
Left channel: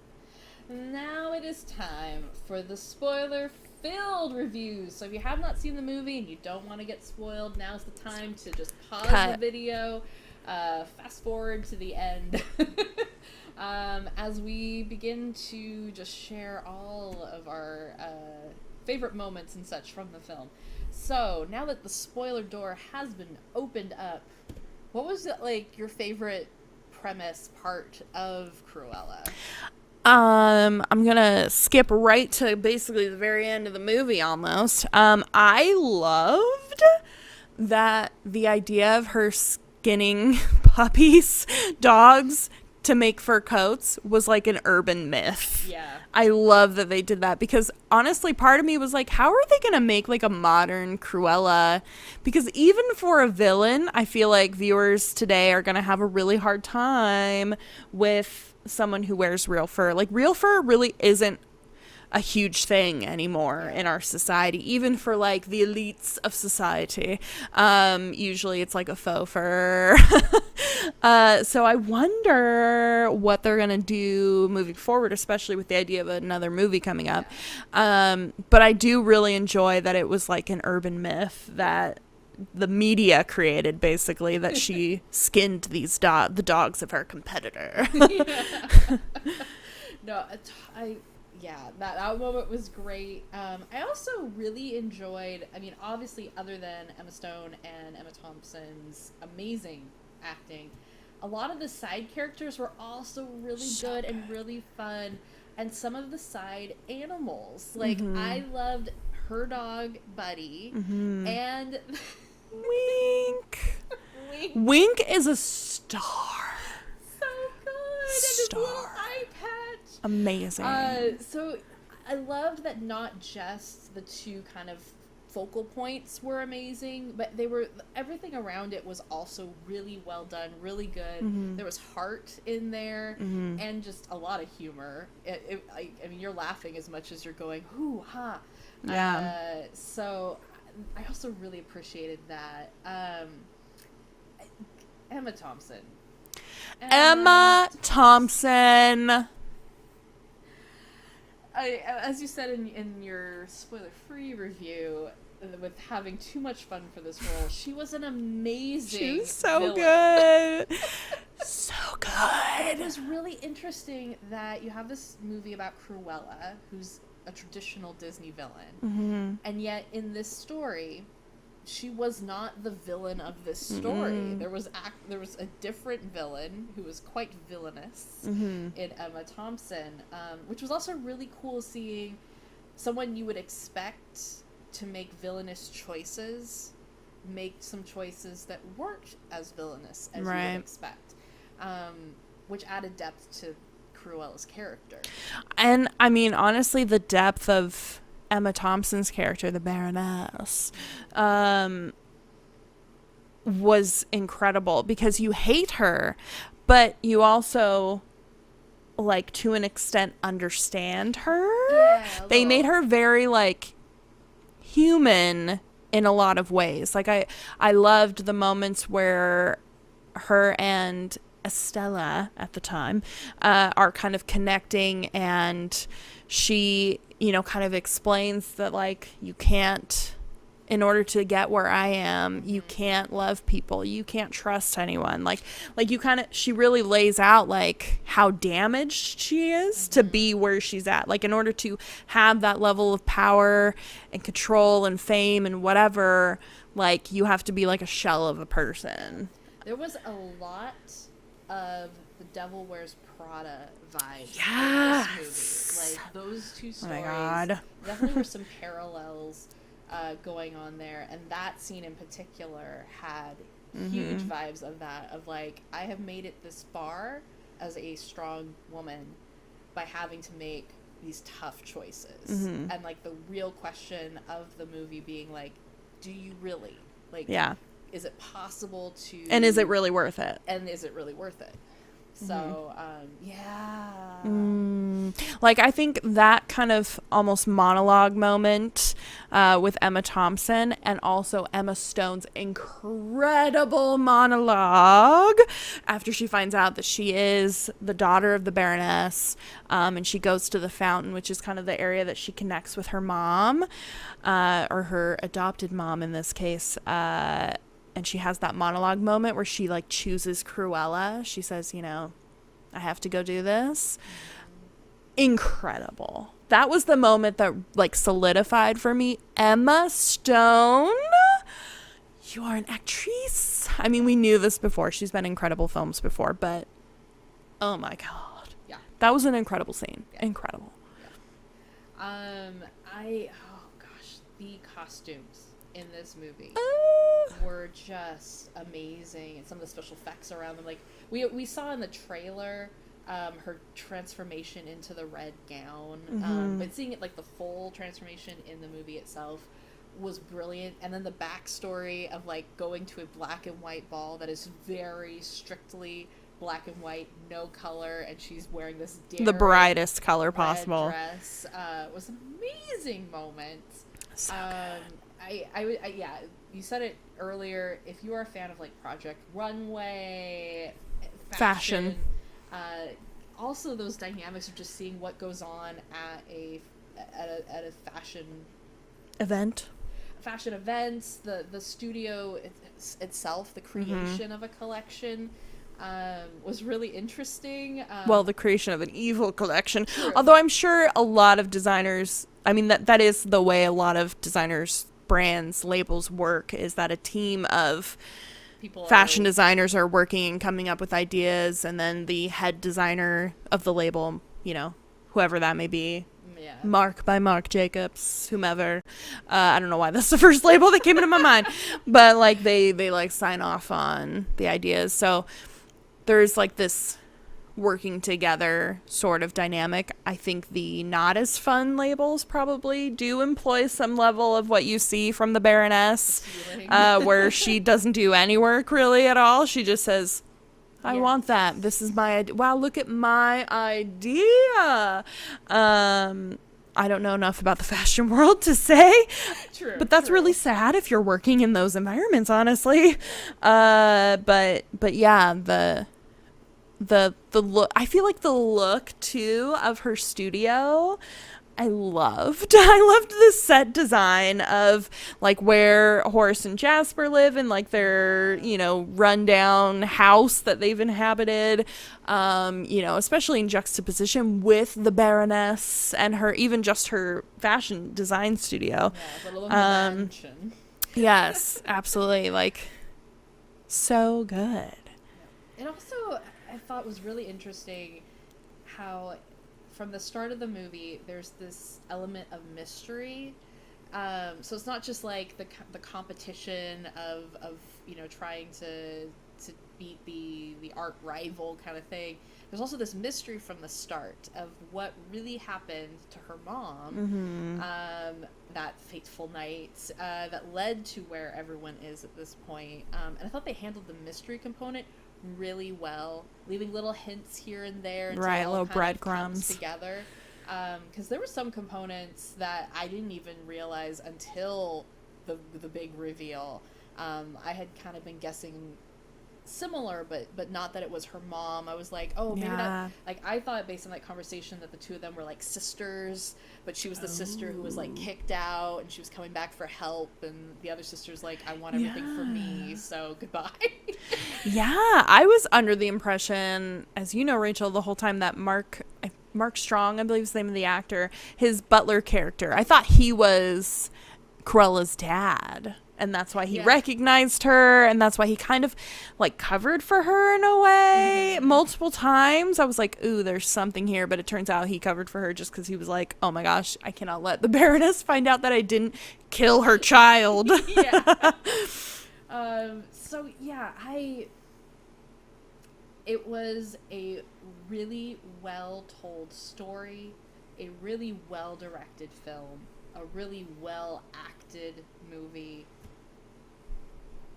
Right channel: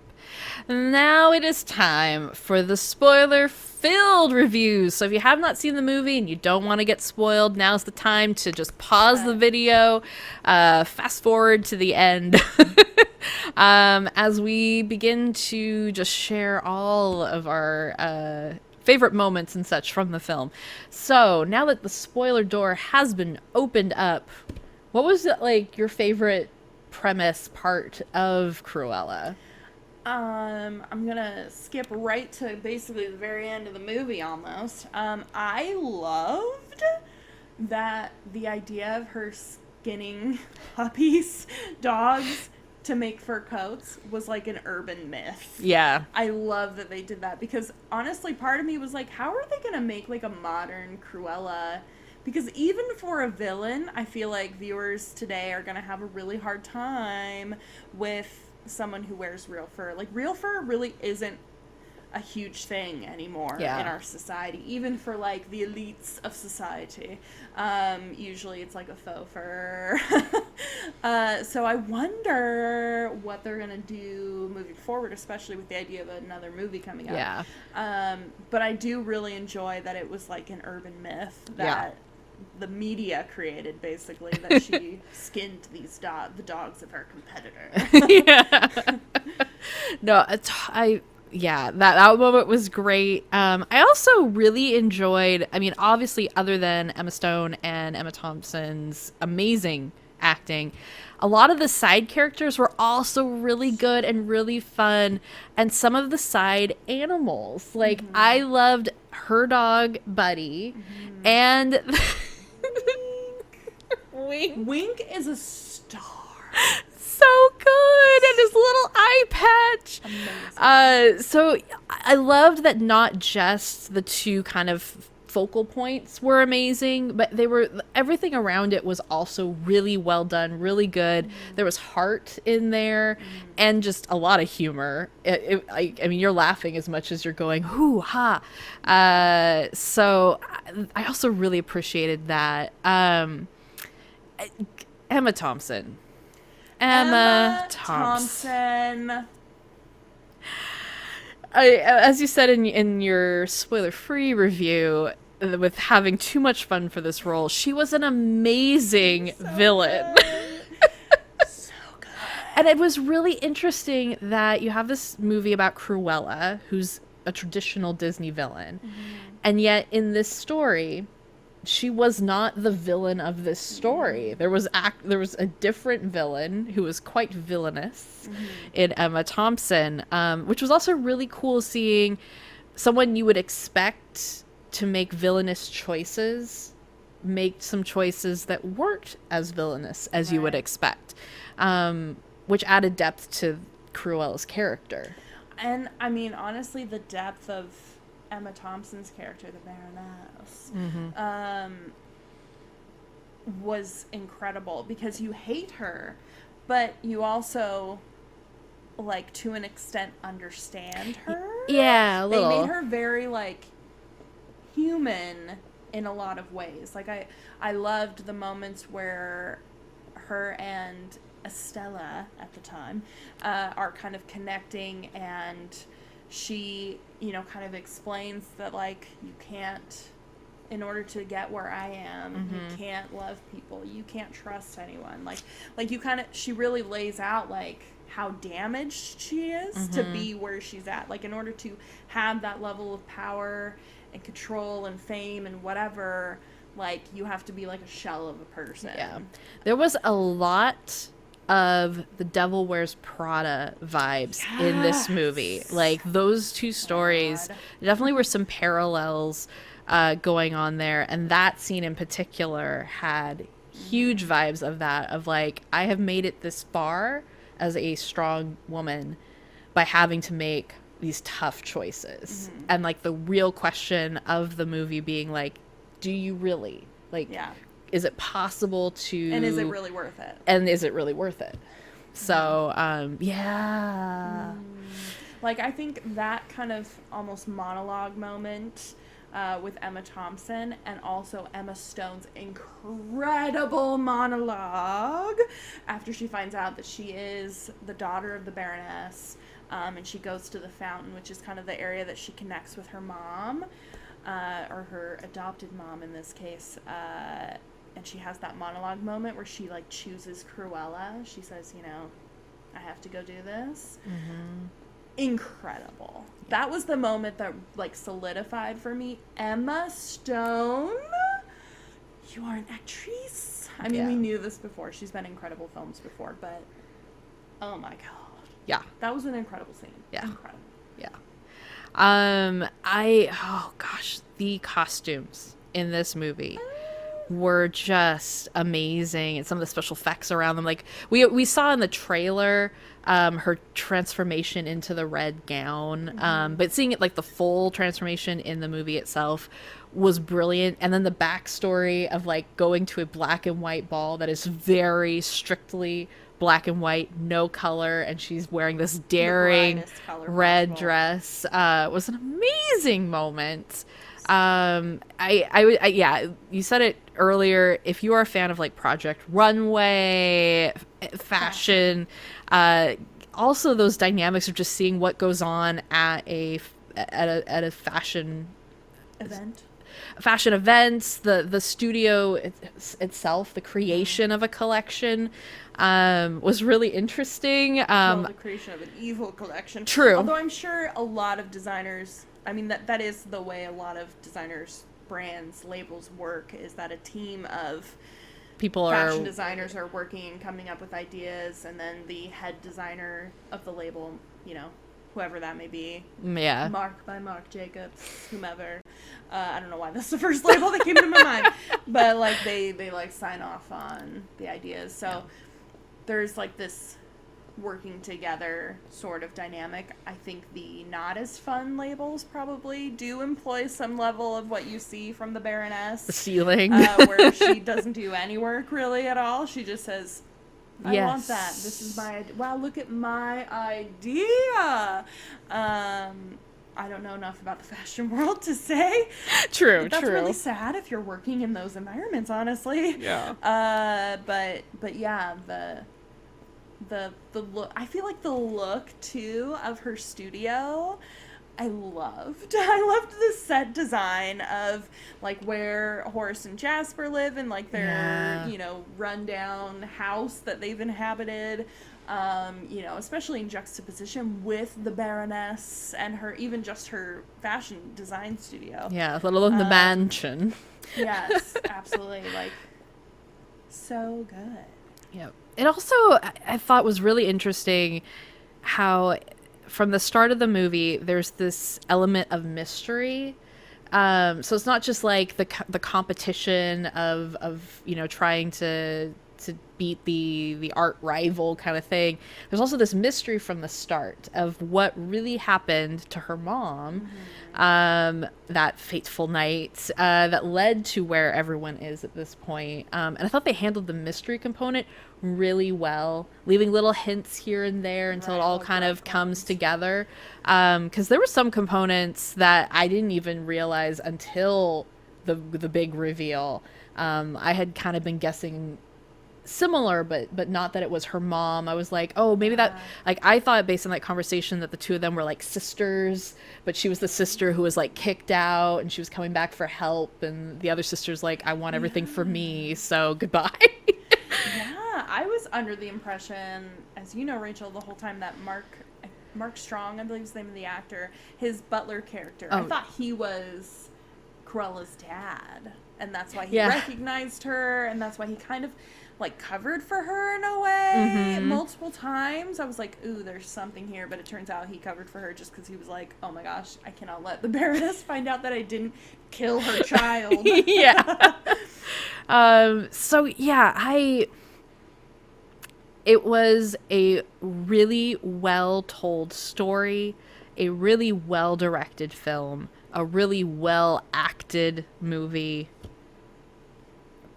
Now it is time for the spoiler-filled reviews. So if you have not seen the movie and you don't want to get spoiled, now's the time to just pause the video, fast forward to the end, as we begin to just share all of our favorite moments and such from the film. So now that the spoiler door has been opened up, what was like your favorite premise part of Cruella? I'm gonna skip right to basically the very end of the movie almost. I loved that the idea of her skinning puppies, dogs, to make fur coats was like an urban myth. Yeah. I love that they did that because honestly, part of me was like, how are they going to make like a modern Cruella? Because even for a villain, I feel like viewers today are going to have a really hard time with someone who wears real fur. Like, real fur really isn't a huge thing anymore in our society, even for like the elites of society. Usually it's like a faux fur. So I wonder what they're gonna do moving forward, especially with the idea of another movie coming up. But I do really enjoy that it was like an urban myth that the media created, basically, that she skinned these the dogs of her competitor. No, that moment was great. I also really enjoyed, I mean, obviously, other than Emma Stone and Emma Thompson's amazing acting, a lot of the side characters were also really good and really fun. And some of the side animals, like, I loved her dog, Buddy, and Wink is a star. So good, and his little eye patch, amazing. So I loved that not just the two kind of focal points were amazing, but everything around it was also really well done, really good. There was heart in there, and just a lot of humor. I mean, you're laughing as much as you're going hoo ha. So I also really appreciated that. Emma Thompson. Emma Thompson. As you said in your spoiler-free review, with having too much fun for this role, she was an amazing villain. Good. So good. And it was really interesting that you have this movie about Cruella, who's a traditional Disney villain, and yet in this story, she was not the villain of this story. There was a different villain who was quite villainous in Emma Thompson, which was also really cool, seeing someone you would expect to make villainous choices make some choices that weren't as villainous as you would expect, which added depth to Cruella's character. And I mean, honestly, the depth of Emma Thompson's character, the Baroness, was incredible, because you hate her, but you also, like, to an extent, understand her. Yeah, they made her very, like, human in a lot of ways. Like, I loved the moments where her and Estella at the time are kind of connecting, and she, you know, kind of explains that, like, you can't, in order to get where I am, you can't love people, you can't trust anyone. Like you kind of, she really lays out, like, how damaged she is to be where she's at. Like, in order to have that level of power and control and fame and whatever, like, you have to be like a shell of a person. Yeah. There was a lot of the Devil Wears Prada vibes in this movie. Like, those two stories, definitely were some parallels going on there, and that scene in particular had huge vibes of that, of like, I have made it this far as a strong woman by having to make these tough choices, and like the real question of the movie being like, do you really, like, is it possible to, and is it really worth it, so like, I think that kind of almost monologue moment with Emma Thompson, and also Emma Stone's incredible monologue after she finds out that she is the daughter of the Baroness, and she goes to the fountain, which is kind of the area that she connects with her mom, or her adopted mom in this case, and she has that monologue moment where she, like, chooses Cruella. She says, you know, I have to go do this. Incredible. That was the moment that like solidified for me. Emma Stone, you are an actress. I mean, we knew this before. She's been in incredible films before, but oh my God. Yeah. That was an incredible scene. Yeah. Incredible. Yeah. Oh gosh, the costumes in this movie were just amazing, and some of the special effects around them. Like we saw in the trailer, her transformation into the red gown, but seeing it like the full transformation in the movie itself was brilliant. And then the backstory of like going to a black and white ball that is very strictly black and white, no color, and she's wearing this daring, The brightest color red possible. dress was an amazing moment. Yeah, you said it earlier. If you are a fan of like Project Runway, fashion. Also those dynamics of just seeing what goes on at a fashion Event. events, the studio itself, the creation of a collection was really interesting. Well, the creation of an evil collection. True. Although I'm sure a lot of designers, I mean, that is the way a lot of designers, brands, labels work, is that a team of people fashion designers are working and coming up with ideas, and then the head designer of the label, you know, whoever that may be, yeah, Mark by Marc Jacobs, whomever. I don't know why that's the first label that came into my mind, but like they like sign off on the ideas. So there's like this working together sort of dynamic. I think the not as fun labels probably do employ some level of what you see from the Baroness, the ceiling, where she doesn't do any work really at all. She just says, I want that. This is my idea. Wow, look at my idea. I don't know enough about the fashion world to say. True. But that's really sad if you're working in those environments, honestly. Yeah. But yeah, the look, I feel like the look too of her studio, I loved the set design of like where Horace and Jasper live, and like their you know, rundown house that they've inhabited, you know, especially in juxtaposition with the Baroness and her, even just her fashion design studio. Yeah, let alone the mansion. Yes, absolutely. Like, so good. Yeah. It also, I thought, was really interesting how from the start of the movie there's this element of mystery. So it's not just like the competition of you know, trying to beat the art rival kind of thing. There's also this mystery from the start of what really happened to her mom, that fateful night that led to where everyone is at this point. And I thought they handled the mystery component really well, leaving little hints here and there until it all kind of comes together. Because there were some components that I didn't even realize until the big reveal. I had kind of been guessing similar, but not that it was her mom. I was like, oh, maybe that, like, I thought based on that conversation that the two of them were like sisters, but she was the sister who was like kicked out and she was coming back for help, and the other sister's like, I want everything for me, so goodbye. Yeah, I was under the impression, as you know, Rachel, the whole time that Mark Strong, I believe is the name of the actor, his butler character, I thought he was Cruella's dad. And that's why he recognized her, and that's why he kind of like covered for her in a way multiple times. I was like, ooh, there's something here, but it turns out he covered for her just because he was like, oh my gosh, I cannot let the Baroness find out that I didn't kill her child. So yeah, it was a really well told story, a really well directed film, a really well acted movie.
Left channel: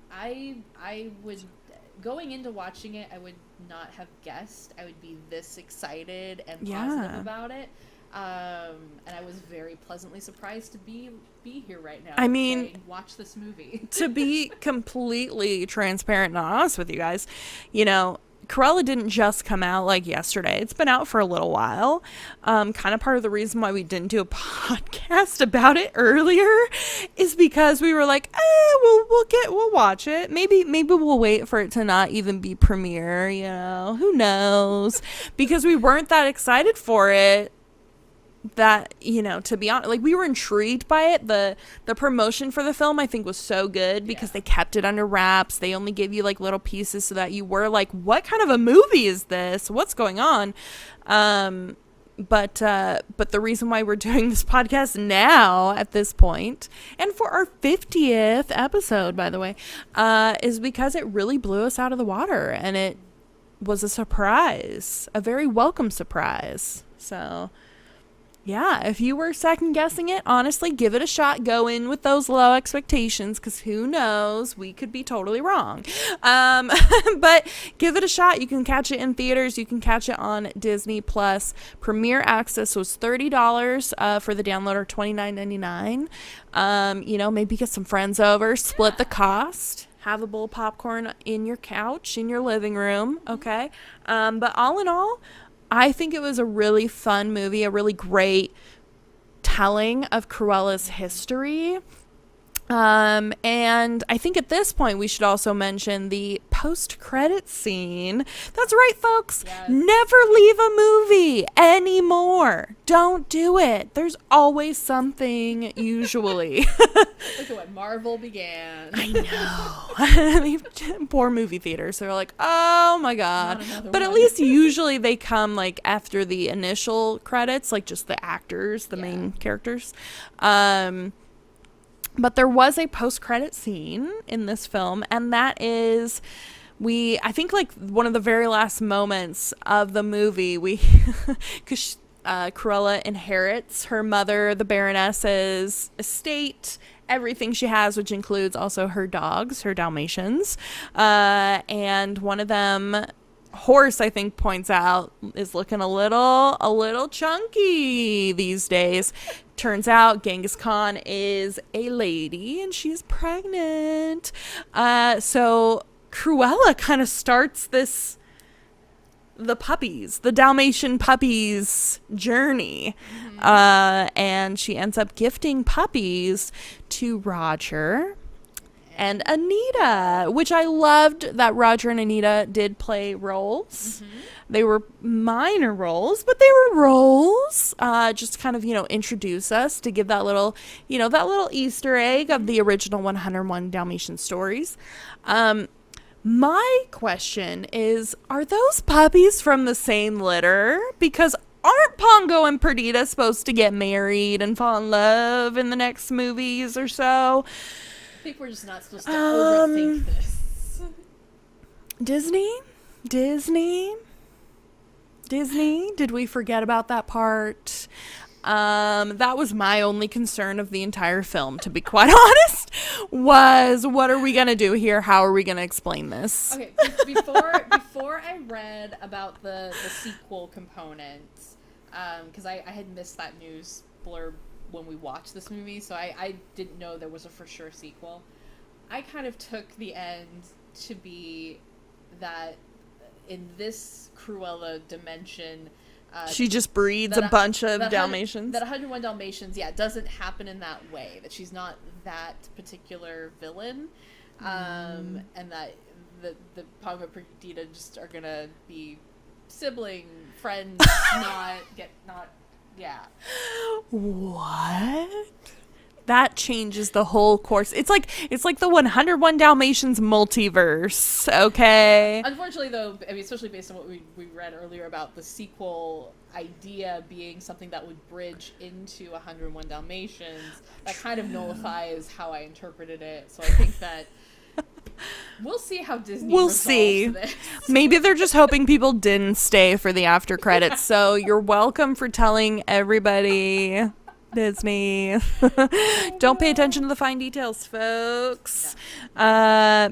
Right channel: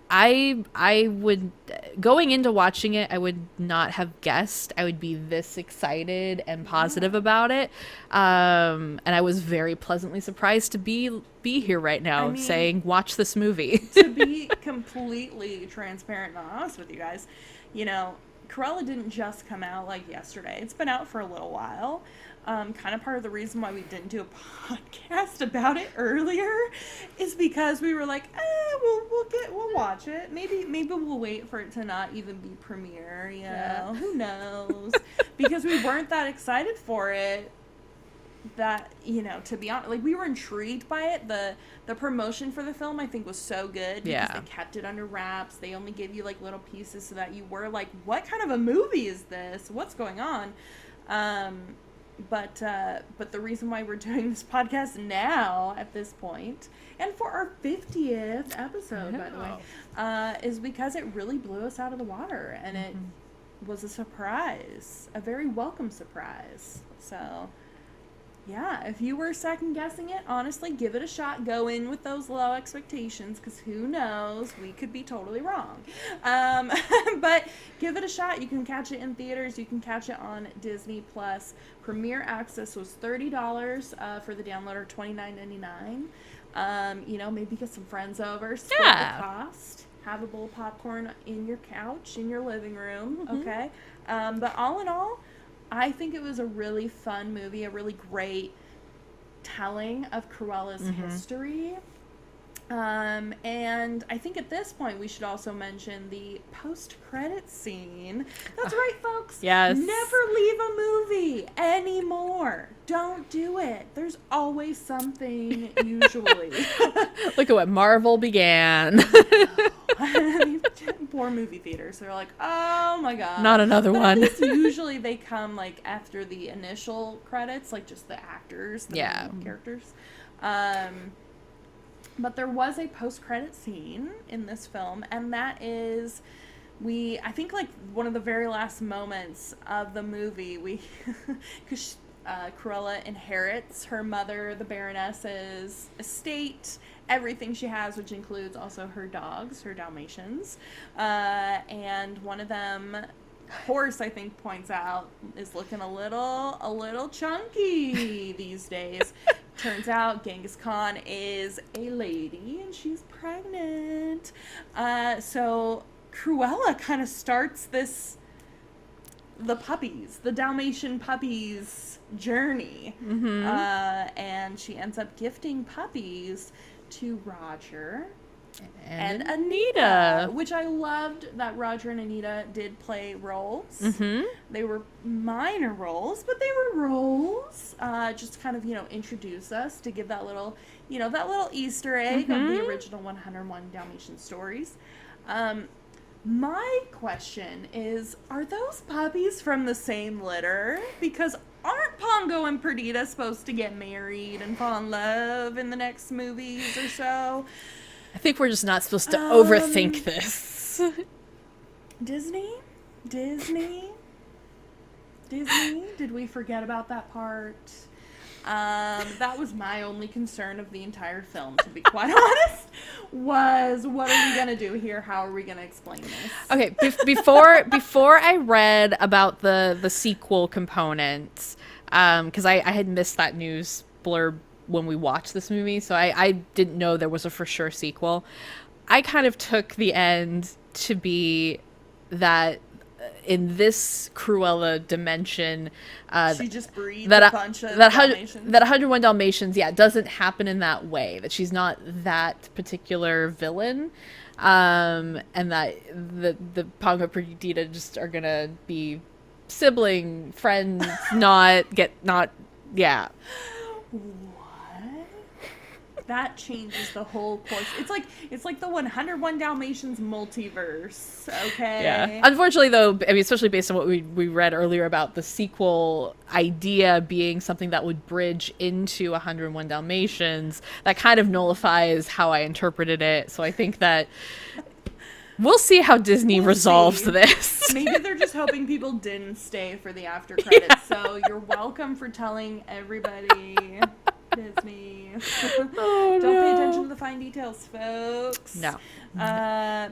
I would, going into watching it, I would not have guessed I would be this excited and positive about it. And I was very pleasantly surprised to be here right now, saying, watch this movie. To be completely transparent and honest with you guys, you know, Cruella didn't just come out like yesterday. It's been out for a little while. Kind of part of the reason why we didn't do a podcast about it earlier is because we were like, we'll watch it. Maybe we'll wait for it to not even be premiere, you know, who knows? Because we weren't that excited for it. That, you know, to be honest, like, we were intrigued by it. The promotion for the film, I think, was so good because they kept it under wraps. They only gave you like little pieces so that you were like, what kind of a movie is this? What's going on? But the reason why we're doing this podcast now at this point, and for our 50th episode, by the way, is because it really blew us out of the water, and it was a surprise, a very welcome surprise. So yeah, if you were second guessing it, honestly, give it a shot. Go in with those low expectations, because who knows? We could be totally wrong. But give it a shot. You can catch it in theaters. You can catch it on Disney Plus. Premiere access was $30 for the download, or $29.99. You know, maybe get some friends over, split the cost. Have a bowl of popcorn in your couch, in your living room, okay? But all in all, I think it was a really fun movie, a really great telling of Cruella's history. And I think at this point we should also mention the post-credit scene. That's right, folks. Yes. Never leave a movie anymore. Don't do it. There's always something, usually. Look at what Marvel began. Poor movie theaters. They're like, oh my God. Not another one. But at least usually they come like after the initial credits, like just the actors, the main characters. But there was a post-credit scene in this film, and that is, I think, like, one of the very last moments of the movie, because Cruella inherits her mother, the Baroness's estate, everything she has, which includes also her dogs, her Dalmatians, and one of them, Horse, I think, points out, is looking a little chunky these days. Turns out Genghis Khan is a lady and she's pregnant. So Cruella kind of starts the Dalmatian puppies journey. And she ends up gifting puppies to Roger and Anita, which I loved that Roger and Anita did play roles. They were minor roles, but they were roles. Just kind of, you know, introduce us to give that little, you know, that little Easter egg of the original 101 Dalmatian stories. My question is, are those puppies from the same litter? Because aren't Pongo and Perdita supposed to get married and fall in love in the next movies or so? I think we're just not supposed to overthink this. Disney? Did we forget about that part? That was my only concern of the entire film, to be quite honest, was what are we going to do here? How are we going to explain this? Okay, before I read about the sequel component, because I had missed that news blurb when we watched this movie, so I didn't know there was a for sure sequel. I kind of took the end to be that in this Cruella dimension, she just breeds a bunch of Dalmatians. That 101 Dalmatians, doesn't happen in that way. That she's not that particular villain, and that the Pongo Perdita just are gonna be sibling friends, What? That changes the whole course. It's like the 101 Dalmatians multiverse, okay? Yeah. Unfortunately, though, I mean, especially based on what we read earlier about the sequel idea being something that would bridge into 101 Dalmatians, that kind of nullifies how I interpreted it. So I think that we'll see how Disney resolves this. Maybe they're just hoping people didn't stay for the after credits. So you're welcome for telling everybody, Disney. Don't pay attention to the fine details, folks. No.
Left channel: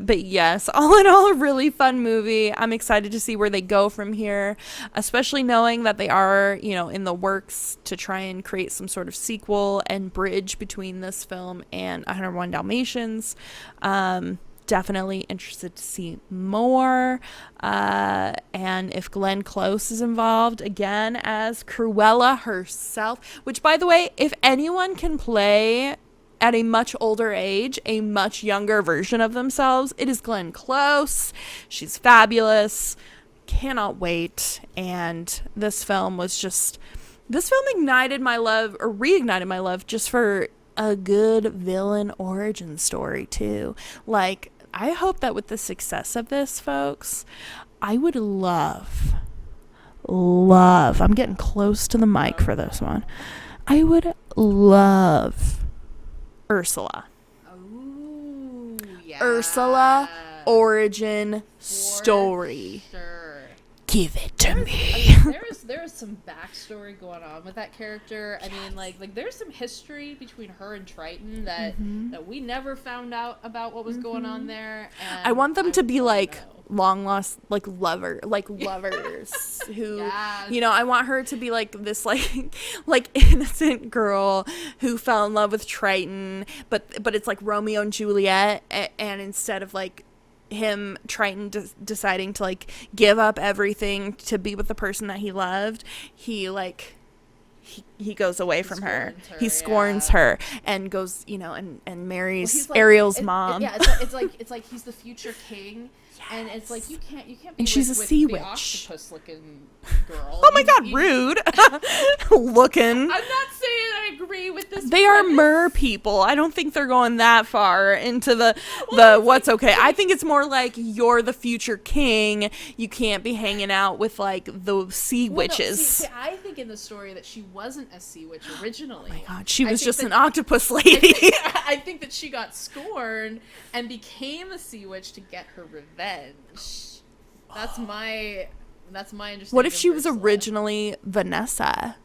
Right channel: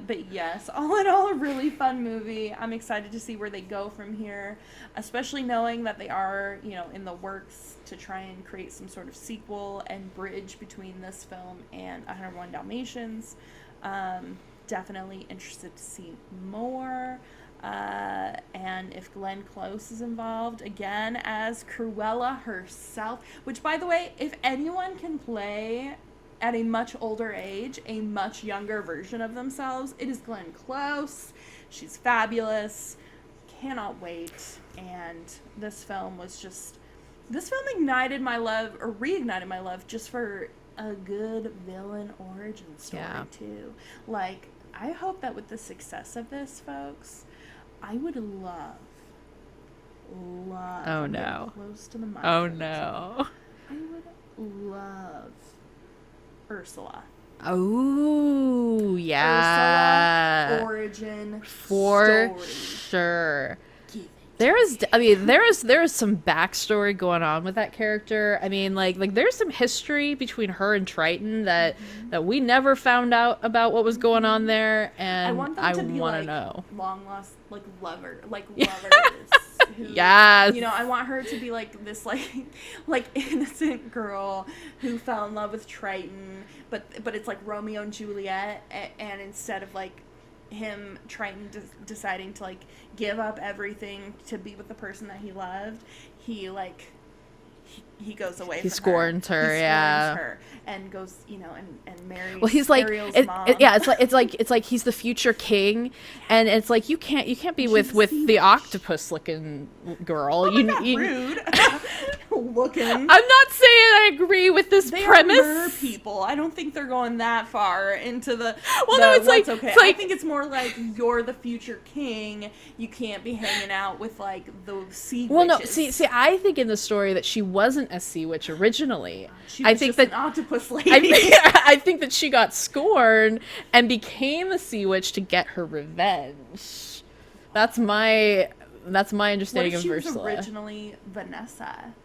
But yes, all in all, a really fun movie. I'm excited to see where they go from here, especially knowing that they are, you know, in the works to try and create some sort of sequel and bridge between this film and 101 Dalmatians. definitely interested to see more. And if Glenn Close is involved again as Cruella herself, which, by the way, if anyone can play at a much older age a much younger version of themselves, it is Glenn Close. She's fabulous. Cannot wait. And this film ignited my love, or reignited my love, just for a good villain origin story too. Like, I hope that with the success of this, folks, I would love, I'm getting close to the mic for this one. I would love Ursula. Oh, yeah. Ursula origin story. Sure. Give it to me. There is some backstory going on with that character. I mean, like there's some history between her and Triton that we never found out about what was going on there. And I want them to be like long lost, like lovers who, yes. you know, I want her to be like this, like innocent girl who fell in love with Triton, but it's like Romeo and Juliet, and instead of like him Triton deciding to like give up everything to be with the person that he loved, he goes away from her. He scorns her and goes, you know, and marries Ariel's mom. It's like he's the future king, and it's like you can't be with the octopus looking girl. Oh my god, rude. Looking. I'm not saying I agree with this. They premise. are mer people. I don't think they're going that far into the what's okay. I think it's more like you're the future king. You can't be hanging out with like the sea witches. No, see, I think in the story that she wasn't a sea witch originally. Oh my god, she was just an octopus lady. I think that she got scorned and became a sea witch to get her revenge. That's my understanding. What if she was Ursula. originally Vanessa?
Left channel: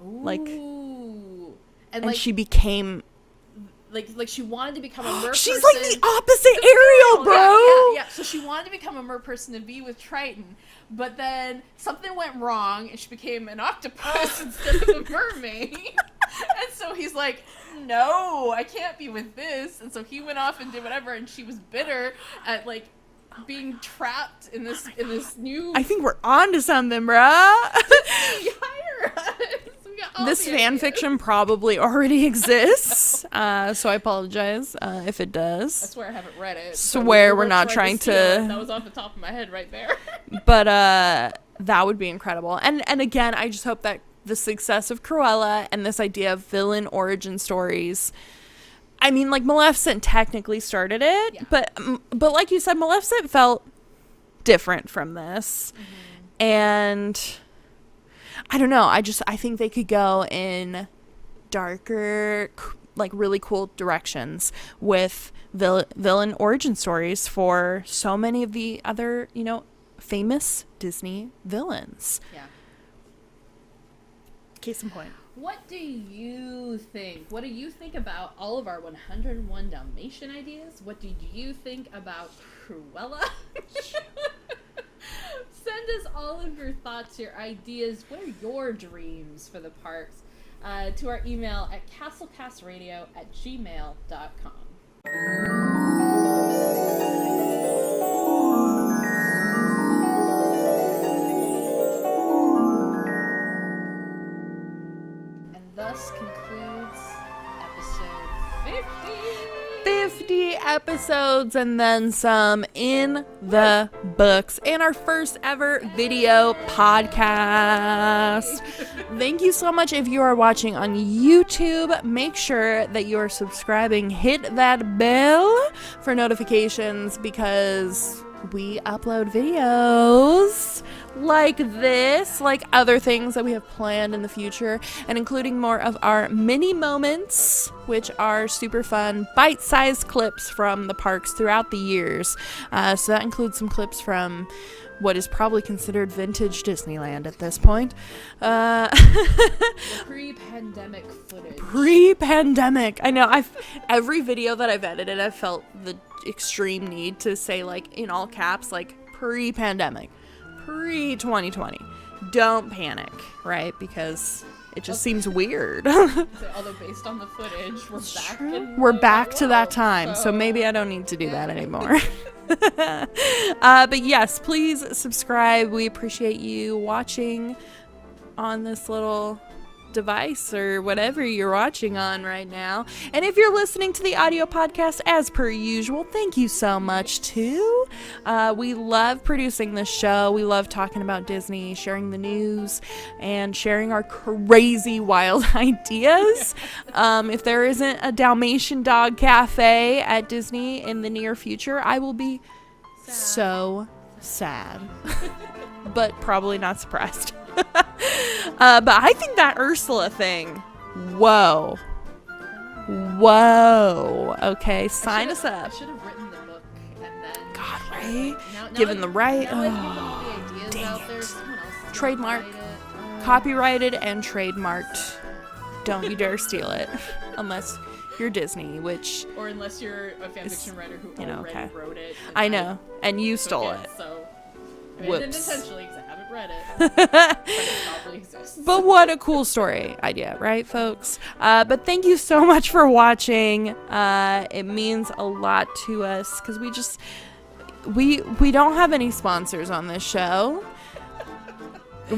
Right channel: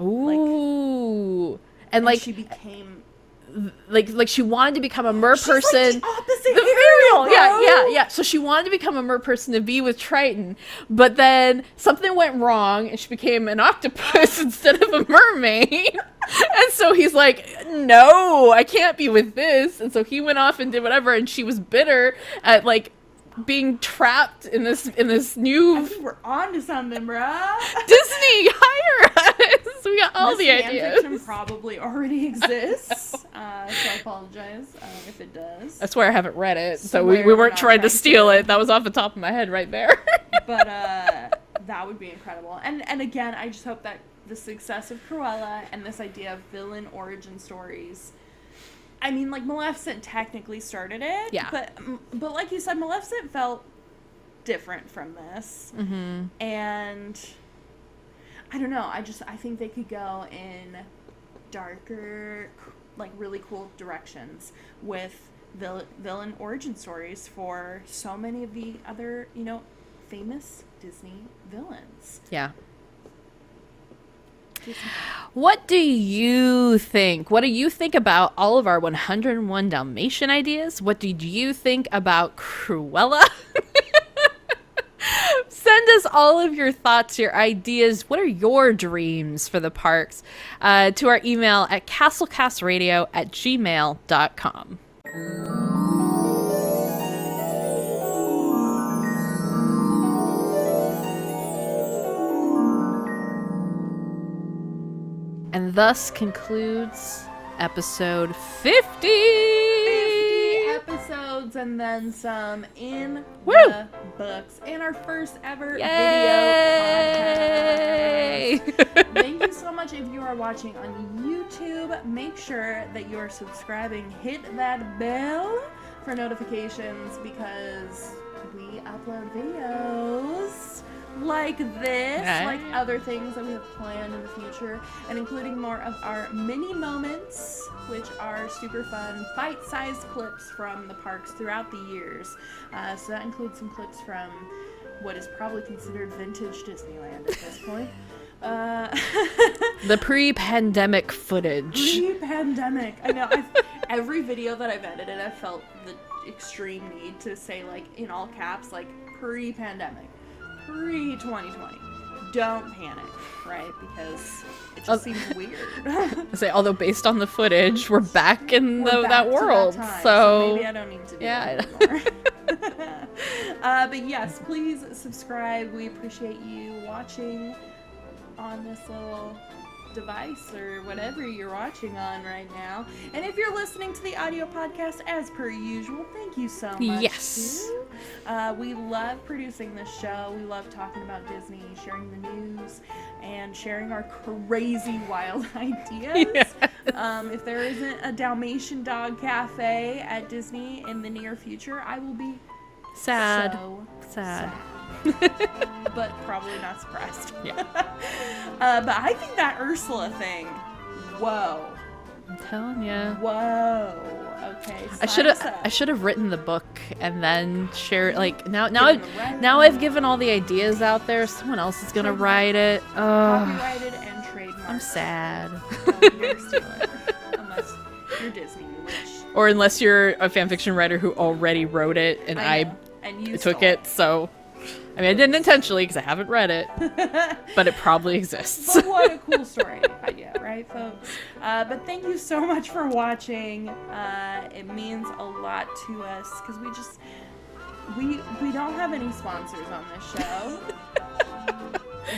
Ooh, and she became like she wanted to become a mer person. She's like the opposite Ariel, bro. Yeah. So she wanted to become a mer person to be with Triton, but then something went wrong and she became an octopus instead of a mermaid. And so he's like, no, I can't be with this. And so he went off and did whatever, and she was bitter at like being trapped in this new. I think we're on to something, bruh. Disney, hire us. We got all this the fan ideas. fiction probably already exists, so I apologize if it does. I swear I haven't read it, so Swear we we're weren't not trying to trying steal to- it. That was off the top of my head right there. But that would be incredible. And again, I just hope that the success of Cruella and this idea of villain origin stories. I mean, like, Maleficent technically started it, Yeah. but like you said, Maleficent felt different from this, and I don't know. I think they could go in darker, like, really cool directions with villain origin stories for so many of the other, you know, famous Disney villains. Yeah. Case in point. What do you think? What do you think about all of our 101 Dalmatian ideas? What did you think about Cruella? Send us all of your thoughts, your ideas. What are your dreams for the parks? To our email at castlecastradio@gmail.com. And thus concludes episode 50. 50 episodes and then some in the books, and our first ever video podcast. Thank you so much. If you are watching on YouTube, make sure that you are subscribing. Hit that bell for notifications, because we upload videos like this, like other things that we have planned in the future, and including more of our mini moments, which are super fun, bite-sized clips from the parks throughout the years. So that includes some clips from what is probably considered vintage Disneyland at this point. The pre-pandemic footage. Pre-pandemic. I know. Every video that I've edited, I've felt the extreme need to say, like, in all caps, like, pre-pandemic. Pre-2020. don't panic, right? Because it just seems weird. Although based on the footage, we're back in We're back that to world, that time, so maybe I don't need to do that anymore. But yes, please subscribe. We appreciate you watching on this little device or whatever you're watching on right now. And if you're listening to the audio podcast, as per usual, thank you so much too. We love producing this show. We love talking about Disney, sharing the news, and sharing our crazy wild ideas. If there isn't a Dalmatian dog cafe at Disney in the near future, I will be sad. But probably not surprised. But I think that Ursula thing, whoa. I'm telling you. Whoa. Okay. I should have written the book and then shared. Like now I've given all the ideas out there. Someone else is gonna write it. Copyrighted and trademarked. Sad. Don't you dare steal it, unless you're Disney, or unless you're a fanfiction writer who already wrote it and I know, and you took stole it. So. I mean, I didn't intentionally because I haven't read it, but it probably exists. But what a cool story idea, right, folks? But thank you so much for watching. It means a lot to us because we don't have any sponsors on this show.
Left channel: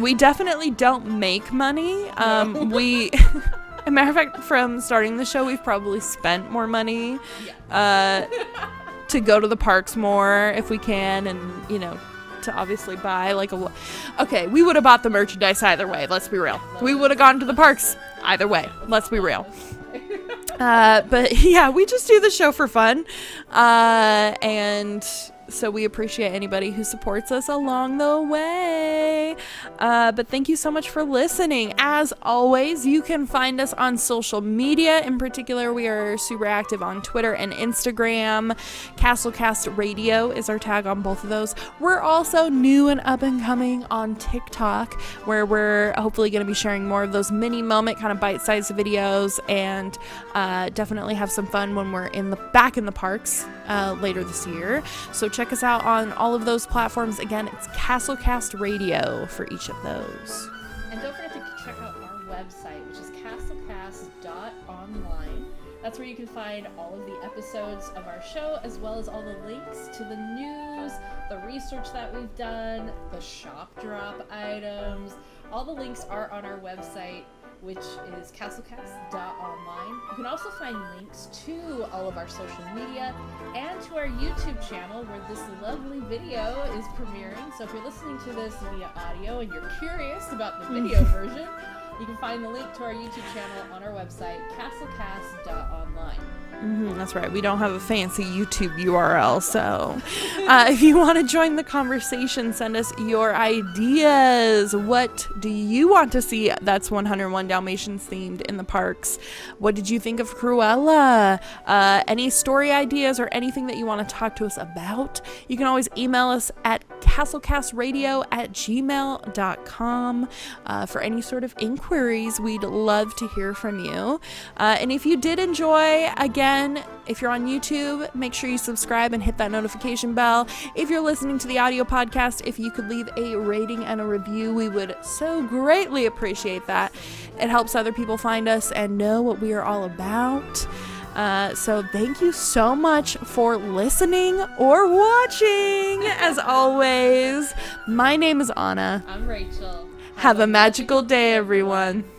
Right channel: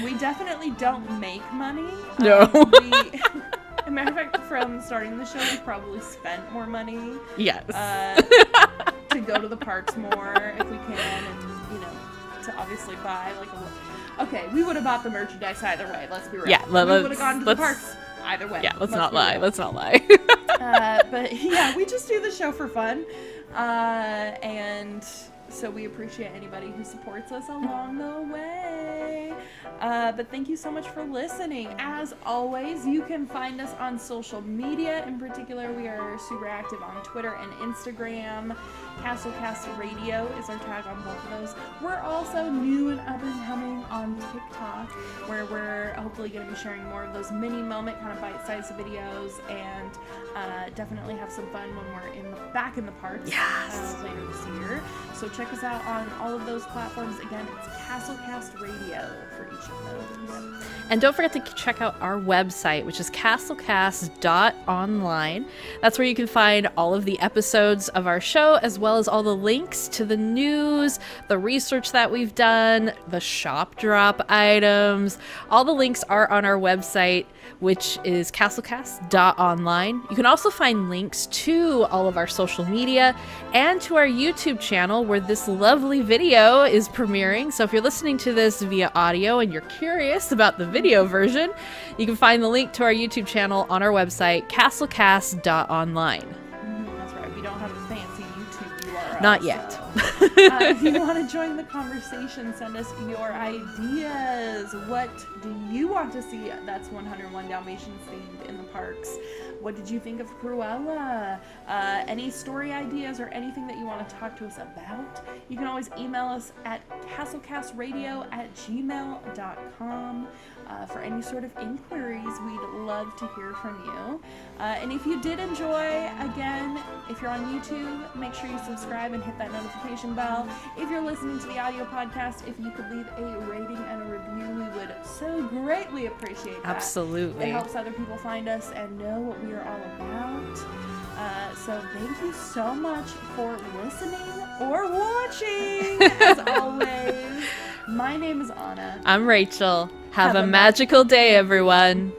We definitely don't make money. No. As a matter of fact, from starting the show, we've probably spent more money. Yes. To go to the parks more if we can, and to obviously buy okay, we would have bought the merchandise either way. Let's be real. Yeah, we would have gone to the parks either way. Yeah, let's be real. Let's not lie. But yeah, we just do the show for fun, and so we appreciate anybody who supports us along the way. But thank you so much for listening. As always, you can find us on social media. In particular, we are super active on Twitter and Instagram. Castlecast Radio is our tag on both of those. We're also new and up and coming on TikTok, where we're hopefully going to be sharing more of those mini moment kind of bite-sized videos, and definitely have some fun when we're back in the parks later this year. So check us out on all of those platforms. Again, it's Castlecast Radio for each of those. And don't forget to check out our website, which is castlecast.online. That's where you can find all of the episodes of our show, as well as all the links to the news, the research that we've done, the shop drop items. All the links are on our website, which is castlecast.online. You can also find links to all of our social media and to our YouTube channel, where this lovely video is premiering. So if you're listening to this via audio and you're curious about the video version, you can find the link to our YouTube channel on our website, castlecast.online. That's right. We don't have a fancy YouTube URL. Not yet. So if you want to join the conversation, send us your ideas. What do you want to see that's 101 Dalmatians themed in the parks? What did you think of Cruella? Any story ideas or anything that you want to talk to us about? You can always email us at castlecastradio@gmail.com for any sort of inquiries. We'd love to hear from you. And if you did enjoy, again, if you're on YouTube, make sure you subscribe and hit that notification bell. If you're listening to the audio podcast, if you could leave a rating and a review, we would so greatly appreciate that. Absolutely. It helps other people find us and know what we are all about. So thank you so much for listening or watching. As always, my name is Anna. I'm Rachel. Have a magical day, everyone.